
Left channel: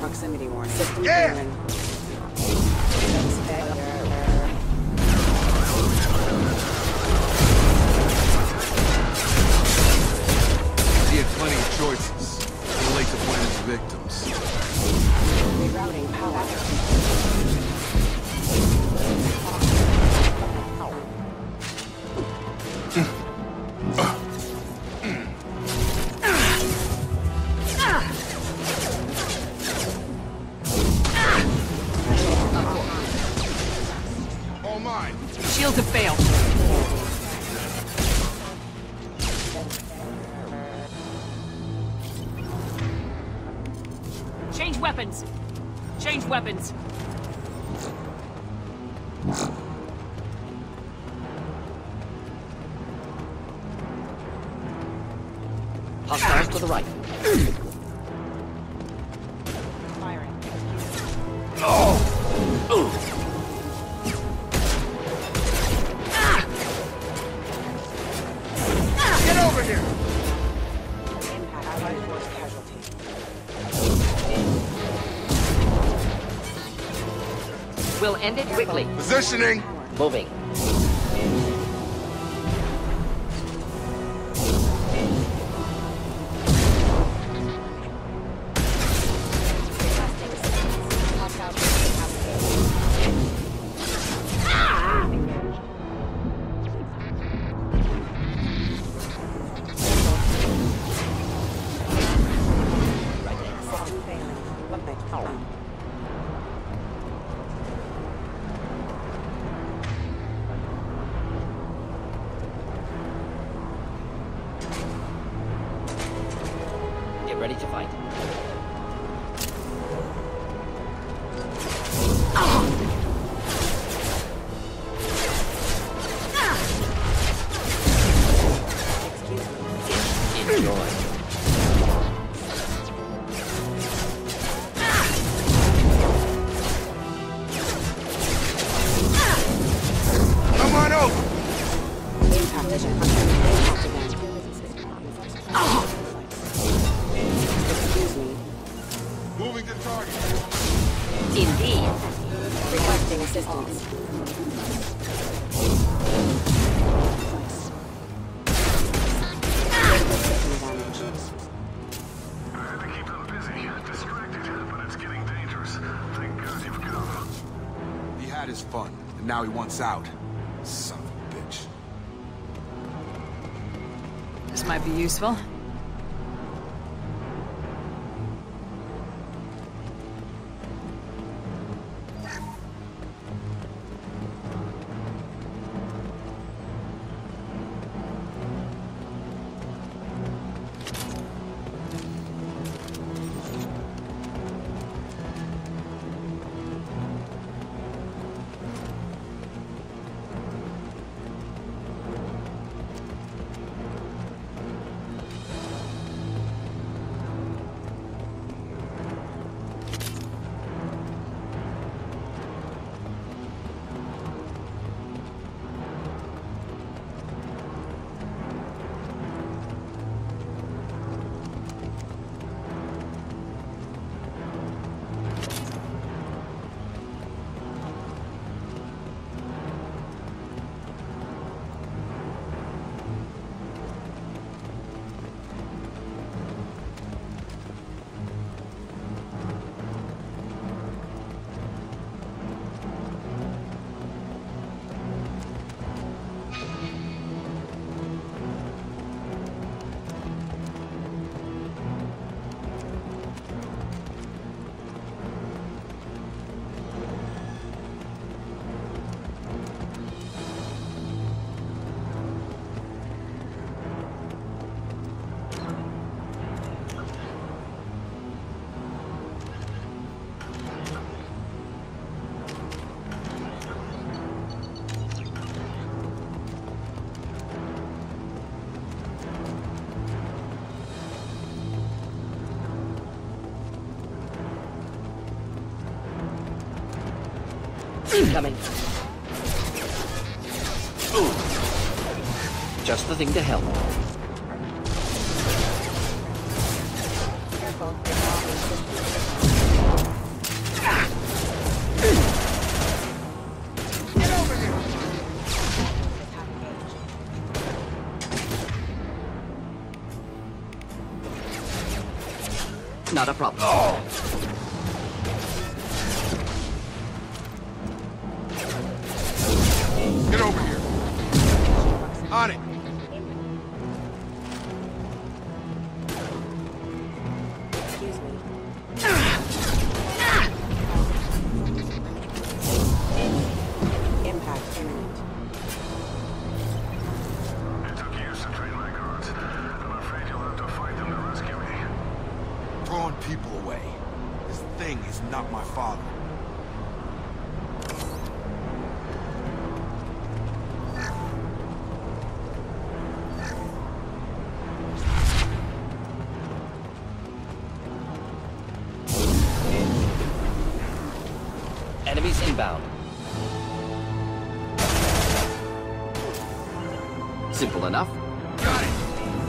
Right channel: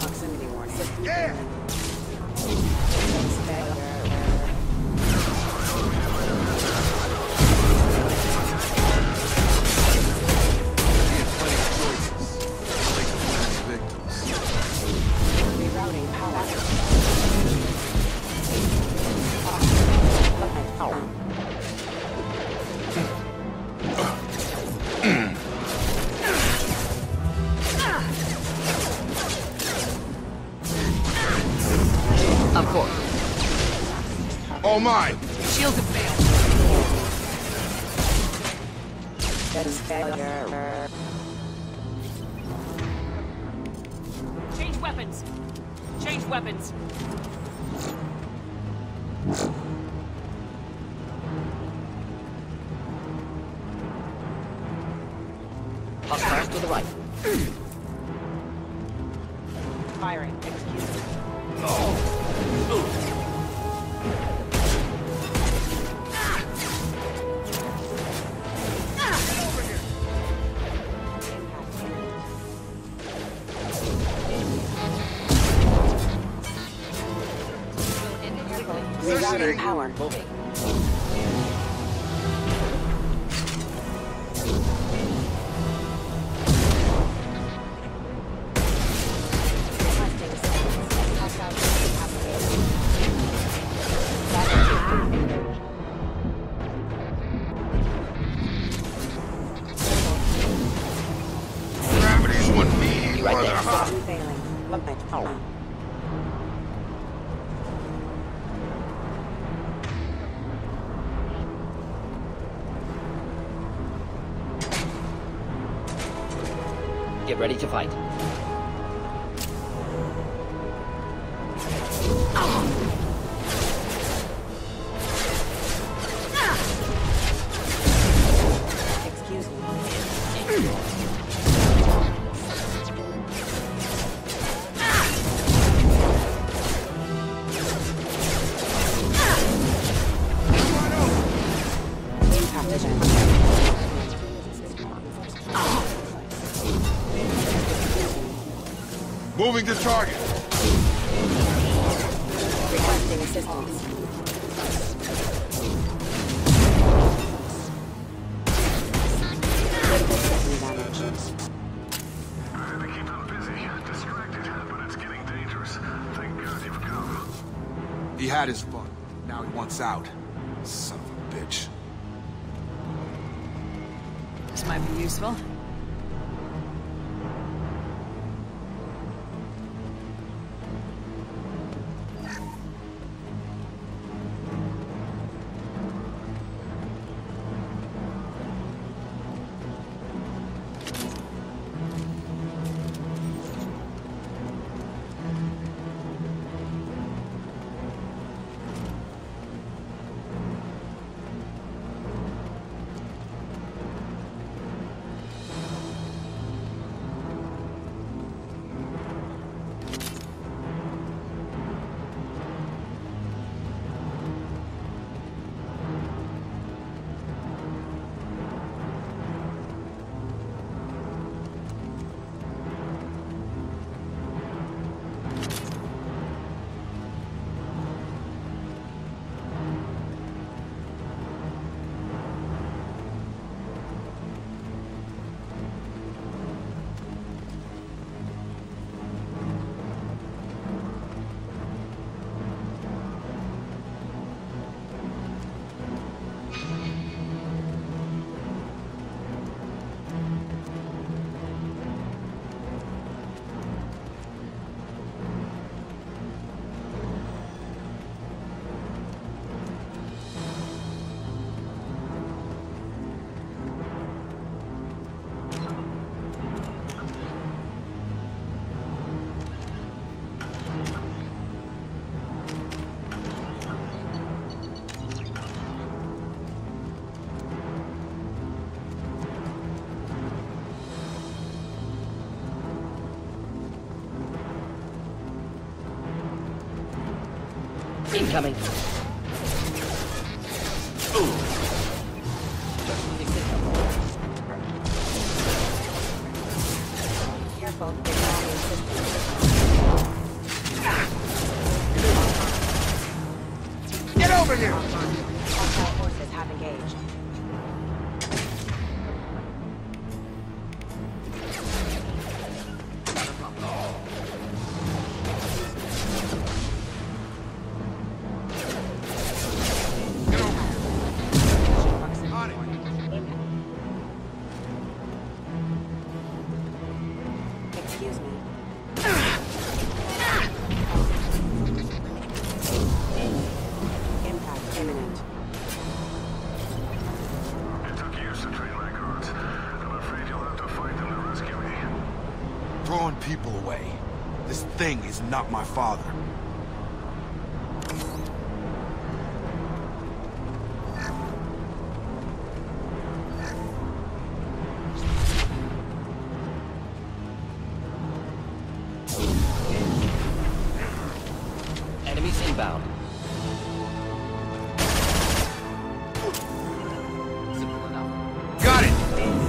Proximity warning. System Yeah! failing. He had plenty of choices. Too late to blame his victims. Rerouting power. Of course. All mine. Shields have failed. Change weapons. Change weapons. Firing. Get over here. We'll end it quickly. Positioning. Moving. Gravity's what me, Right mother. there. Failing. Get ready to fight. Excuse me. Come on over. Impact event. Excuse me. Moving to target. Requesting assistance. Critical system damage. To keep them busy, distracted, but it's getting dangerous. Thank God you've come. He had his fun, and now he wants out. Son of a bitch. This might be useful. Just the thing to help. Careful, they're blocking systems. Get over here! Hostile forces have engaged. Not a problem. Get over here! On it! Excuse me. Impact imminent. It took years to train my guards. I'm afraid you'll have to fight them to rescue me. This thing is not my father. Simple enough. Got it!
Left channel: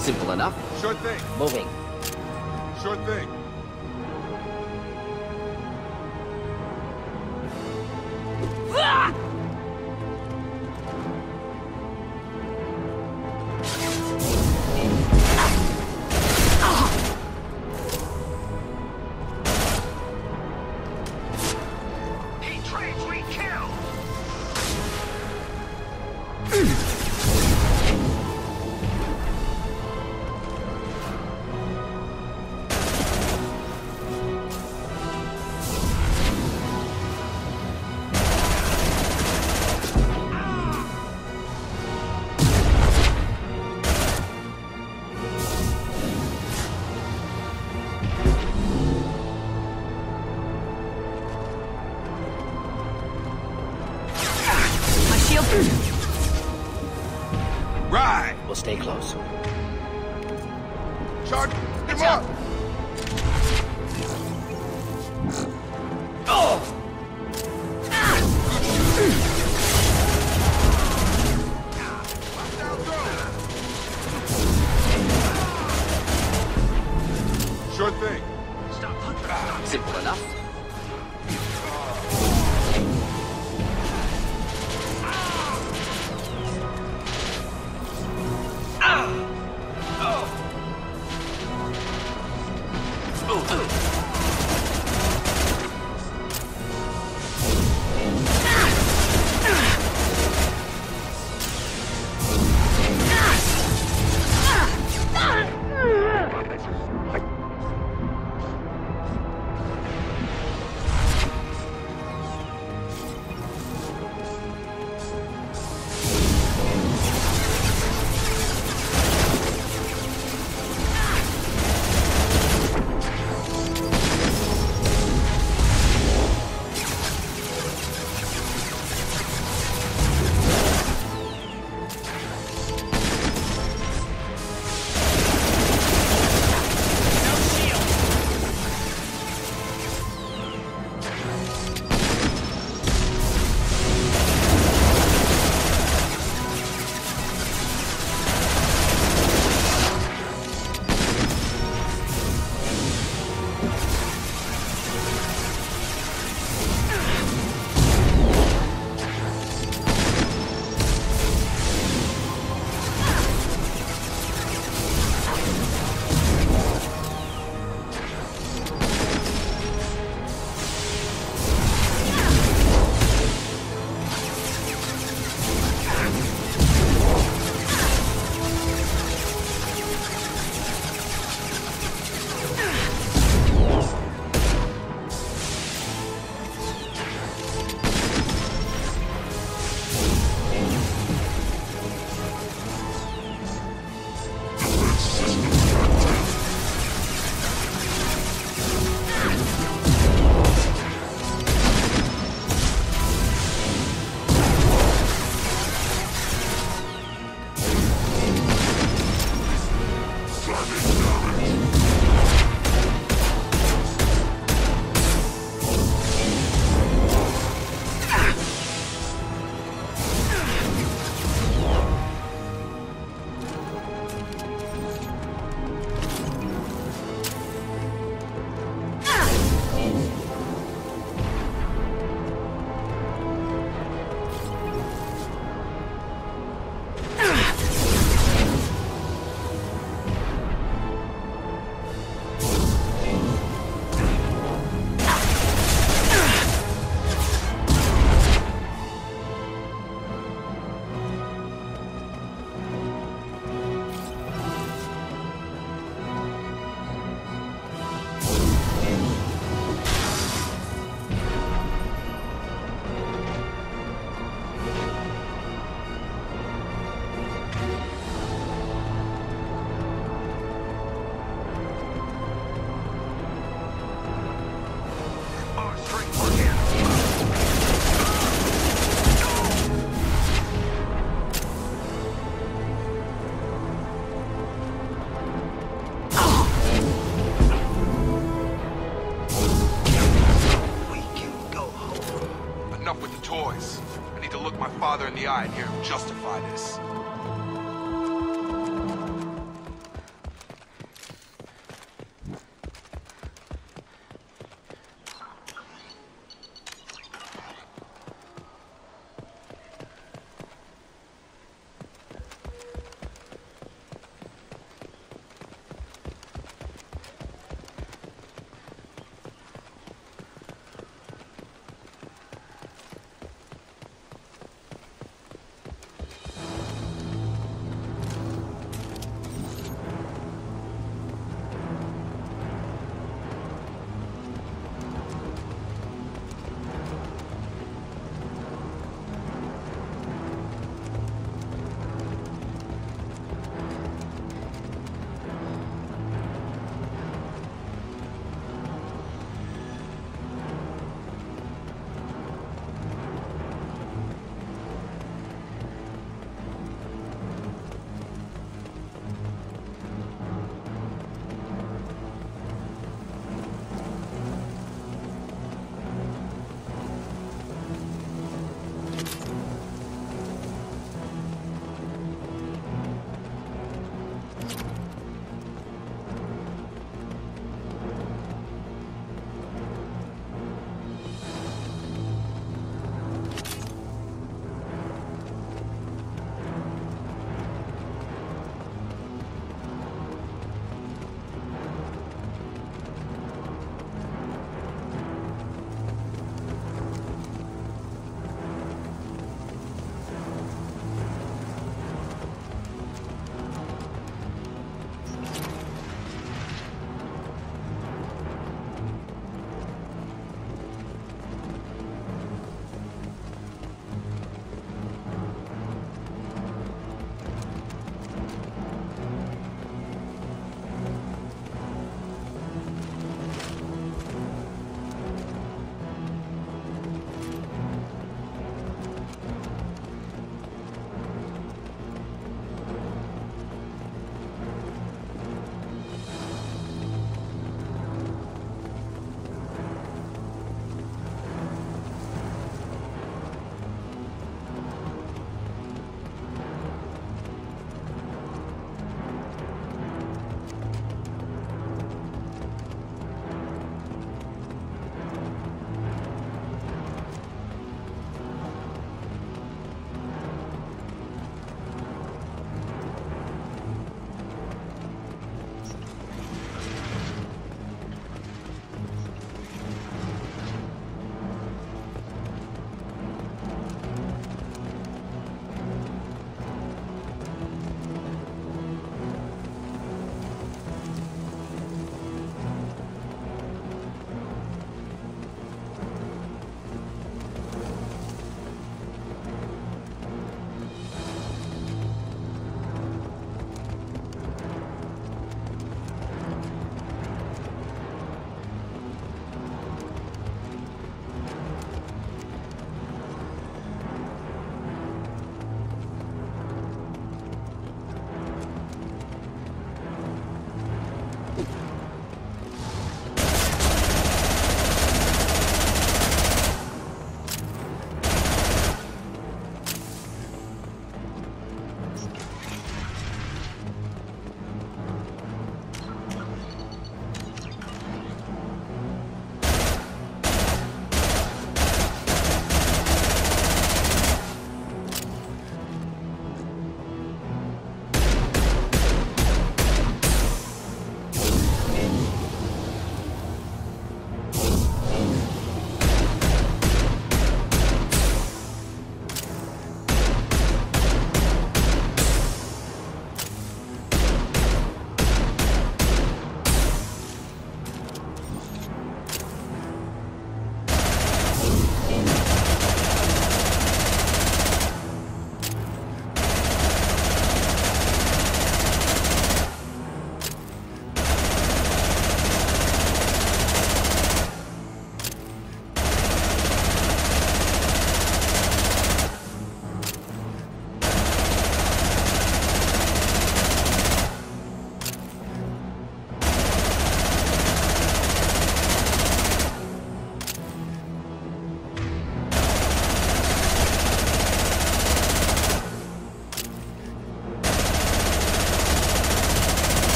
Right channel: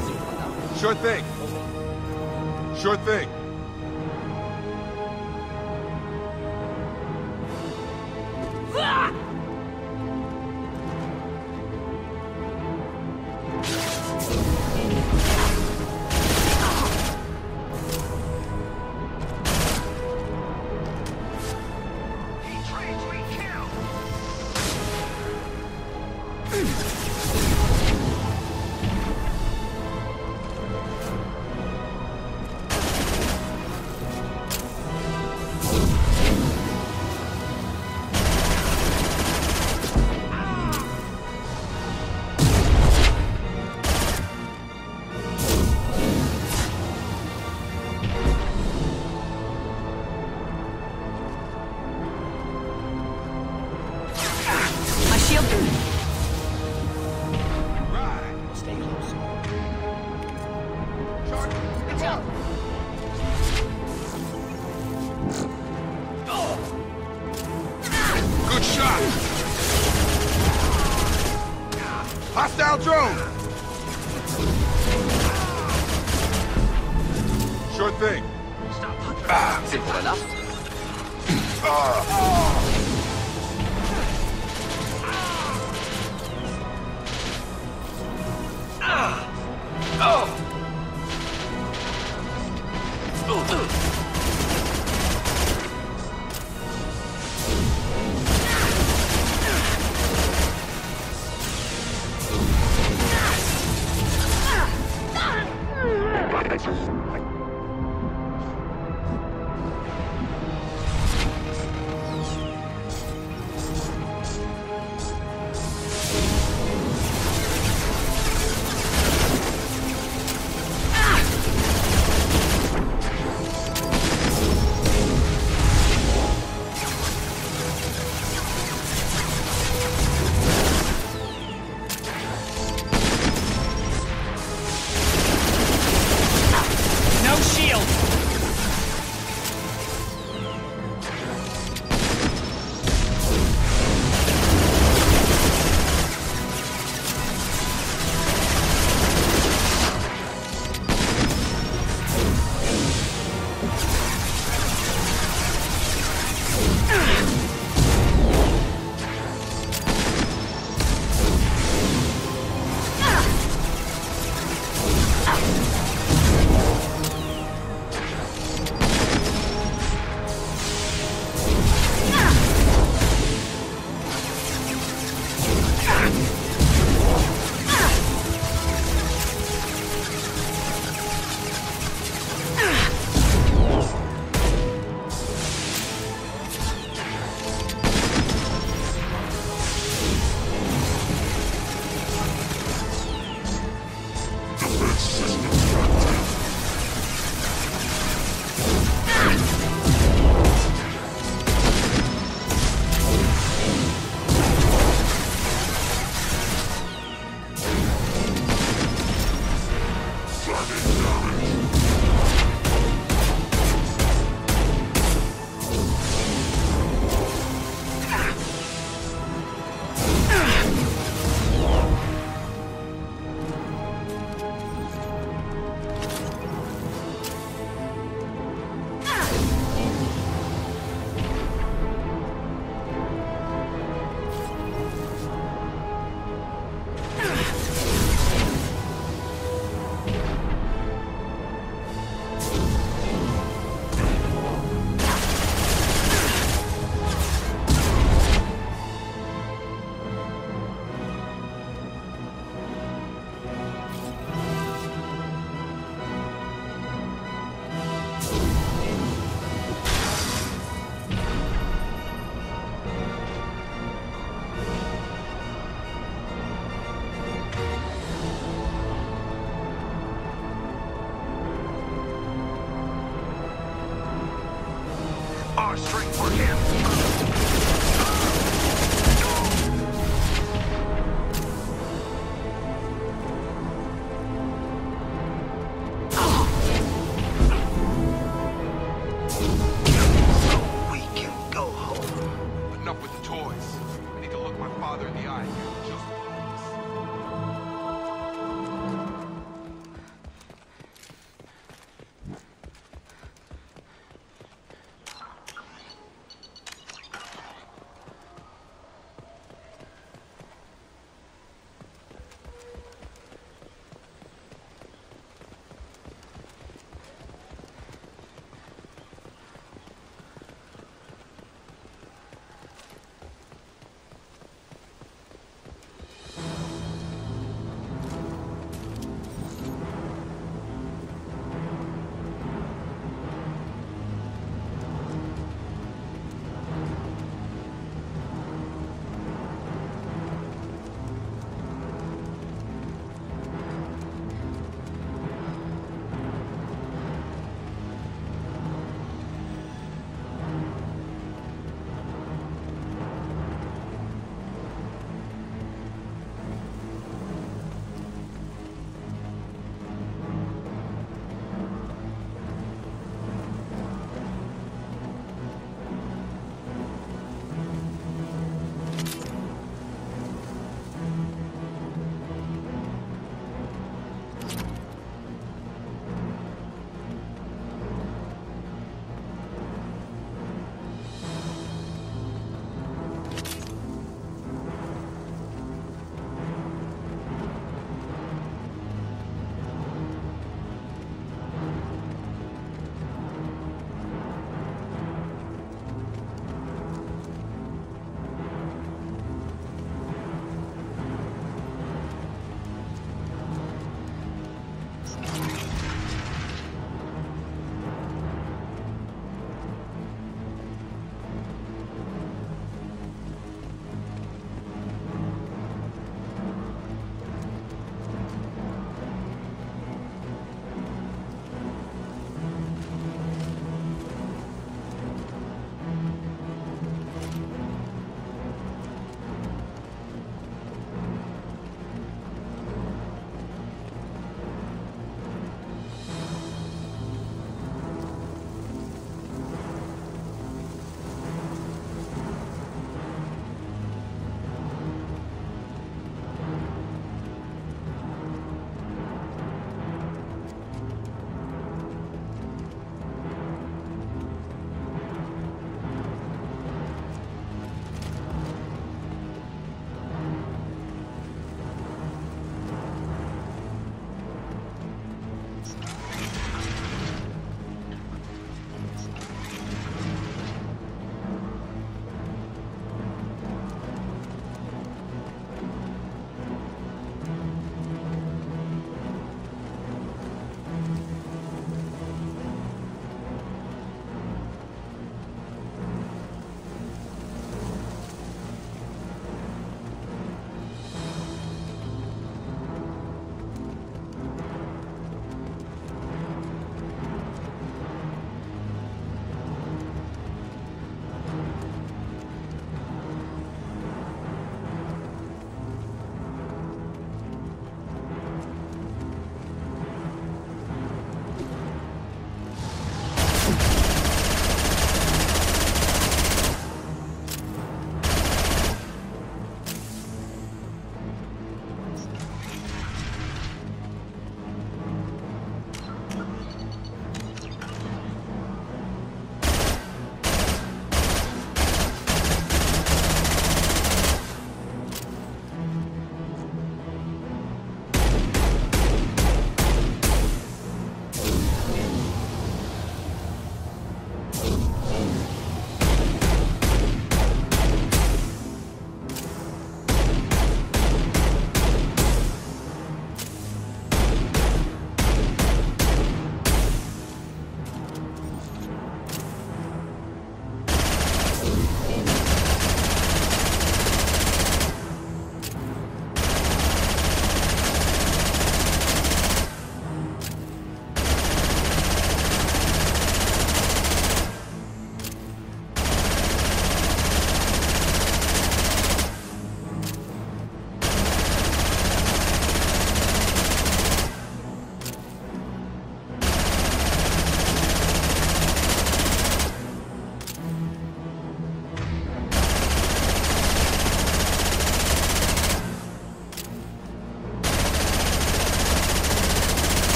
Simple enough. Sure thing. Moving. Sure thing. He trains we kill! My shield. Right! We'll stay close. Charge! Good job. Hostile drone! Sure thing. Simple enough.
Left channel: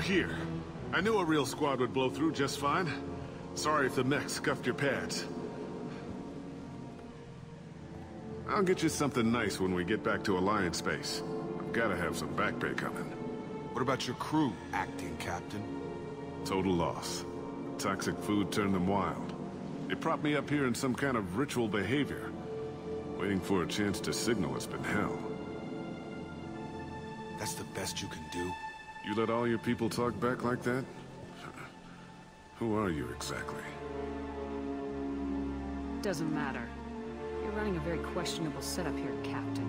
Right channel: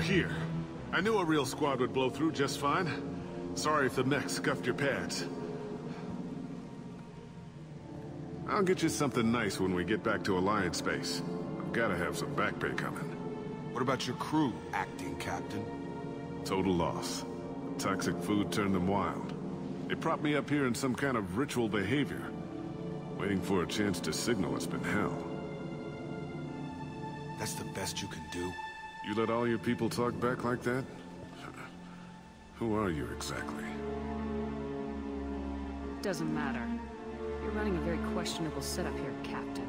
You're here. I knew a real squad would blow through just fine. Sorry if the mech scuffed your pads. I'll get you something nice when we get back to Alliance base. I've gotta have some back pay coming. What about your crew, acting captain? Total loss. The toxic food turned them wild. They propped me up here in some kind of ritual behavior. Waiting for a chance to signal has been hell. That's the best you can do? You let all your people talk back like that? Who are you exactly? Doesn't matter. You're running a very questionable setup here, Captain.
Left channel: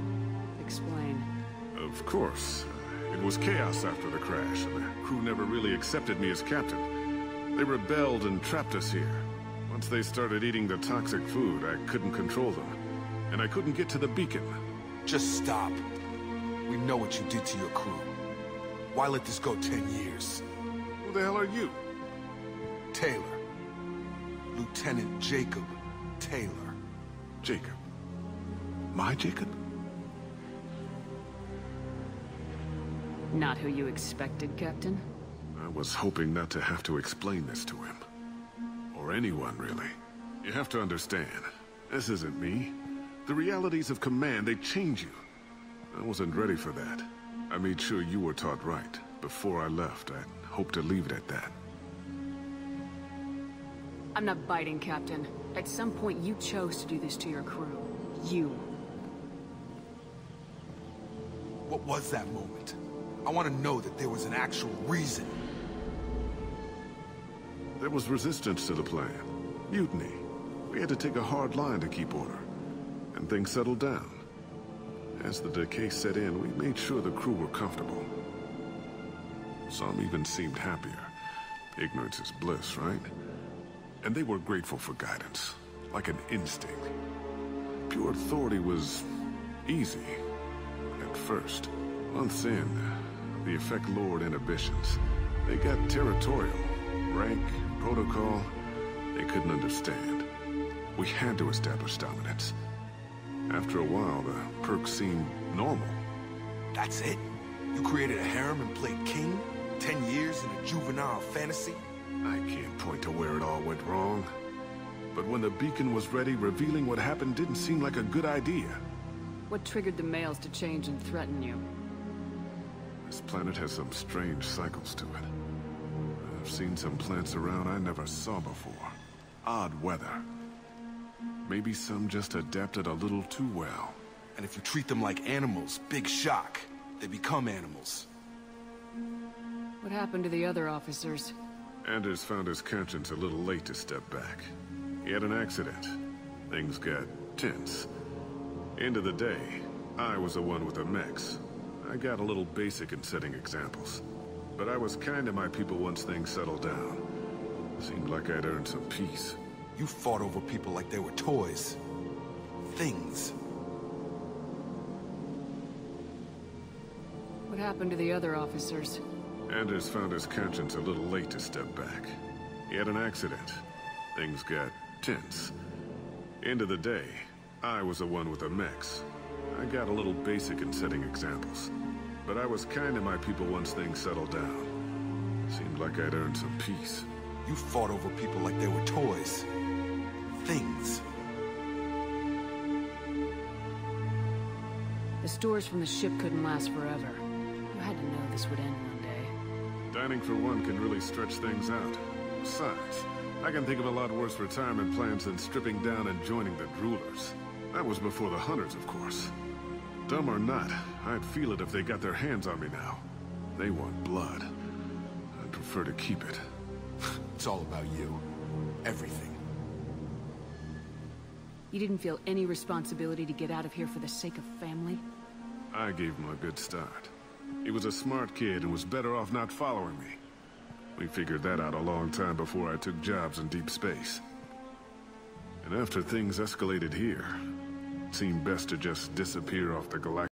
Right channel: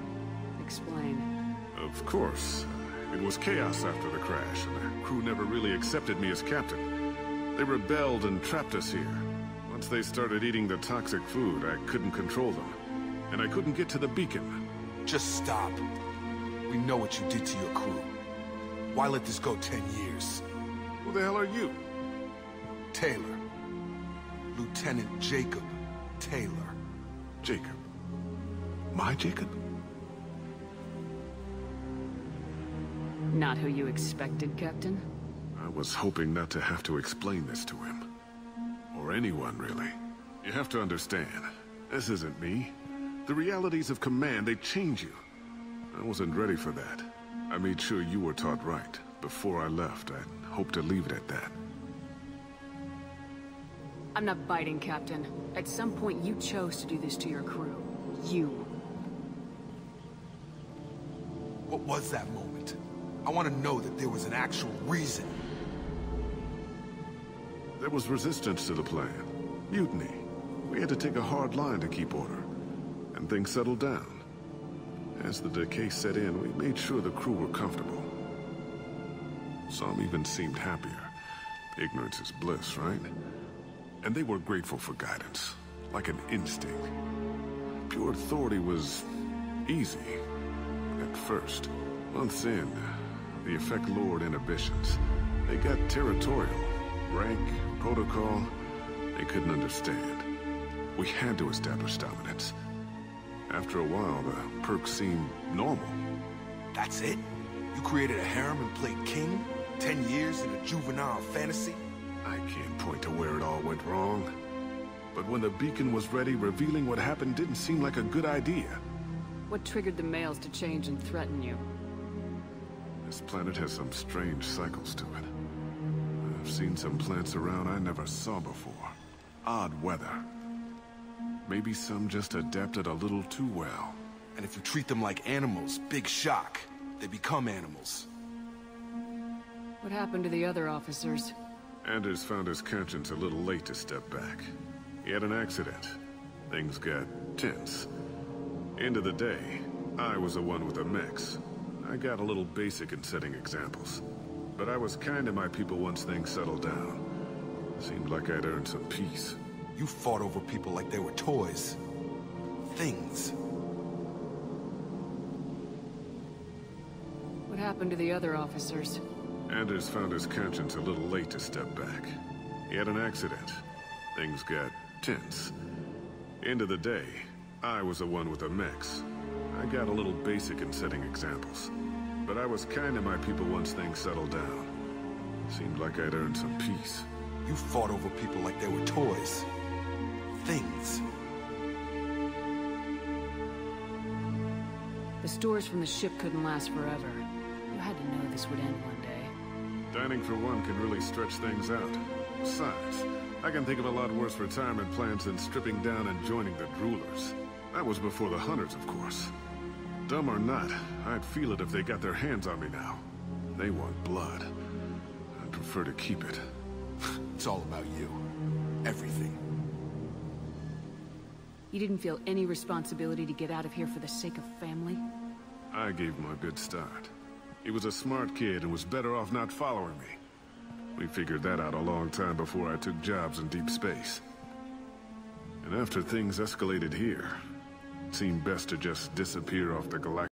Explain. Of course. It was chaos after the crash, and the crew never really accepted me as captain. They rebelled and trapped us here. Once they started eating the toxic food, I couldn't control them. And I couldn't get to the beacon. Just stop. We know what you did to your crew. Why let this go 10 years? Who the hell are you? Taylor. Lieutenant Jacob Taylor. Jacob? My Jacob? Not who you expected, Captain? I was hoping not to have to explain this to him. Or anyone, really. You have to understand, this isn't me. The realities of command, they change you. I wasn't ready for that. I made sure you were taught right. Before I left, I'd hoped to leave it at that. I'm not biting, Captain. At some point, you chose to do this to your crew. You. What was that moment? I want to know that there was an actual reason. There was resistance to the plan. Mutiny. We had to take a hard line to keep order. And things settled down. As the decay set in, we made sure the crew were comfortable. Some even seemed happier. Ignorance is bliss, right? And they were grateful for guidance, like an instinct. Pure authority was easy, at first. Months in, the effect lowered inhibitions. They got territorial. Rank, protocol, they couldn't understand. We had to establish dominance. After a while, the perks seemed normal. That's it? You created a harem and played king? 10 years in a juvenile fantasy? I can't point to where it all went wrong. But when the beacon was ready, revealing what happened didn't seem like a good idea. What triggered the males to change and threaten you? This planet has some strange cycles to it. I've seen some plants around I never saw before. Odd weather. Maybe some just adapted a little too well. And if you treat them like animals, big shock. They become animals. What happened to the other officers? Anders found his conscience a little late to step back. He had an accident. Things got tense. End of the day, I was the one with the mechs. I got a little basic in setting examples. But I was kind to my people once things settled down. Seemed like I'd earned some peace. You fought over people like they were toys. Things. What happened to the other officers? Anders found his conscience a little late to step back. He had an accident. Things got tense. End of the day, I was the one with the mechs. I got a little basic in setting examples. But I was kind to my people once things settled down. Seemed like I'd earned some peace. You fought over people like they were toys. Things. The stores from the ship couldn't last forever. You had to know this would end one day. Dining for one can really stretch things out. Besides, I can think of a lot worse retirement plans than stripping down and joining the Droolers. That was before the Hunters, of course. Dumb or not, I'd feel it if they got their hands on me now. They want blood. I'd prefer to keep it. It's all about you. Everything. You didn't feel any responsibility to get out of here for the sake of family? I gave him a good start. He was a smart kid and was better off not following me. We figured that out a long time before I took jobs in deep space. And after things escalated here, it seemed best to just disappear off the galactic